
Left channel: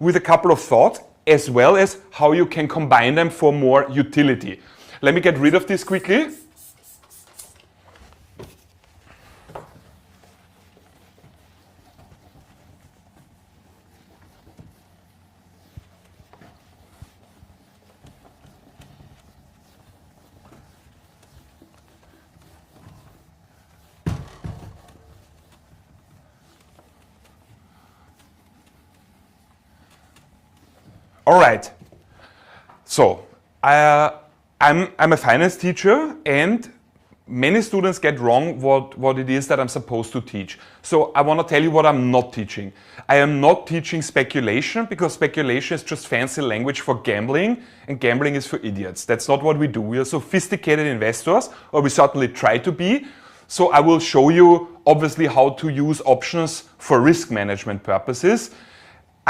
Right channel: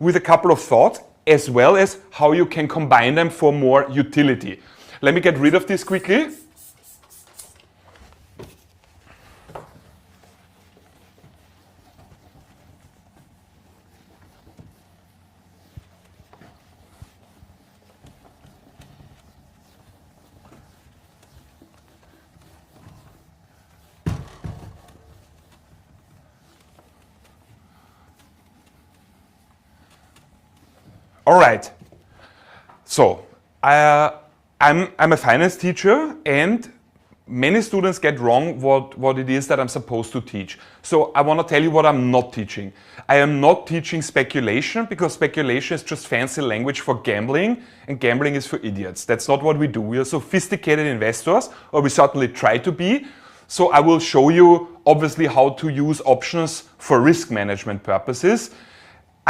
with a couple of thoughts, as well as how you can combine them for more utility. Let me get rid of this quickly. All right. So I'm a finance teacher, and many students get wrong what it is that I'm supposed to teach. So I want to tell you what I'm not teaching. I am not teaching speculation, because speculation is just fancy language for gambling, and gambling is for idiots. That's not what we do. We are sophisticated investors, or we certainly try to be. So I will show you, obviously, how to use options for risk management purposes.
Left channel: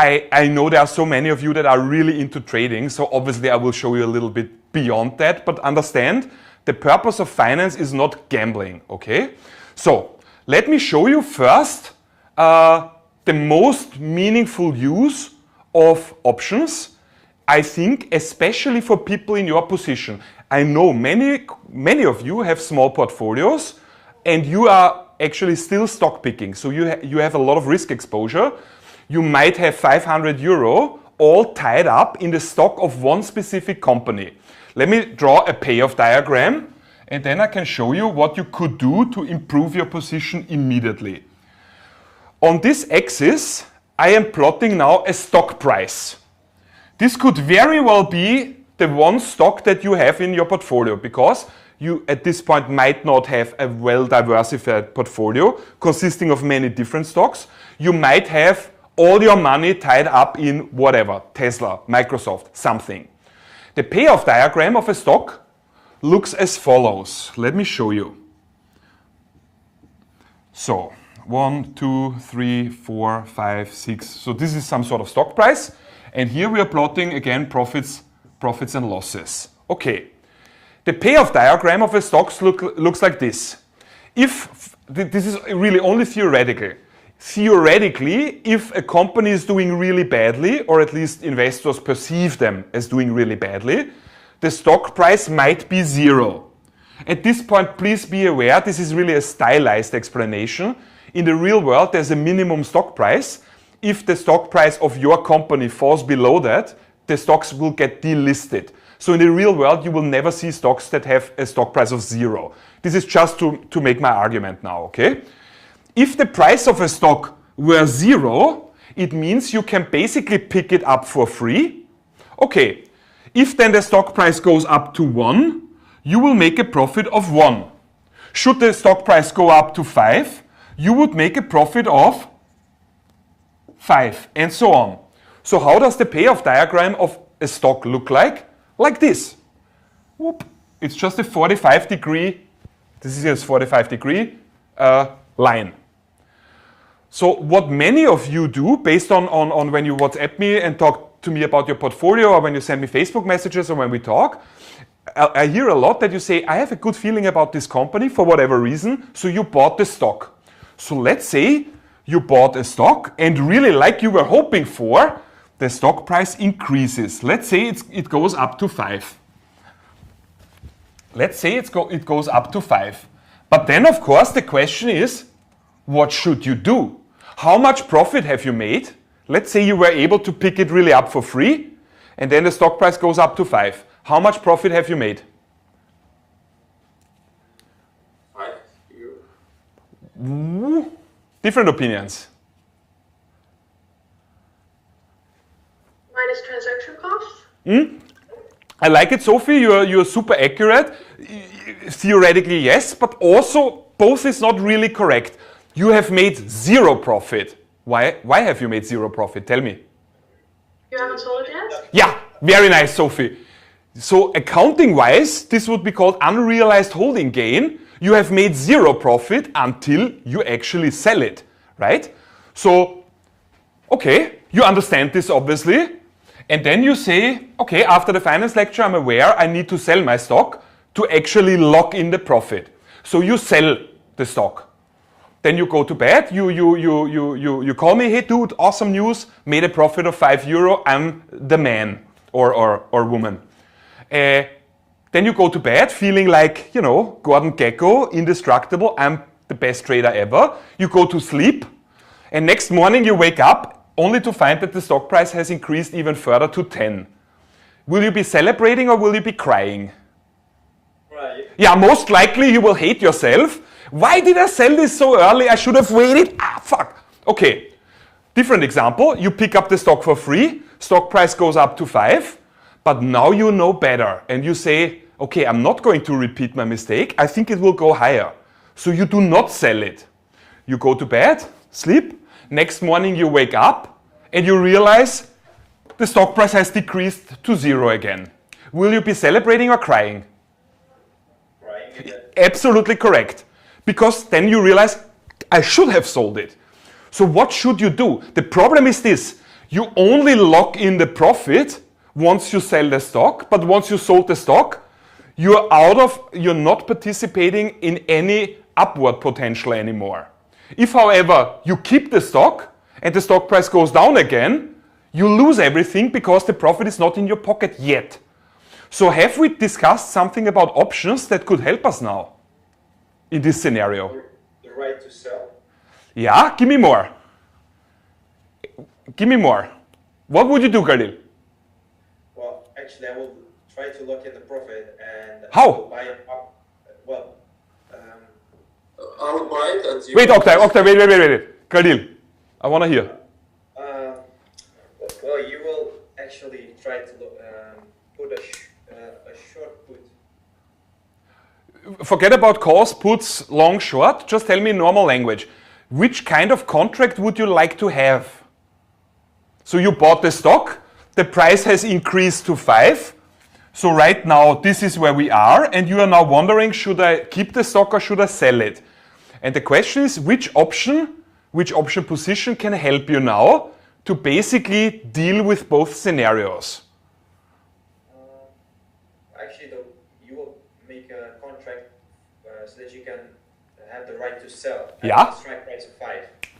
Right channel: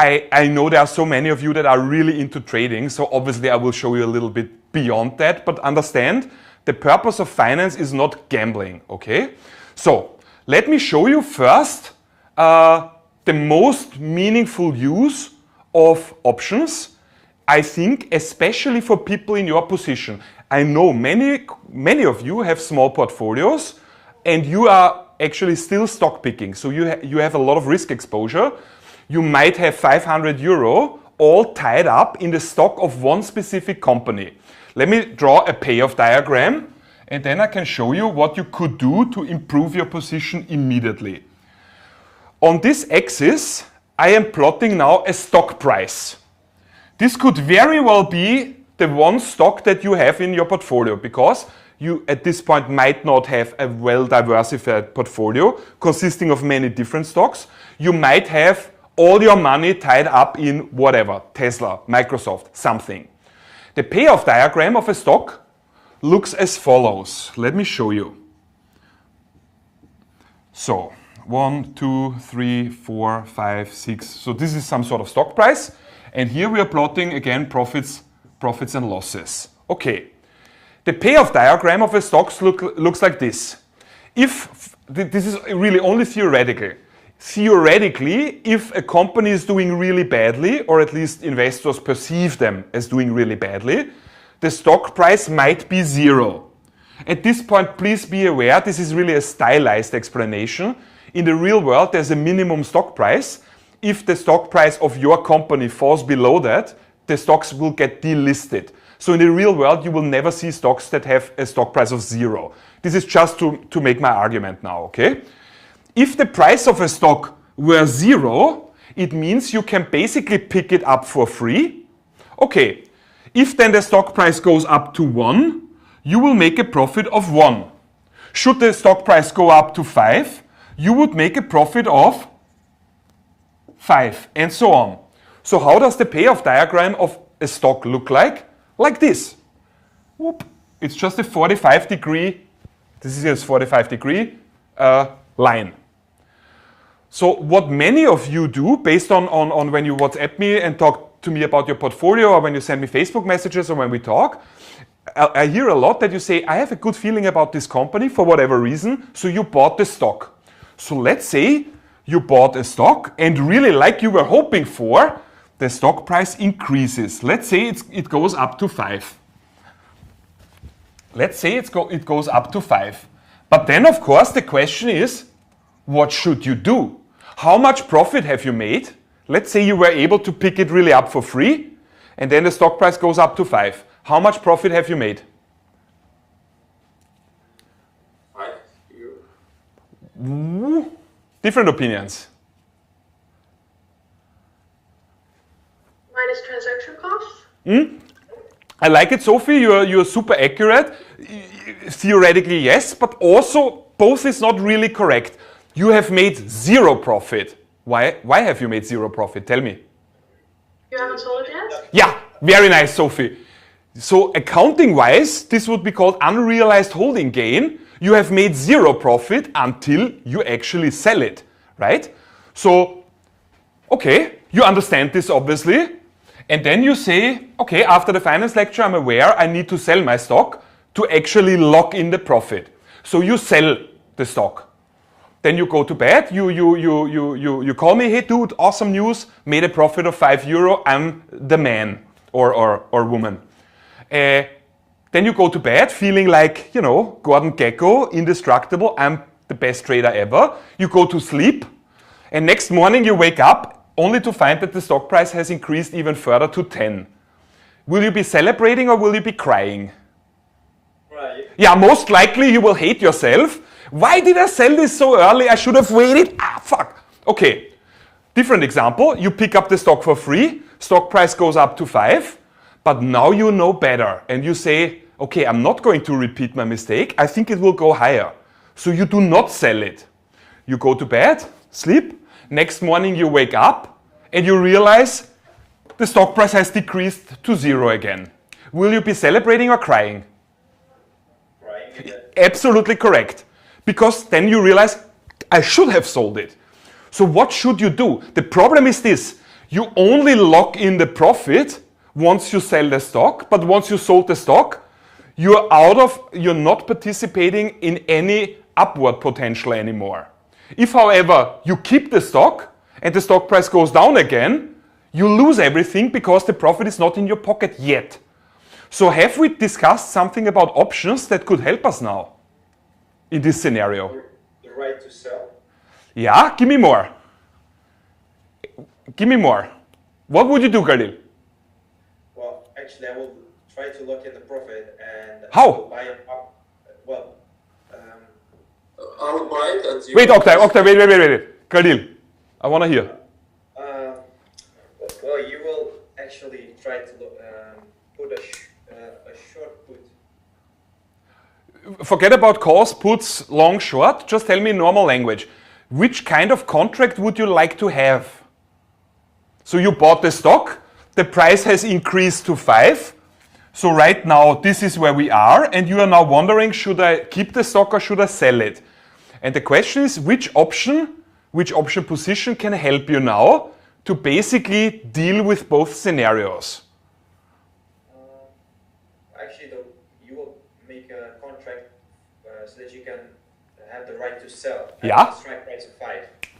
I know there are so many of you that are really into trading, so obviously I will show you a little bit beyond that, but understand, the purpose of finance is not gambling, okay? So, let me show you first the most meaningful use of options, I think, especially for people in your position. I know many of you have small portfolios, and you are actually still stock picking, so you have a lot of risk exposure. You might have €500 all tied up in the stock of one specific company. Let me draw a payoff diagram, and then I can show you what you could do to improve your position immediately. On this axis, I am plotting now a stock price. This could very well be the one stock that you have in your portfolio, because you at this point might not have a well-diversified portfolio consisting of many different stocks. You might have all your money tied up in whatever, Tesla, Microsoft, something. The payoff diagram of a stock looks as follows. Let me show you. So, 1, 2, 3, 4, 5, 6. So this is some sort of stock price. And here we are plotting, again, profits and losses. Okay. The payoff diagram of a stock looks like this. If this is really only theoretical. Theoretically, if a company is doing really badly, or at least investors perceive them as doing really badly, the stock price might be zero. At this point, please be aware, this is really a stylized explanation. In the real world, there's a minimum stock price. If the stock price of your company falls below that, the stocks will get delisted. So in the real world, you will never see stocks that have a stock price of zero. This is just to make my argument now, okay? If the price of a stock were zero, it means you can basically pick it up for free. Okay, if then the stock price goes up to 1, you will make a profit of 1. Should the stock price go up to 5, you would make a profit of 5, and so on. So how does the payoff diagram of a stock look like? Like this. Whoop. It's just a 45-degree, this is a 45-degree line. So what many of you do, based on when you WhatsApp me and talk to me about your portfolio, or when you send me Facebook messages, or when we talk, I hear a lot that you say, I have a good feeling about this company for whatever reason, so you bought the stock. So let's say you bought a stock, and really like you were hoping for, the stock price increases. Let's say it goes up to 5. Let's say it goes up to 5. But then, of course, the question is, what should you do? How much profit have you made? Let's say you were able to pick it really up for free, and then the stock price goes up to 5. How much profit have you made? 5 euro. Different opinions. Minus transaction costs? I like it, Sophie. You're super accurate. Theoretically, yes, but also both is not really correct. You have made 0 profit. Why have you made 0 profit? Tell me. You haven't sold it yet? Yeah, very nice, Sophie. So accounting-wise, this would be called unrealized holding gain. You have made 0 profit until you actually sell it, right? So, okay, you understand this obviously. And then you say, okay, after the finance lecture, I'm aware I need to sell my stock to actually lock in the profit. So you sell the stock. Then you go to bed, you call me, hey dude, awesome news, made a profit of 5 euro, I'm the man or woman. Then you go to bed feeling like, Gordon Gekko, indestructible, I'm the best trader ever. You go to sleep, and next morning you wake up only to find that the stock price has increased even further to 10. Will you be celebrating or will you be crying? Right. Yeah, most likely you will hate yourself. Why did I sell this so early? I should have waited. Fuck. Okay, different example. You pick up the stock for free. Stock price goes up to 5. But now you know better. And you say, okay, I'm not going to repeat my mistake. I think it will go higher. So you do not sell it. You go to bed, sleep. Next morning you wake up and you realize the stock price has decreased to 0 again. Will you be celebrating or crying? Right. Absolutely correct. Because then you realize, I should have sold it. So what should you do? The problem is this. You only lock in the profit once you sell the stock, but once you sold the stock, you're not participating in any upward potential anymore. If, however, you keep the stock and the stock price goes down again, you lose everything because the profit is not in your pocket yet. So have we discussed something about options that could help us now in this scenario? The right to sell. Yeah, give me more. Give me more. What would you do, Khalil? Well, actually, I will try to lock in the profit and How? buy it up. Well, I would buy it at 0. Wait, Oktay, wait. Khalil, I want to hear. well, you will actually try to put a short put. Forget about calls, puts, long, short. Just tell me in normal language. Which kind of contract would you like to have? So you bought the stock, the price has increased to 5. So right now, this is where we are, and you are now wondering, should I keep the stock or should I sell it? And the question is, which option position can help you now to basically deal with both scenarios? Actually, you will make a contract so that you can I have the right to sell. Yeah. The strike price of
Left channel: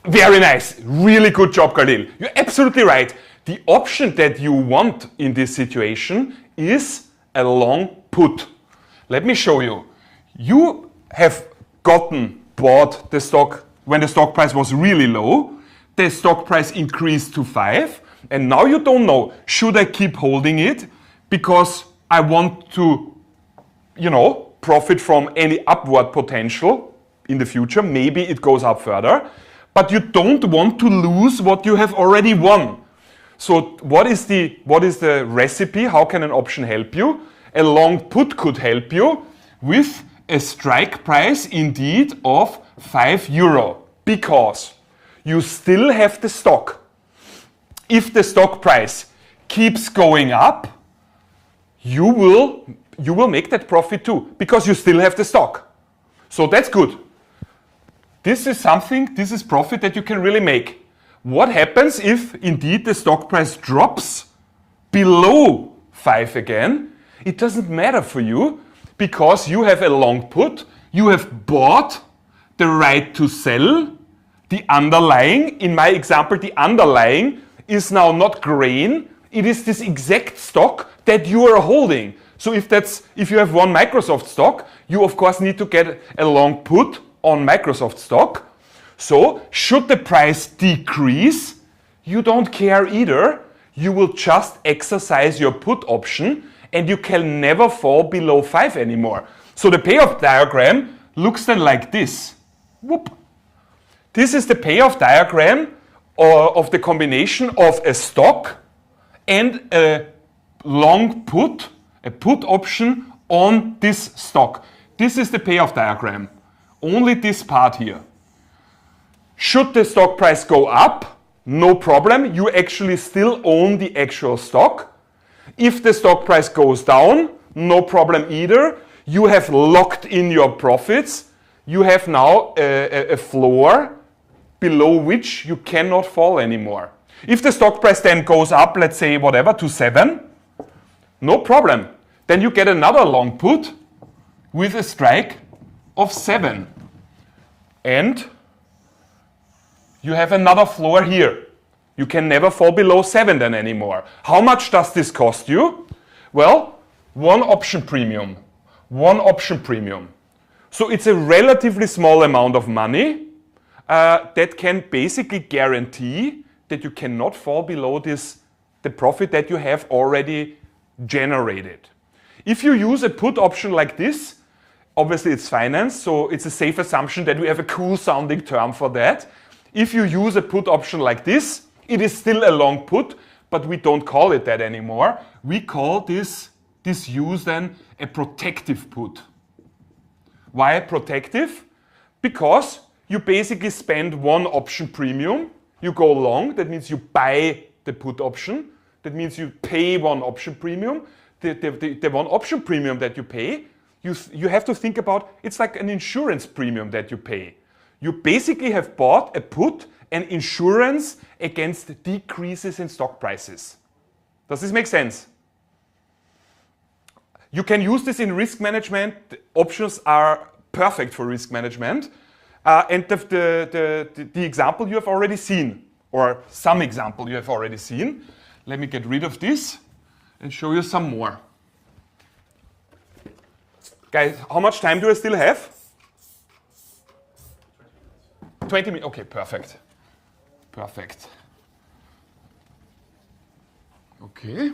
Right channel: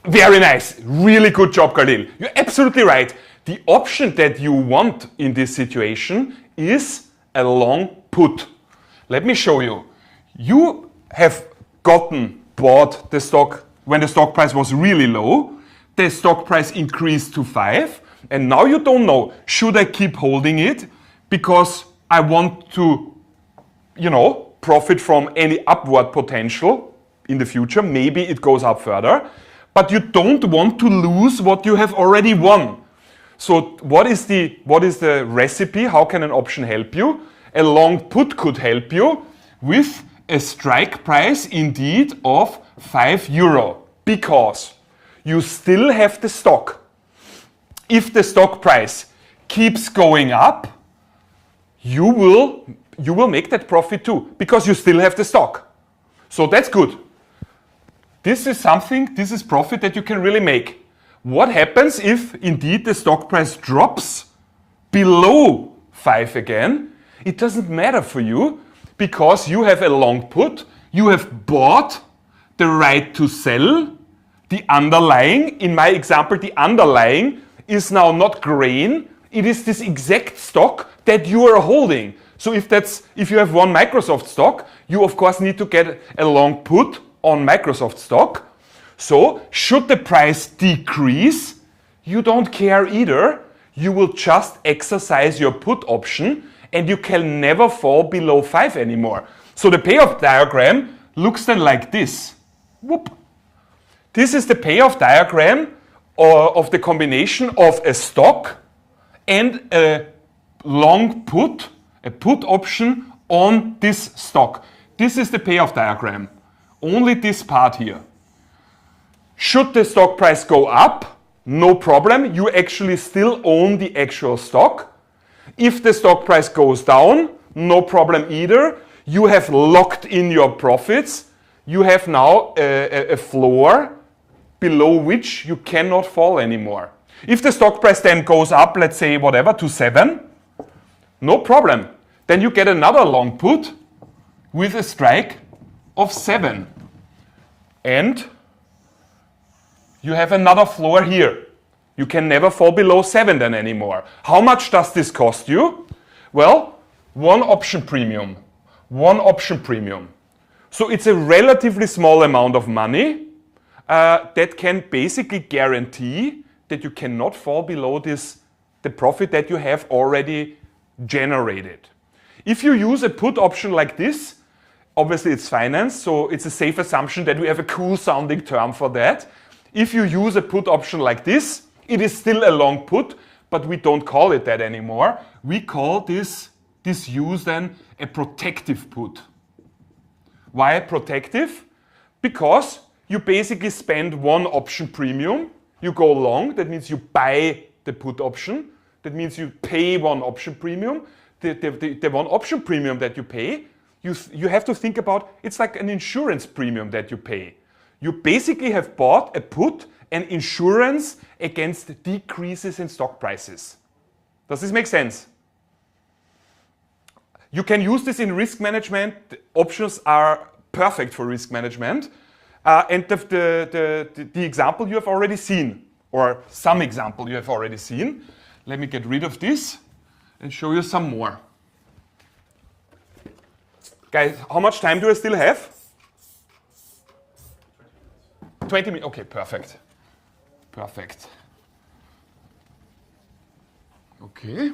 5. Very nice. Really good job, Khalil. You're absolutely right. The option that you want in this situation is a long put. Let me show you. You have bought the stock when the stock price was really low. The stock price increased to 5. And now you don't know, should I keep holding it because I want to, profit from any upward potential in the future. Maybe it goes up further. But you don't want to lose what you have already won. So what is the recipe? How can an option help you? A long put could help you with a strike price indeed of €5 because you still have the stock. If the stock price keeps going up, you will make that profit too because you still have the stock. So that's good. This is profit that you can really make. What happens if indeed the stock price drops below 5 again? It doesn't matter for you because you have a long put, you have bought the right to sell. The underlying, in my example, the underlying is now not grain, it is this exact stock that you are holding. So if you have one Microsoft stock, you of course need to get a long put on Microsoft stock. So should the price decrease, you don't care either. You will just exercise your put option and you can never fall below 5 anymore. So the payoff diagram looks then like this. Whoop. This is the payoff diagram of the combination of a stock and a long put, a put option on this stock. This is the payoff diagram. Only this part here. Should the stock price go up, no problem. You actually still own the actual stock. If the stock price goes down, no problem either. You have locked in your profits. You have now a floor below which you cannot fall anymore. If the stock price then goes up, let's say to 7, no problem. Then you get another long put with a strike of 7. And you have another floor here. You can never fall below 7 then anymore. How much does this cost you? Well, one option premium. So it's a relatively small amount of money that can basically guarantee that you cannot fall below the profit that you have already generated. If you use a put option like this, obviously it's finance, so it's a safe assumption that we have a cool sounding term for that. If you use a put option like this, it is still a long put, but we don't call it that anymore. We call this use then a protective put. Why protective? Because you basically spend one option premium, you go long, that means you buy the put option, that means you pay one option premium. The one option premium that you pay, you have to think about, it's like an insurance premium that you pay. You basically have bought a put, an insurance against decreases in stock prices. Does this make sense? You can use this in risk management. The options are perfect for risk management. And the example you have already seen, or some example you have already seen. Let me get rid of this and show you some more. Guys, how much time do I still have? 20 minutes. Okay, perfect. Perfect. Okay.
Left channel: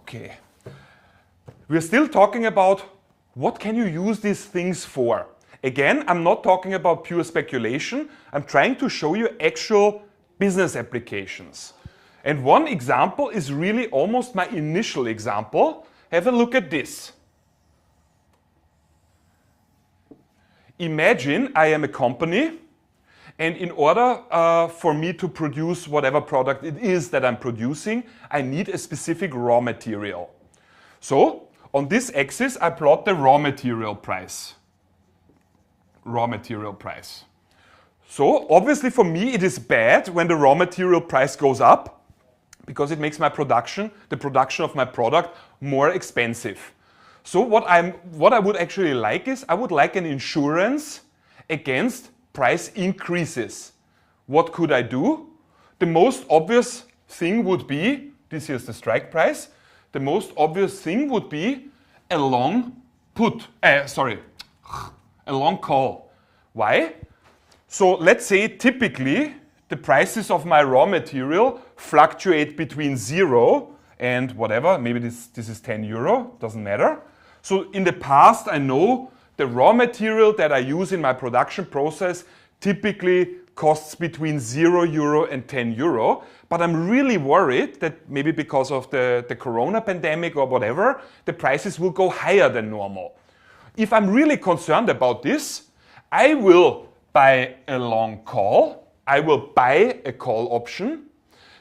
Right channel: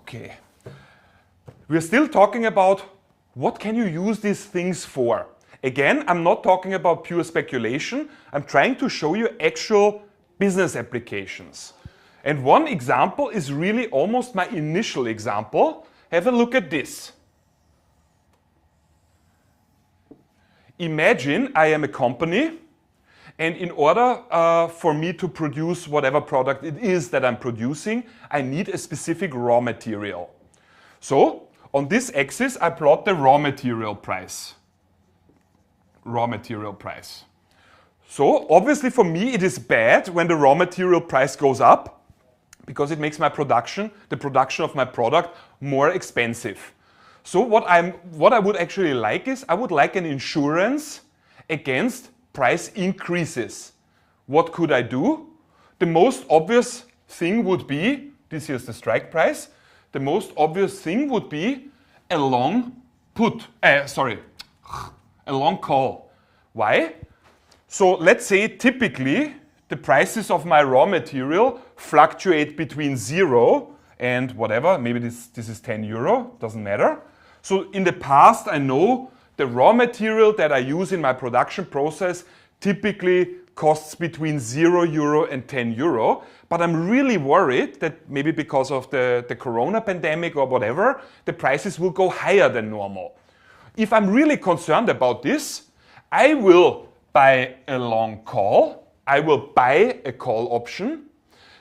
Okay. We're still talking about what can you use these things for. Again, I'm not talking about pure speculation. I'm trying to show you actual business applications. And one example is really almost my initial example. Have a look at this. Imagine I am a company, and in order for me to produce whatever product it is that I'm producing, I need a specific raw material. So, on this axis, I plot the raw material price. Raw material price. So, obviously for me it is bad when the raw material price goes up, because it makes my production, the production of my product, more expensive. So what I would actually like is, I would like an insurance against price increases. What could I do? The most obvious thing would be, this here's the strike price, the most obvious thing would be a long a long call. Why? So let's say typically the prices of my raw material fluctuate between 0 and whatever, maybe this is 10 euro, doesn't matter. So in the past I know the raw material that I use in my production process typically costs between 0 euro and 10 euro, but I'm really worried that maybe because of the corona pandemic or whatever, the prices will go higher than normal. If I'm really concerned about this, I will buy a long call. I will buy a call option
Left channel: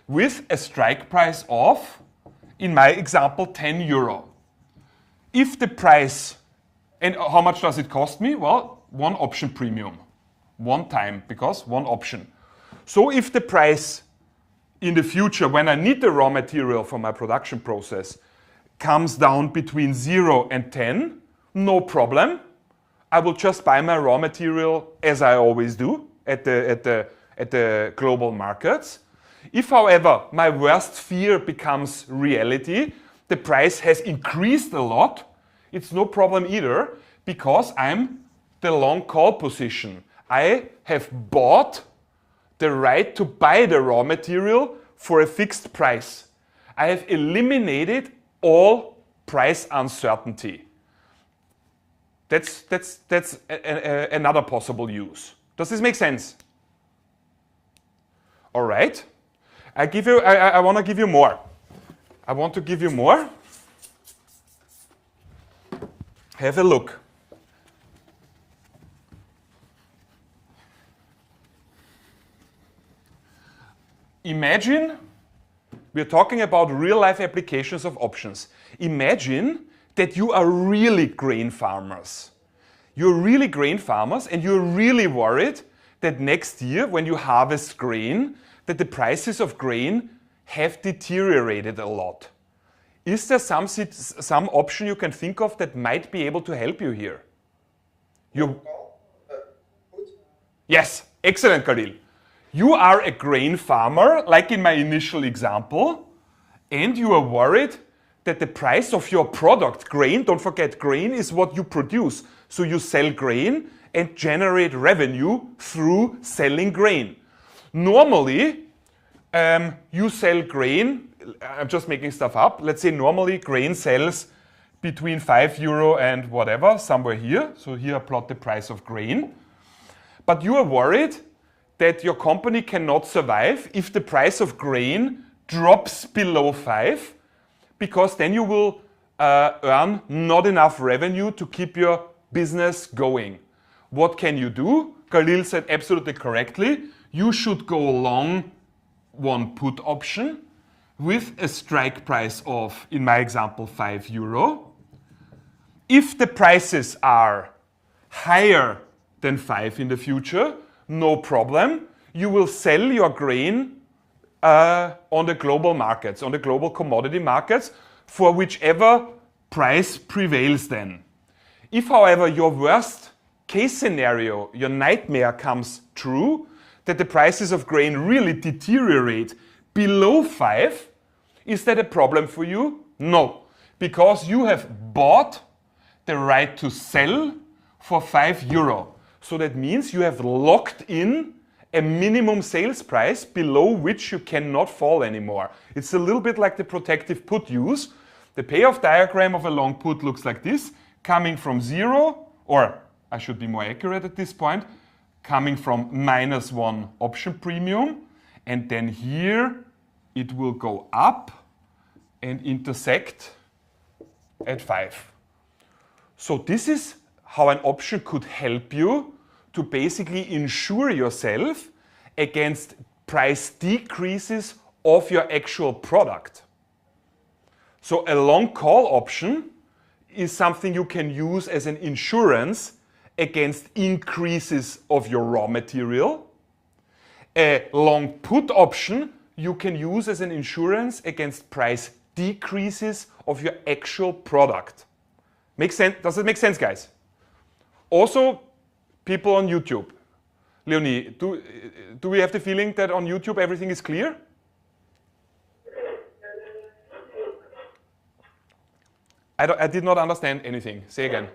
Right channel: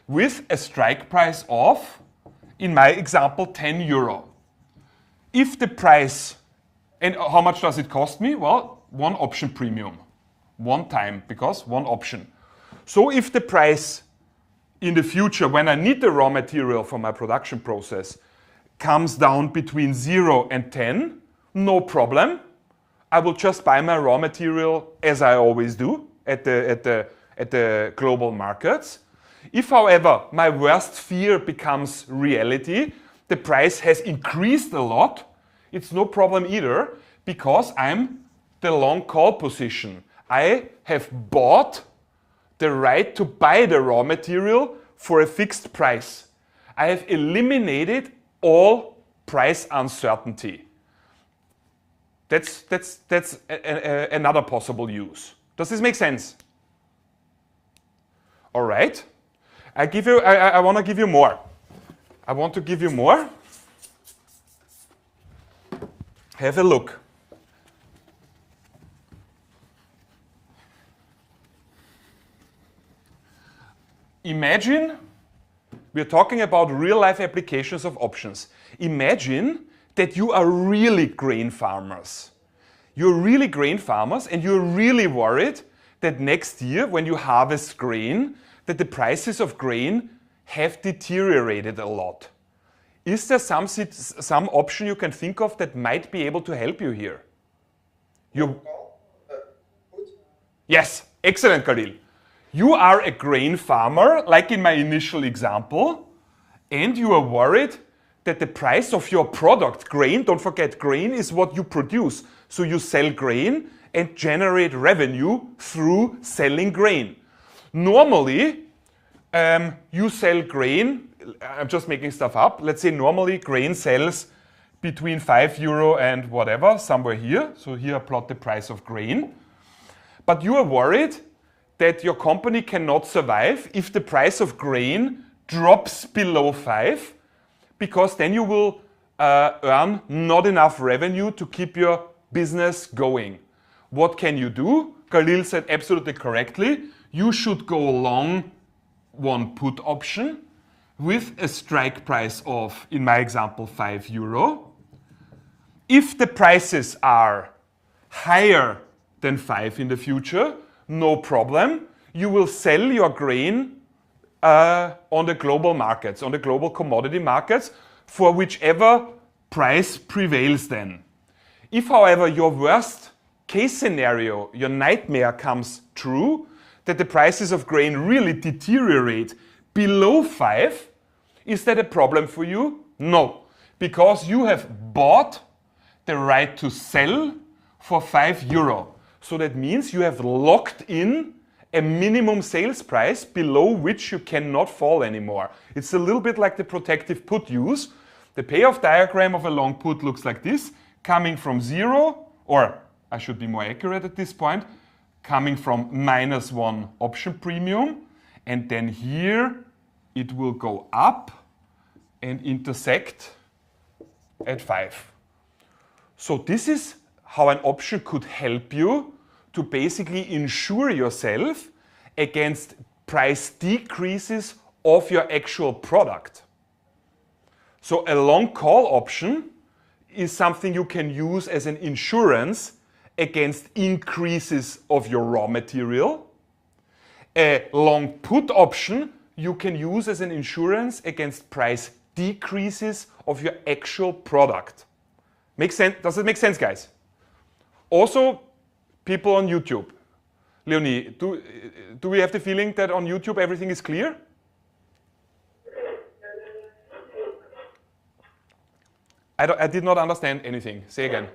with a strike price of, in my example, 10 euro. If the price, and how much does it cost me? Well, one option premium, one time, because one option. So if the price in the future, when I need the raw material for my production process, comes down between 0 and 10, no problem. I will just buy my raw material as I always do at the global markets. If, however, my worst fear becomes reality, the price has increased a lot, it's no problem either, because I'm the long call position. I have bought the right to buy the raw material for a fixed price. I have eliminated all price uncertainty. That's another possible use. Does this make sense? All right. I want to give you more. I want to give you more. Have a look. Imagine, we're talking about real-life applications of options. Imagine that you are really grain farmers. You're really grain farmers and you're really worried that next year when you harvest grain, that the prices of grain have deteriorated a lot. Is there some option you can think of that might be able to help you here? Yes, excellent, Khalil. You are a grain farmer, like in my initial example, and you are worried that the price of your product, grain, don't forget, grain is what you produce. So you sell grain and generate revenue through selling grain. Normally, you sell grain, I'm just making stuff up. Let's say normally grain sells between 5 euro and whatever, somewhere here. So here I plot the price of grain. But you are worried that your company cannot survive if the price of grain drops below 5, because then you will earn not enough revenue to keep your business going. What can you do? Khalil said absolutely correctly. You should go long one put option with a strike price of, in my example, 5 euro. If the prices are higher than 5 in the future, no problem. You will sell your grain on the global markets, on the global commodity markets, for whichever price prevails then. If, however, your worst case scenario, your nightmare comes true, that the prices of grain really deteriorate below 5, is that a problem for you? No, because you have bought the right to sell for 5 euro. So that means you have locked in a minimum sales price below which you cannot fall anymore. It's a little bit like the protective put use. The payoff diagram of a long put looks like this, coming from 0, or I should be more accurate at this point, coming from -1 option premium, and then here it will go up and intersect at 5. So this is how an option could help you to basically insure yourself against price decreases of your actual product. So a long call option is something you can use as an insurance against increases of your raw material. A long put option you can use as an insurance against price decreases of your actual product. Makes sense? Does it make sense, guys? Also, people on YouTube. Leonie, do we have the feeling that on YouTube everything is clear? I did not understand anything. Say again.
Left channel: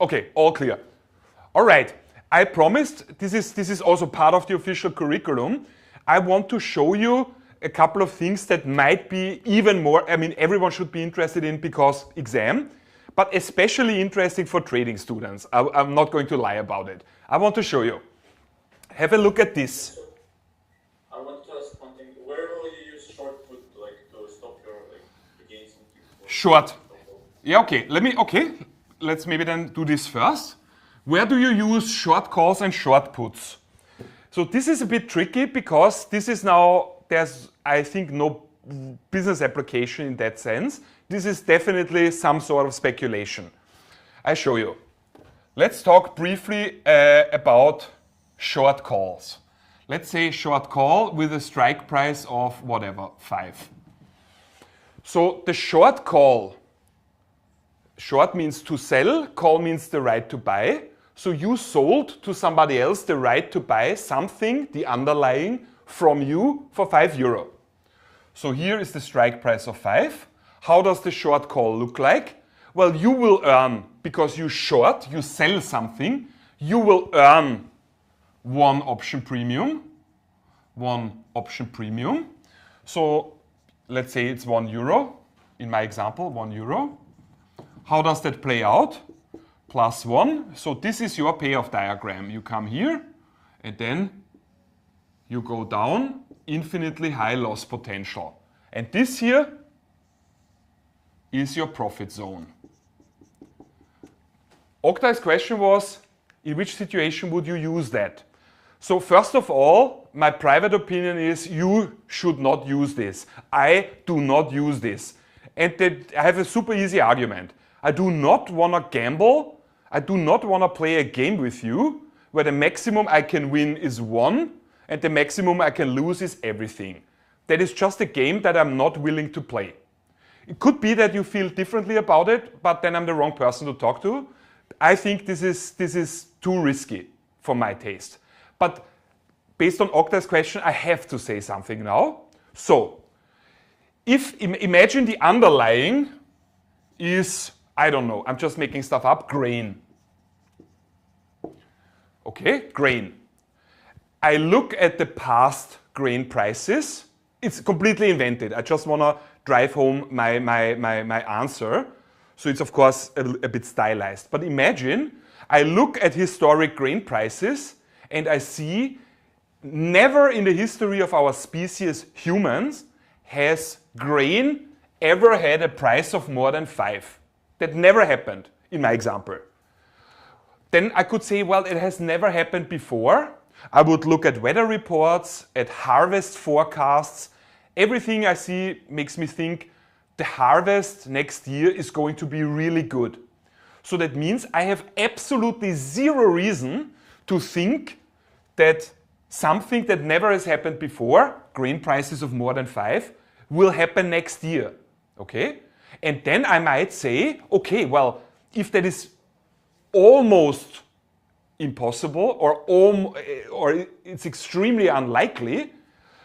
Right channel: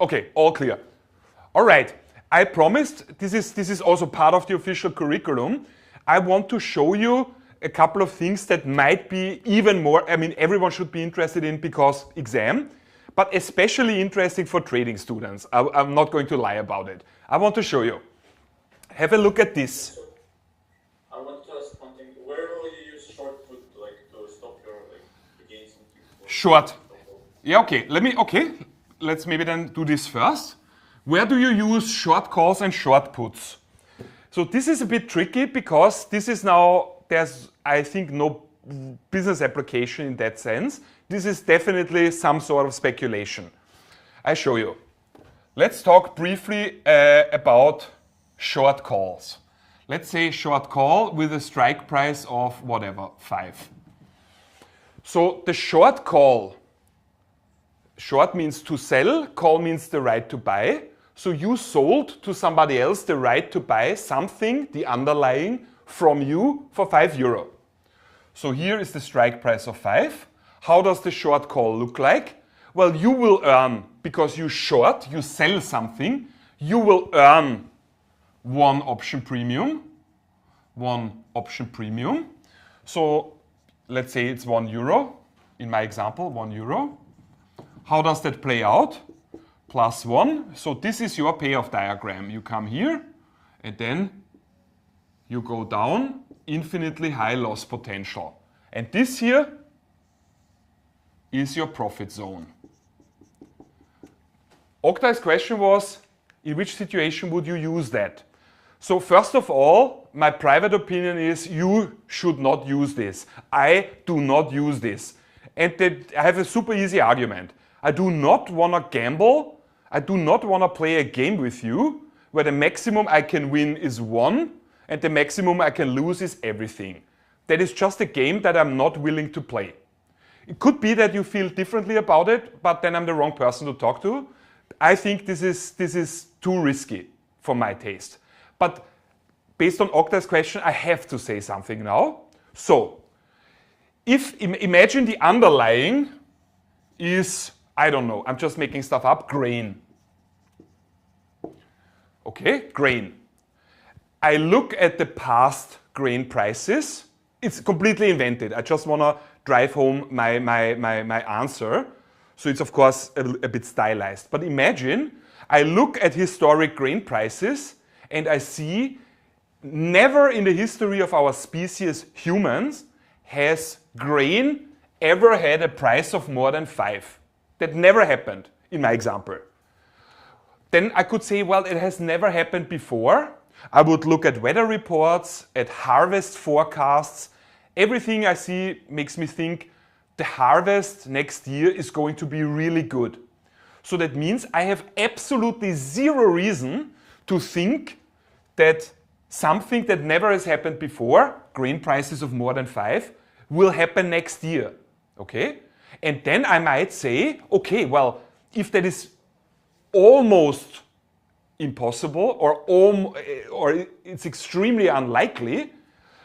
Okay, all clear. All right. I promised, this is also part of the official curriculum. I want to show you a couple of things that might be even more, I mean, everyone should be interested in because exam, but especially interesting for trading students. I'm not going to lie about it. I want to show you. Have a look at this. I want to ask one thing. Where will you use short put, like, to stop your, like, gains? Short. Yeah, okay. Let's maybe then do this first. Where do you use short calls and short puts? So this is a bit tricky because this is now, there's, I think, no business application in that sense. This is definitely some sort of speculation. I show you. Let's talk briefly about short calls. Let's say short call with a strike price of whatever, 5. So the short call, short means to sell, call means the right to buy. So you sold to somebody else the right to buy something, the underlying, from you for €5. So here is the strike price of 5. How does the short call look like? Well, you will earn, because you short, you sell something, you will earn one option premium. So let's say it's €1. In my example, €1. How does that play out? +1. So this is your payoff diagram. You come here and then you go down, infinitely high loss potential. And this here is your profit zone. Oktay's question was, in which situation would you use that? So first of all, my private opinion is you should not use this. I do not use this. And I have a super easy argument. I do not want to gamble. I do not want to play a game with you where the maximum I can win is 1 and the maximum I can lose is everything. That is just a game that I'm not willing to play. It could be that you feel differently about it, but then I'm the wrong person to talk to. I think this is too risky for my taste. But based on Oktay's question, I have to say something now. So, imagine the underlying is, I don't know, I'm just making stuff up, grain. Okay, grain. I look at the past grain prices. It's completely invented. I just want to drive home my answer. So it's, of course, a bit stylized. But imagine I look at historic grain prices and I see never in the history of our species, humans, has grain ever had a price of more than 5. That never happened in my example. Then I could say, well, it has never happened before. I would look at weather reports, at harvest forecasts. Everything I see makes me think the harvest next year is going to be really good. So that means I have absolutely zero reason to think that something that never has happened before, grain prices of more than 5, will happen next year. Okay? And then I might say, okay, well, if that is almost impossible or it's extremely unlikely,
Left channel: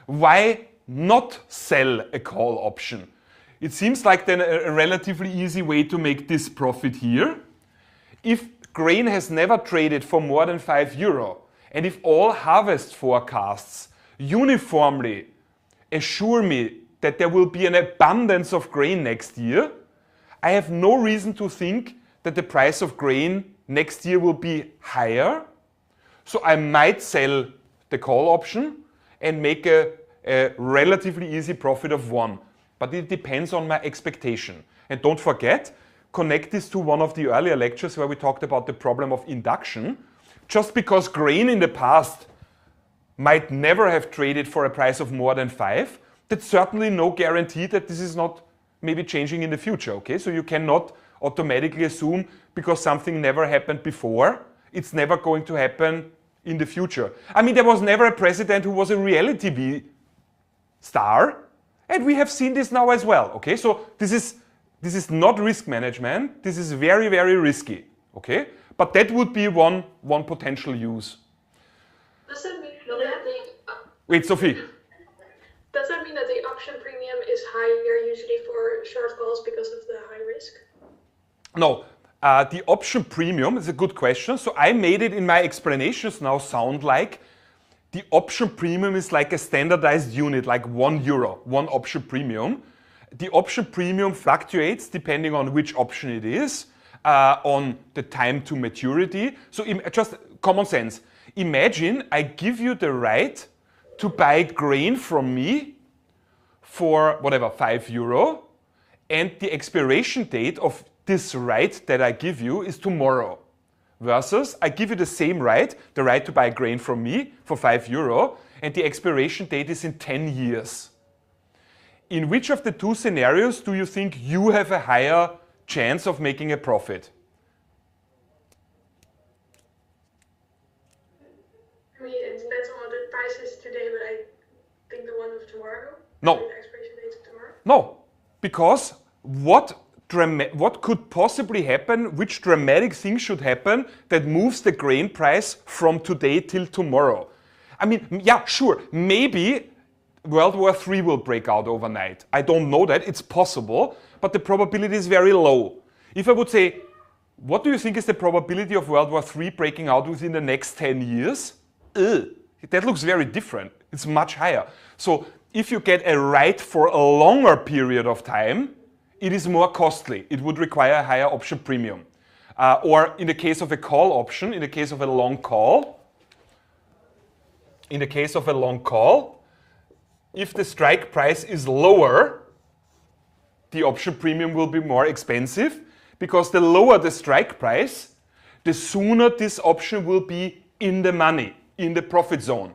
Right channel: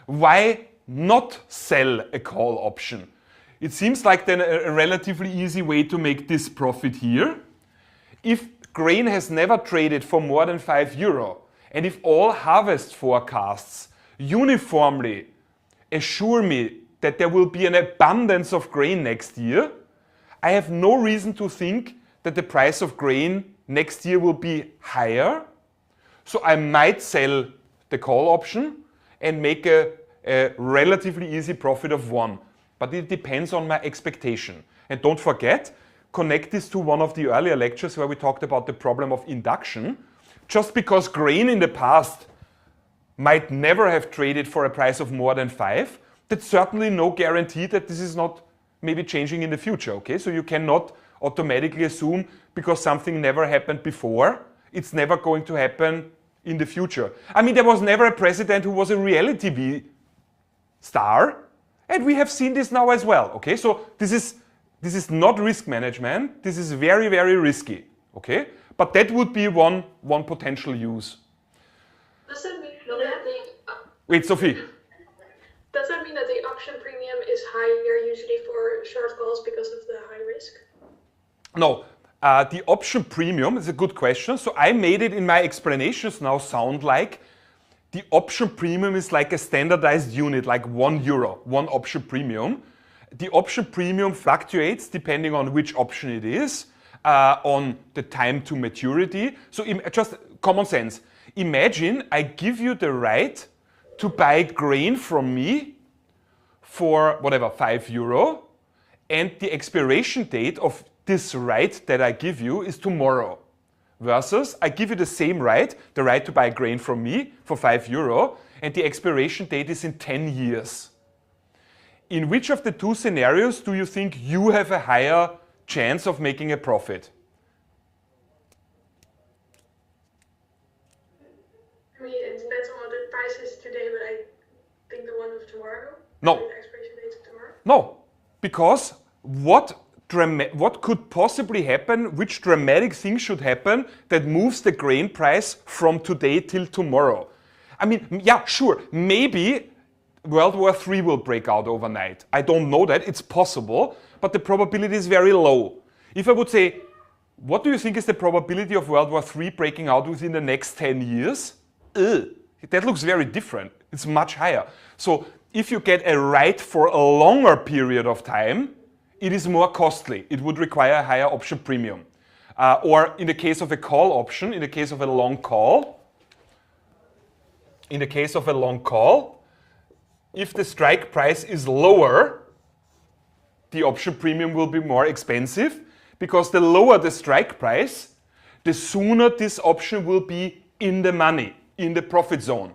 why not sell a call option? It seems like then a relatively easy way to make this profit here. If grain has never traded for more than €5, and if all harvest forecasts uniformly assure me that there will be an abundance of grain next year, I have no reason to think that the price of grain next year will be higher. So I might sell the call option and make a relatively easy profit of 1. But it depends on my expectation. And don't forget, connect this to one of the earlier lectures where we talked about the problem of induction. Just because grain in the past might never have traded for a price of more than 5, that's certainly no guarantee that this is not maybe changing in the future, okay? So you cannot automatically assume because something never happened before, it's never going to happen in the future. I mean, there was never a president who was a reality TV star, and we have seen this now as well, okay? So this is This is not risk management. This is very, very risky. Okay? But that would be one potential use. Does that mean that Wait, Sophie. does that mean that the option premium is higher usually for short calls because of the high risk? No. The option premium is a good question. So I made it in my explanations now sound like the option premium is like a standardized unit, like €1, one option premium. The option premium fluctuates depending on which option it is, on the time to maturity. So just common sense. Imagine I give you the right to buy grain from me for whatever, €5, and the expiration date of this right that I give you is tomorrow. Versus, I give you the same right, the right to buy grain from me for €5, and the expiration date is in 10 years. In which of the two scenarios do you think you have a higher chance of making a profit? I mean, it depends on what the price is today, but I think the one of tomorrow. No. The expiration date of tomorrow. No, because what could possibly happen, which dramatic thing should happen that moves the grain price from today till tomorrow? I mean, yeah, sure, maybe World War III will break out overnight. I don't know that, it's possible, but the probability is very low. If I would say, what do you think is the probability of World War III breaking out within the next 10 years? That looks very different. It's much higher. So if you get a right for a longer period of time, it is more costly. It would require a higher option premium. Or in the case of a call option, in the case of a long call, if the strike price is lower, the option premium will be more expensive, because the lower the strike price, the sooner this option will be in the money, in the profit zone.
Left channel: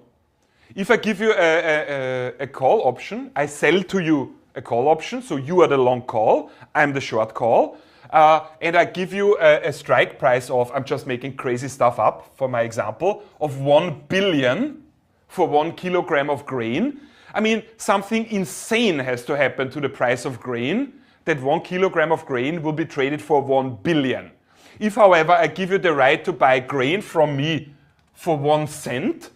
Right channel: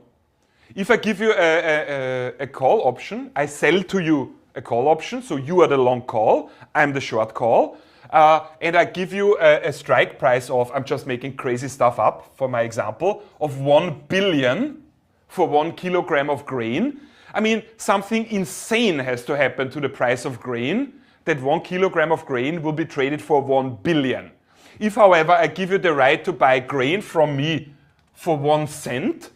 If I give you a call option, I sell to you a call option, so you are the long call, I'm the short call, and I give you a strike price of, I'm just making crazy stuff up for my example, of 1 billion for 1 kilogram of grain. I mean, something insane has to happen to the price of grain, that 1 kilogram of grain will be traded for 1 billion. If, however, I give you the right to buy grain from me for 1 cent,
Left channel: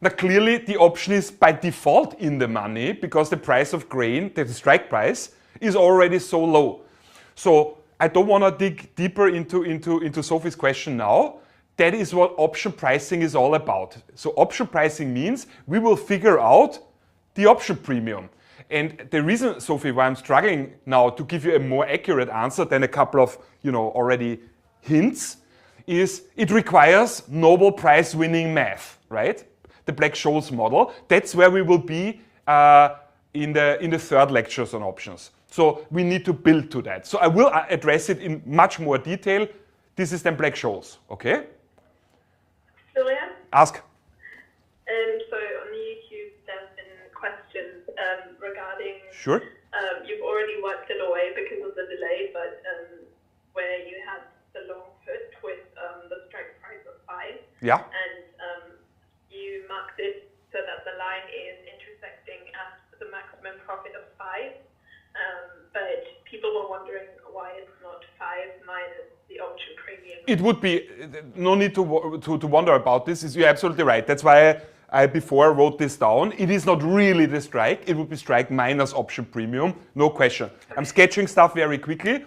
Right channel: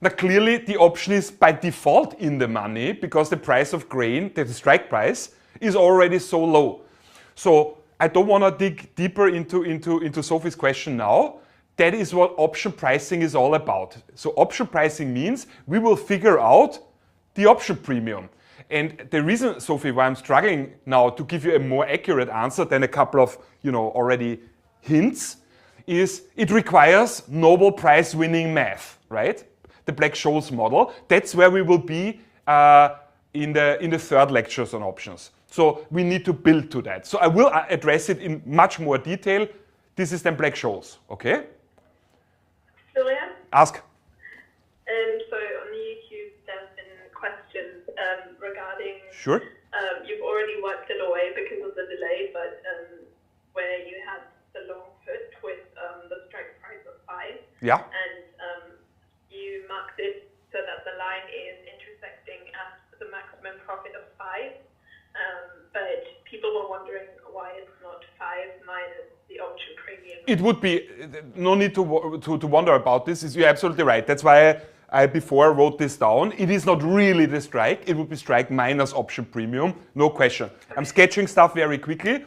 now clearly the option is by default in the money, because the price of grain, the strike price, is already so low. So I don't want to dig deeper into Sophie's question now. That is what option pricing is all about. So option pricing means we will figure out the option premium. And the reason, Sophie, why I'm struggling now to give you a more accurate answer than a couple of, already hints, is it requires Nobel Prize winning math, right? The Black-Scholes model. That's where we will be in the third lectures on options. So we need to build to that. So I will address it in much more detail. This is then Black-Scholes, okay? Julian? Ask. So on the YouTube, there's been questions regarding. Sure. You've already worked it away because of the delay, but where you had the long put with the strike price of 5. Yeah. And you marked it so that the line is intersecting at the maximum profit of 5. But people were wondering why it's not 5 minus the option premium. It would be, no need to wonder about this. You're absolutely right. That's why I before wrote this down. It is not really the strike. It would be strike minus option premium. No question. I'm sketching stuff very quickly.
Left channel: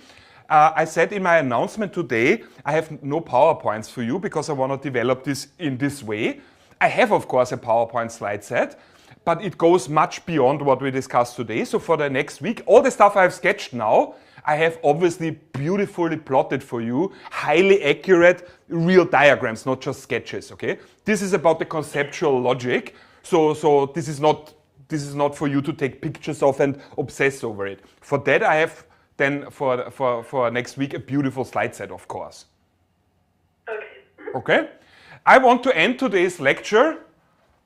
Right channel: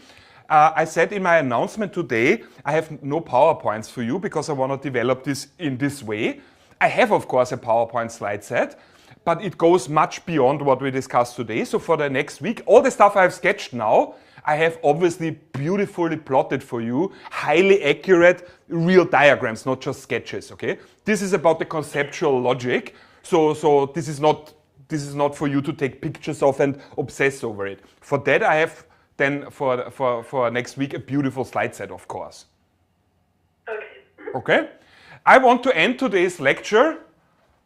I said in my announcement today, I have no PowerPoints for you because I want to develop this in this way. I have, of course, a PowerPoint slide set, but it goes much beyond what we discussed today. So for the next week, all the stuff I've sketched now, I have obviously beautifully plotted for you, highly accurate, real diagrams, not just sketches, okay? This is about the conceptual logic. So this is not for you to take pictures of and obsess over it. For that, I have then for next week a beautiful slide set, of course. Okay? I want to end today's lecture,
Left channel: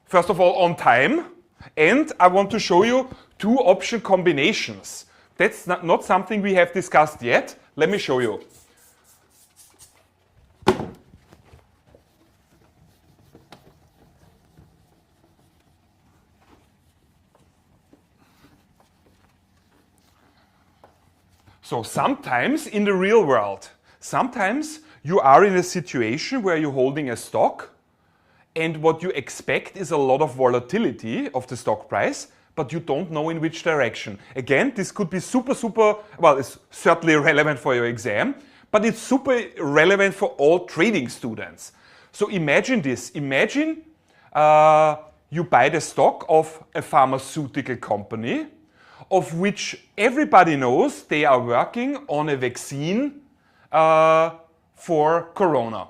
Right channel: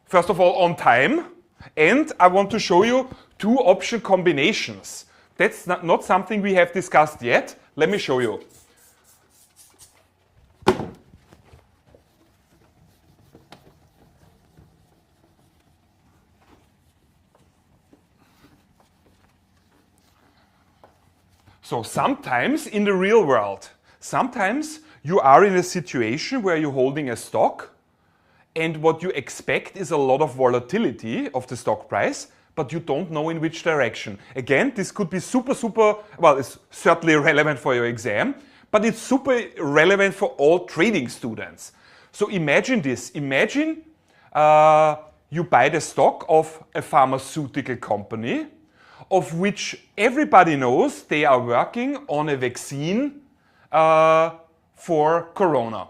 first of all, on time, and I want to show you 2 option combinations. That's not something we have discussed yet. Let me show you. So sometimes in the real world, sometimes you are in a situation where you're holding a stock and what you expect is a lot of volatility of the stock price, but you don't know in which direction. Again, this could be super, well, it's certainly relevant for your exam, but it's super relevant for all trading students. So imagine this. Imagine you buy the stock of a pharmaceutical company of which everybody knows they are working on a vaccine for corona.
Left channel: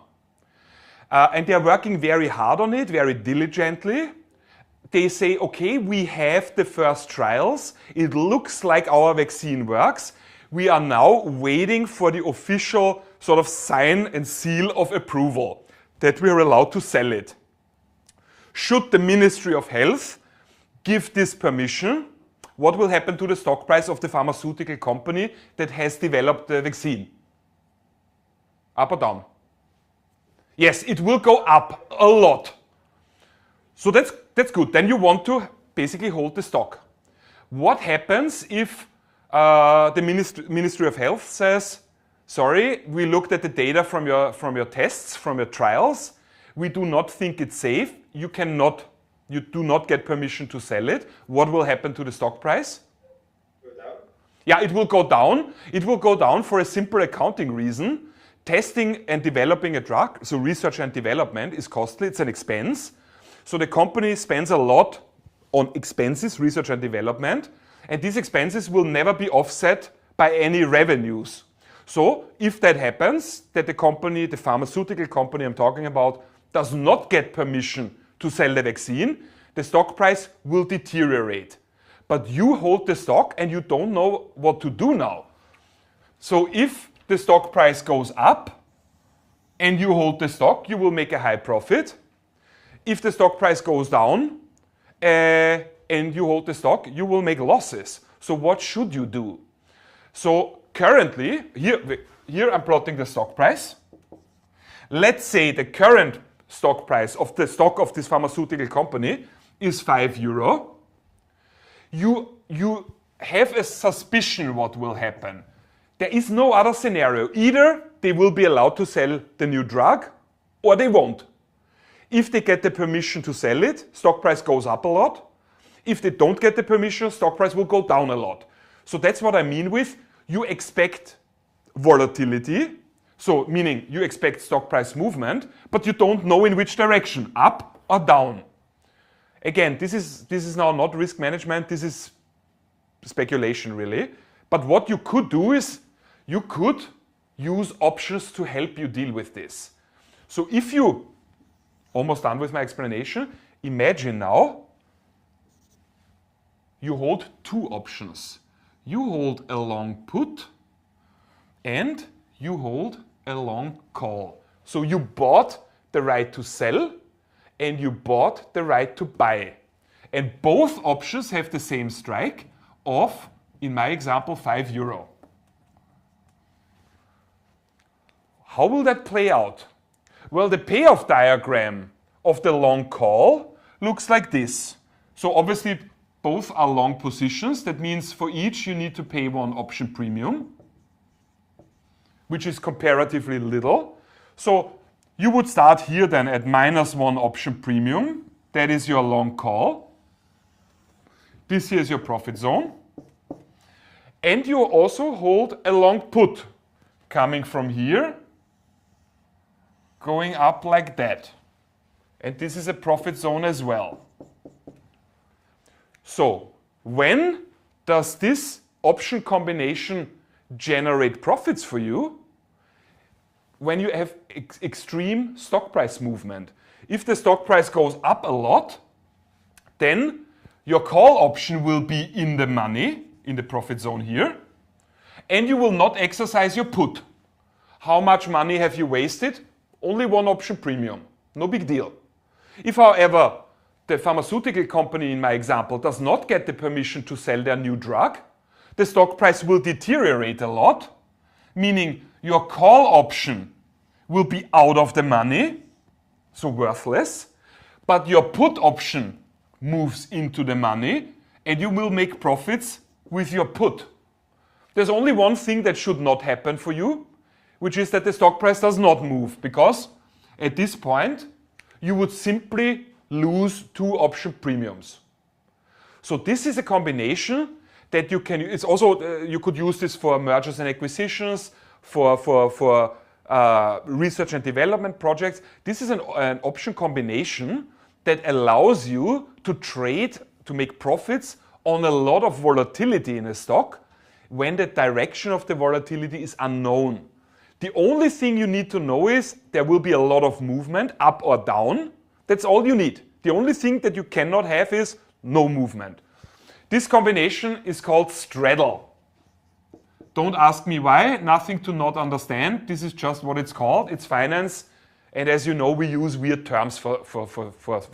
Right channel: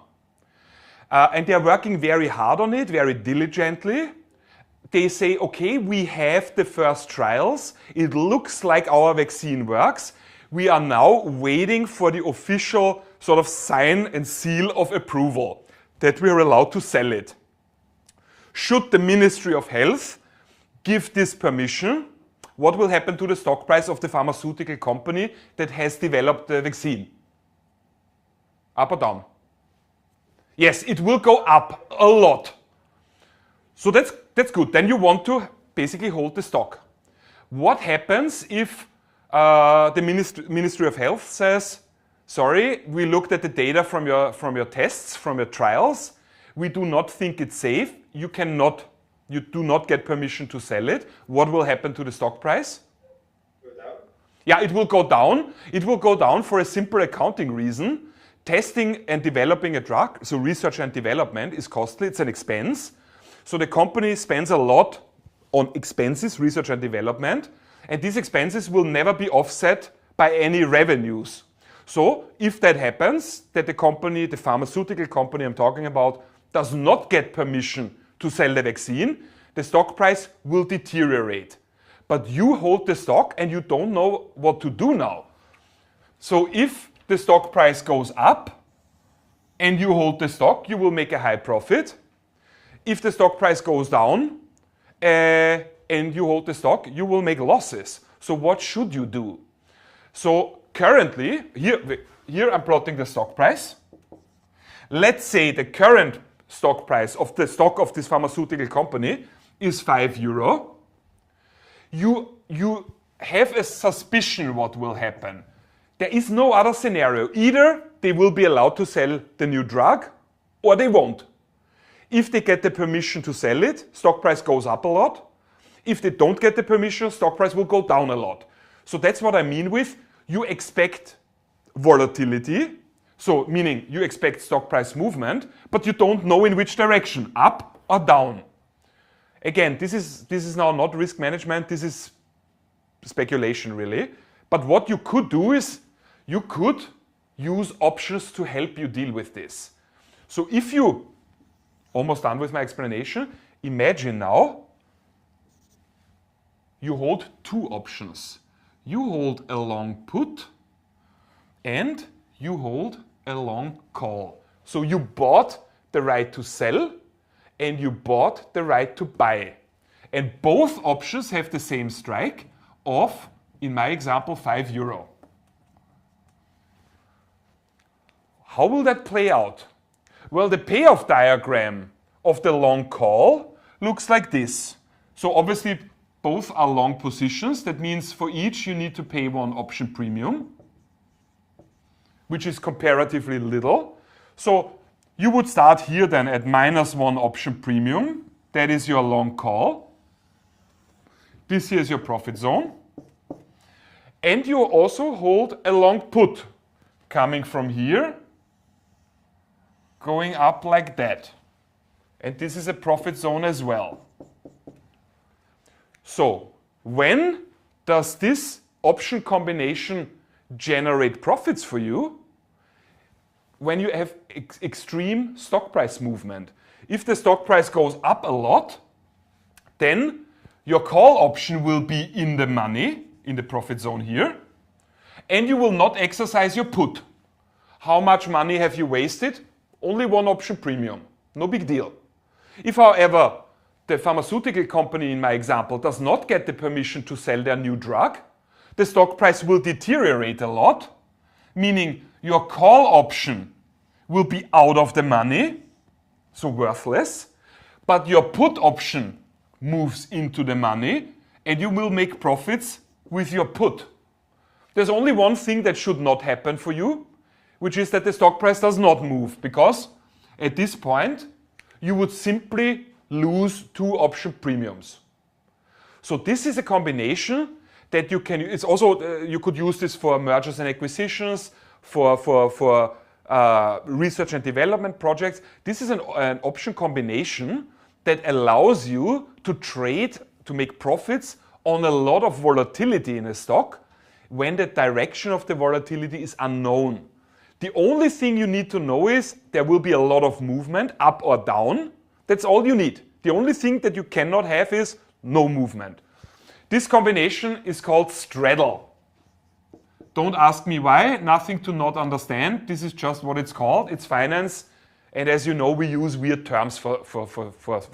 And they are working very hard on it, very diligently. They say, okay, we have the first trials. It looks like our vaccine works. We are now waiting for the official sort of sign and seal of approval that we are allowed to sell it. Should the Ministry of Health give this permission, what will happen to the stock price of the pharmaceutical company that has developed the vaccine? Up or down? Yes, it will go up a lot. So that's good. Then you want to basically hold the stock. What happens if the Ministry of Health says, sorry, we looked at the data from your tests, from your trials. We do not think it's safe. You do not get permission to sell it. What will happen to the stock price? Go down. Yeah, it will go down. It will go down for a simple accounting reason. Testing and developing a drug, so research and development, is costly. It's an expense. So the company spends a lot on expenses, research and development, and these expenses will never be offset by any revenues. So if that happens, that the company, the pharmaceutical company I'm talking about, does not get permission to sell the vaccine, the stock price will deteriorate. But you hold the stock and you don't know what to do now. So if the stock price goes up and you hold the stock, you will make a high profit. If the stock price goes down and you hold the stock, you will make losses. So what should you do? So currently, here I'm plotting the stock price. Let's say the current stock price of the stock of this pharmaceutical company is €5. You have a suspicion what will happen. There is no other scenario. Either they will be allowed to sell the new drug or they won't. If they get the permission to sell it, stock price goes up a lot. If they don't get the permission, stock price will go down a lot. So that's what I mean with you expect volatility. So meaning you expect stock price movement, but you don't know in which direction, up or down. Again, this is now not risk management, this is speculation really. But what you could do is you could use options to help you deal with this. So if you, almost done with my explanation, imagine now you hold two options. You hold a long put and you hold a long call. So you bought the right to sell and you bought the right to buy. And both options have the same strike of, in my example, €5. How will that play out? Well, the payoff diagram of the long call looks like this. So obviously both are long positions. That means for each you need to pay one option premium, which is comparatively little. So you would start here then at -1 option premium. That is your long call. This here is your profit zone. And you also hold a long put coming from here, going up like that. And this is a profit zone as well. So when does this option combination generate profits for you? When you have extreme stock price movement. If the stock price goes up a lot, then your call option will be in the money, in the profit zone here, and you will not exercise your put. How much money have you wasted? Only one option premium. No big deal. If, however, the pharmaceutical company in my example does not get the permission to sell their new drug, the stock price will deteriorate a lot, meaning your call option will be out of the money, so worthless, but your put option moves into the money and you will make profits with your put. There's only one thing that should not happen for you, which is that the stock price does not move, because at this point, you would simply lose 2 option premiums. So this is a combination that you can, it's also, you could use this for mergers and acquisitions, for research and development projects. This is an option combination that allows you to trade, to make profits on a lot of volatility in a stock when the direction of the volatility is unknown. The only thing you need to know is there will be a lot of movement up or down. That's all you need. The only thing that you cannot have is no movement. This combination is called straddle. Don't ask me why, nothing to not understand. This is just what it's called. It's finance. And as you know, we use weird terms for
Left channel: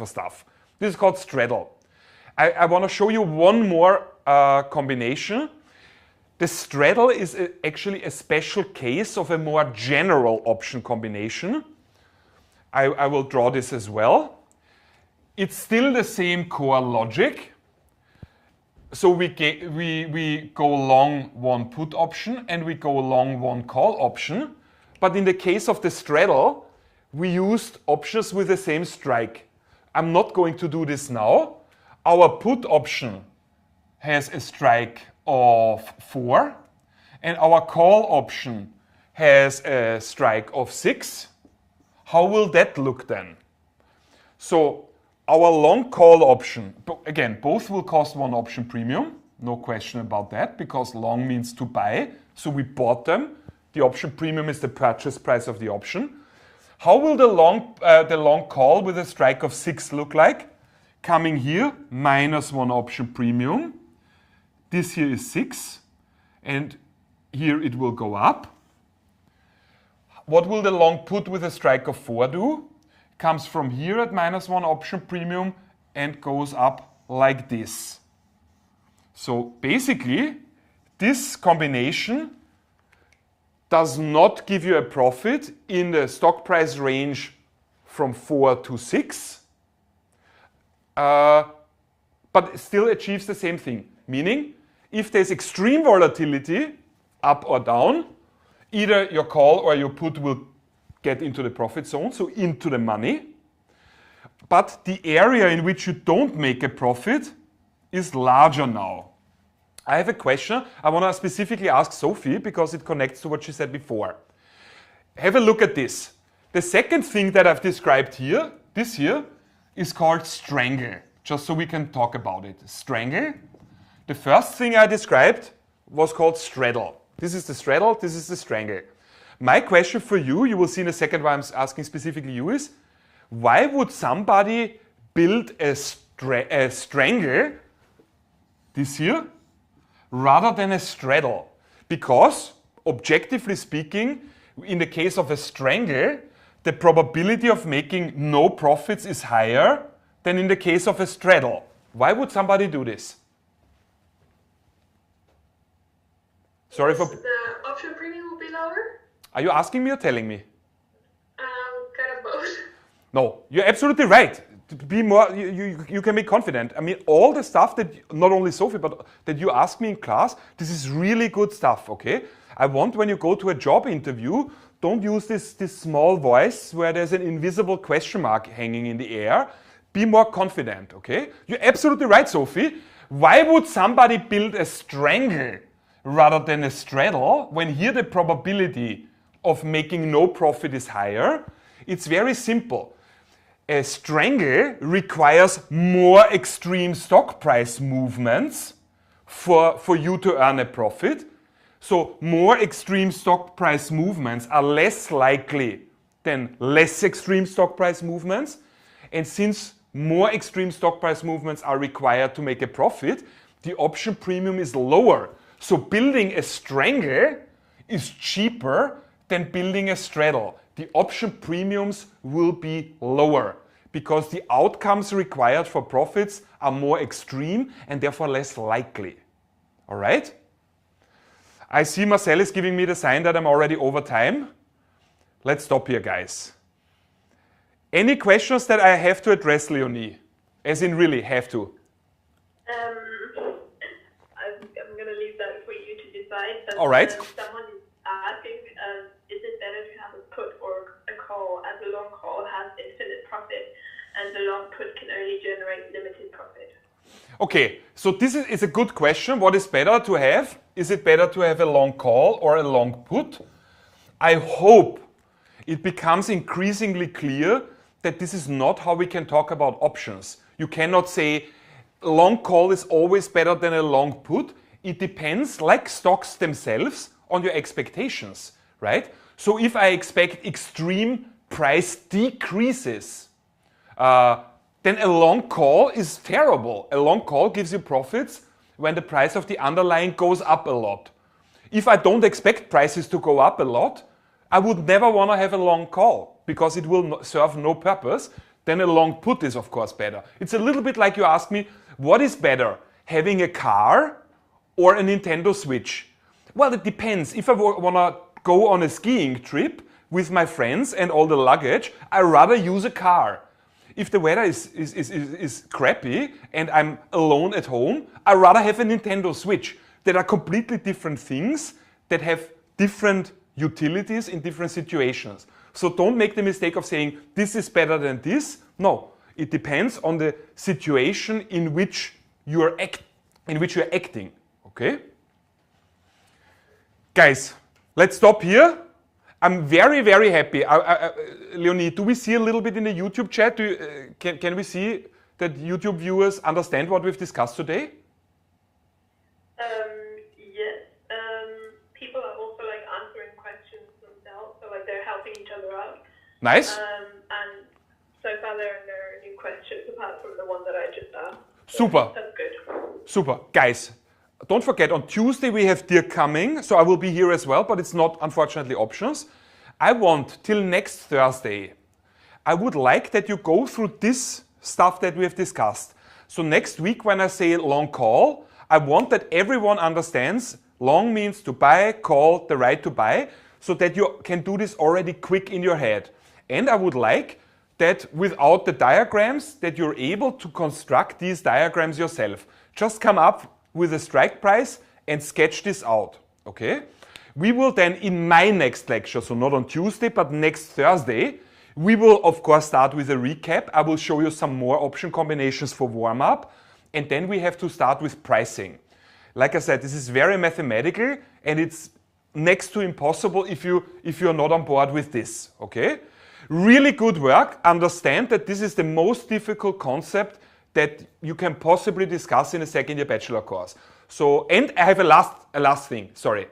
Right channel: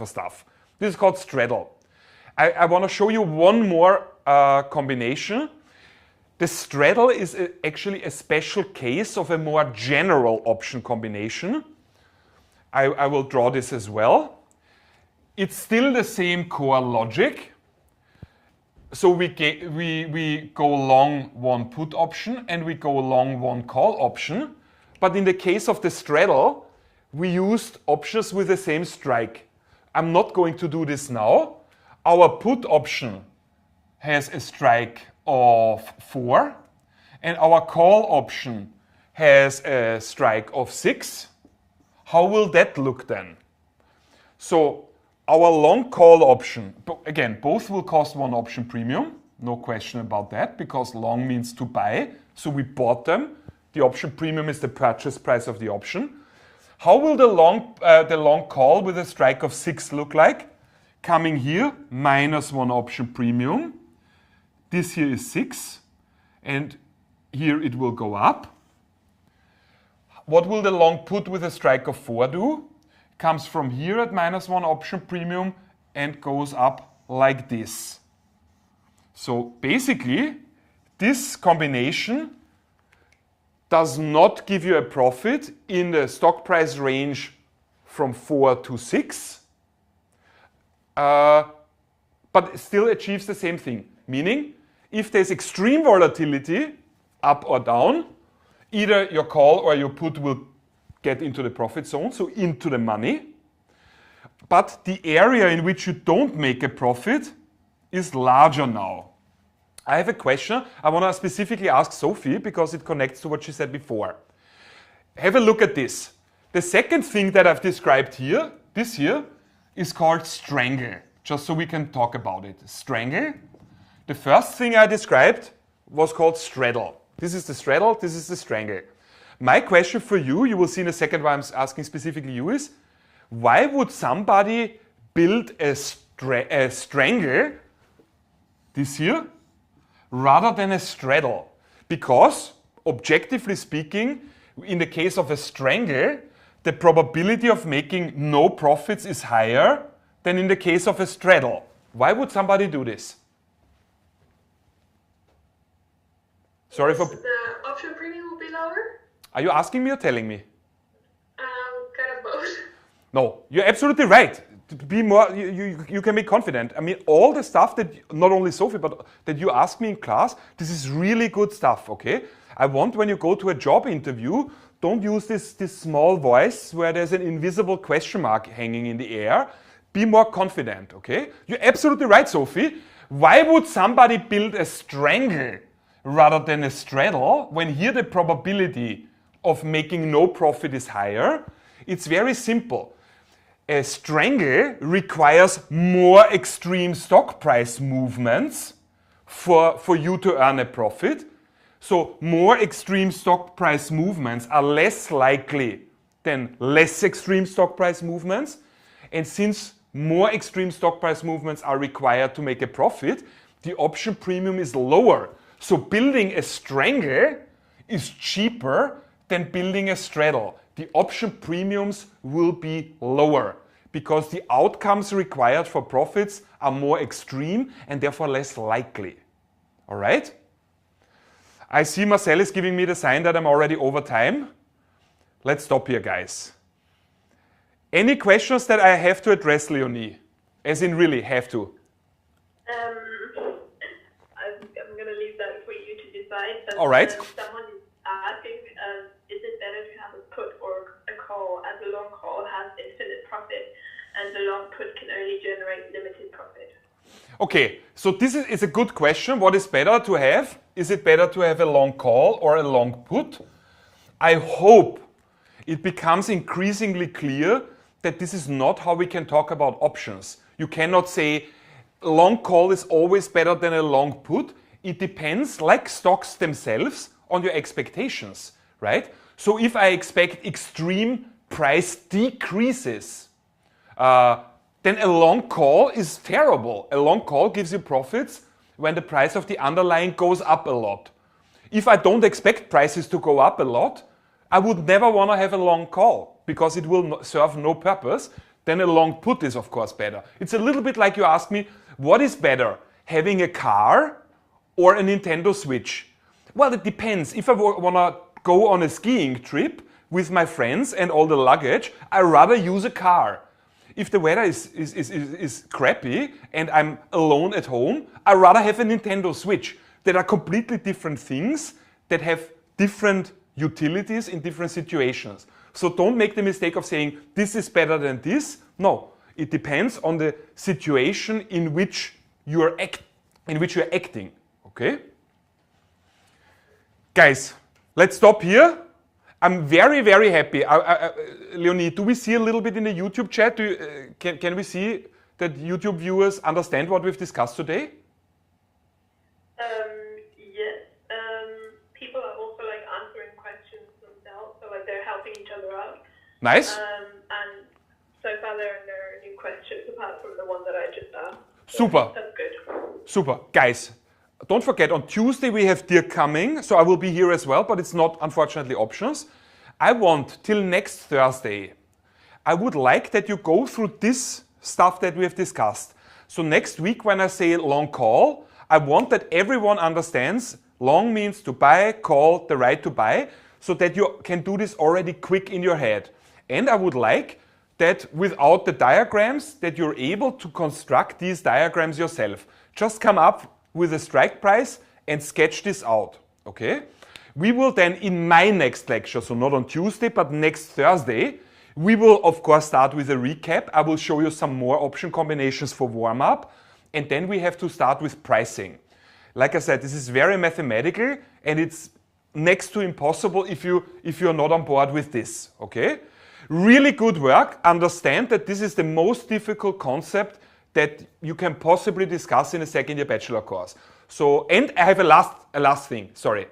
stuff. This is called straddle. I want to show you one more combination. The straddle is actually a special case of a more general option combination. I will draw this as well. It's still the same core logic. So we go long one put option and we go long one call option. But in the case of the straddle, we used options with the same strike. I'm not going to do this now. Our put option has a strike of 4 and our call option has a strike of 6. How will that look then? So our long call option, again, both will cost 1 option premium, no question about that, because long means to buy, so we bought them. The option premium is the purchase price of the option. How will the long call with a strike of 6 look like? Coming here, minus 1 option premium. This here is 6, and here it will go up. What will the long put with a strike of 4 do? Comes from here at minus 1 option premium and goes up like this. So basically, this combination does not give you a profit in the stock price range from 4 to 6, but still achieves the same thing. Meaning, if there's extreme volatility, up or down, either your call or your put will get into the profit zone, so into the money. But the area in which you don't make a profit is larger now. I have a question. I want to specifically ask Sophie because it connects to what she said before. Have a look at this. The second thing that I've described here, this here, is called strangle, just so we can talk about it. Strangle. The first thing I described was called straddle. This is the straddle, this is the strangle. My question for you, you will see in a second why I'm asking specifically you, is why would somebody build a strangle, this here, rather than a straddle? Because, objectively speaking, in the case of a strangle, the probability of making no profits is higher than in the case of a straddle. Why would somebody do this? Sorry for... The option premium will be lower? Are you asking me or telling me? Kind of both. No, you're absolutely right. To be more, you can be confident. I mean, all the stuff that, not only Sophie, but that you ask me in class, this is really good stuff, okay? I want when you go to a job interview, don't use this small voice where there's an invisible question mark hanging in the air. Be more confident, okay? You're absolutely right, Sophie. Why would somebody build a strangle rather than a straddle when here the probability of making no profit is higher? It's very simple. A strangle requires more extreme stock price movements for you to earn a profit. So more extreme stock price movements are less likely than less extreme stock price movements. And since more extreme stock price movements are required to make a profit, the option premium is lower. So building a strangle is cheaper than building a straddle. The option premiums will be lower because the outcomes required for profits are more extreme and therefore less likely. All right? I see Marcel is giving me the sign that I'm already over time. Let's stop here, guys. Any questions that I have to address, Leonie? As in really have to. I'm going to leave that for you to decide, but All right. Someone asking, is it better to have a put or a call, as a long call has infinite profit and the long put can only generate limited profit? Okay, so this is a good question. What is better to have? Is it better to have a long call or a long put? I hope it becomes increasingly clear that this is not how we can talk about options. You cannot say long call is always better than a long put. It depends, like stocks themselves, on your expectations, right? So if I expect extreme price decreases, then a long call is terrible. A long call gives you profits when the price of the underlying goes up a lot. If I don't expect prices to go up a lot, I would never want to have a long call because it will serve no purpose. Then a long put is, of course, better. It's a little bit like you ask me, what is better, having a car or a Nintendo Switch? Well, it depends. If I want to go on a skiing trip with my friends and all the luggage, I'd rather use a car. If the weather is crappy and I'm alone at home, I'd rather have a Nintendo Switch. There are completely different things that have different utilities in different situations. So don't make the mistake of saying this is better than this. No, it depends on the situation in which you're acting. Okay? Guys, let's stop here. I'm very, very happy. Leonie, do we see a little bit in the YouTube chat? Can we see that YouTube viewers understand what we've discussed today? Yes. People are also like answering questions themselves, so like they're helping each other out. Nice. And so far there are no new questions apart from the one that I just asked. Super. That's good. Super. Guys, don't forget, on Tuesday we have Dirk coming, so I will be here as well, but it's not, unfortunately, options. I want, till next Thursday, I would like that you go through this stuff that we have discussed. So next week when I say long call, I want that everyone understands long means to buy, call, the right to buy, so that you can do this already quick in your head. And I would like that without the diagrams, that you're able to construct these diagrams yourself. Just come up with a strike price and sketch this out, okay? We will then, in my next lecture, so not on Tuesday, but next Thursday, we will, of course, start with a recap. I will show you some more option combinations for warm-up, and then we have to start with pricing. Like I said, this is very mathematical, and it's next to impossible if you're not on board with this, okay? Really good work. Understand that this is the most difficult concept that you can possibly discuss in a second-year bachelor course. So, and I have a last thing, sorry.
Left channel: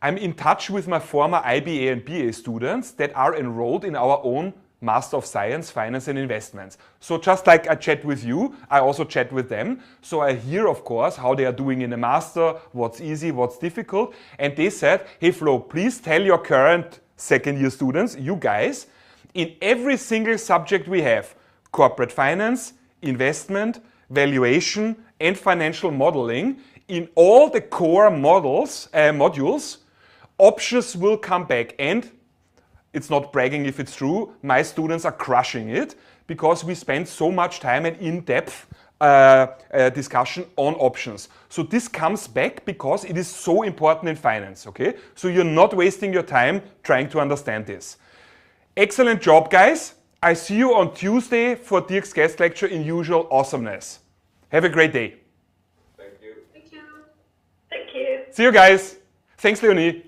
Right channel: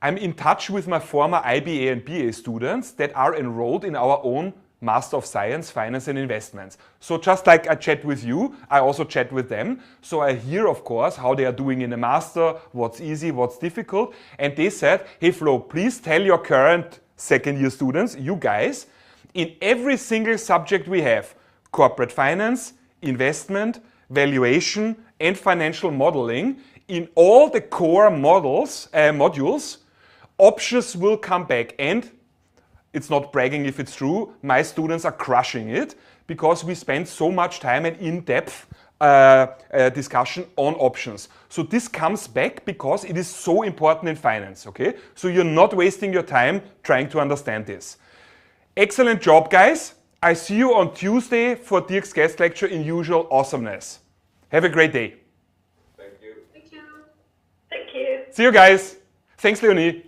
I'm in touch with my former IBA and BA students that are enrolled in our own Master of Science, Finance and Investments. So just like I chat with you, I also chat with them. So I hear, of course, how they are doing in the master, what's easy, what's difficult. And they said, hey Flo, please tell your current second-year students, you guys, in every single subject we have, corporate finance, investment, valuation, and financial modeling, in all the core modules, options will come back. And it's not bragging if it's true, my students are crushing it because we spend so much time and in-depth discussion on options. So this comes back because it is so important in finance, okay? So you're not wasting your time trying to understand this. Excellent job, guys. I see you on Tuesday for Dirk's guest lecture in usual awesomeness. Have a great day. Thank you. Thank you. Thank you. See you guys. Thanks, Leonie.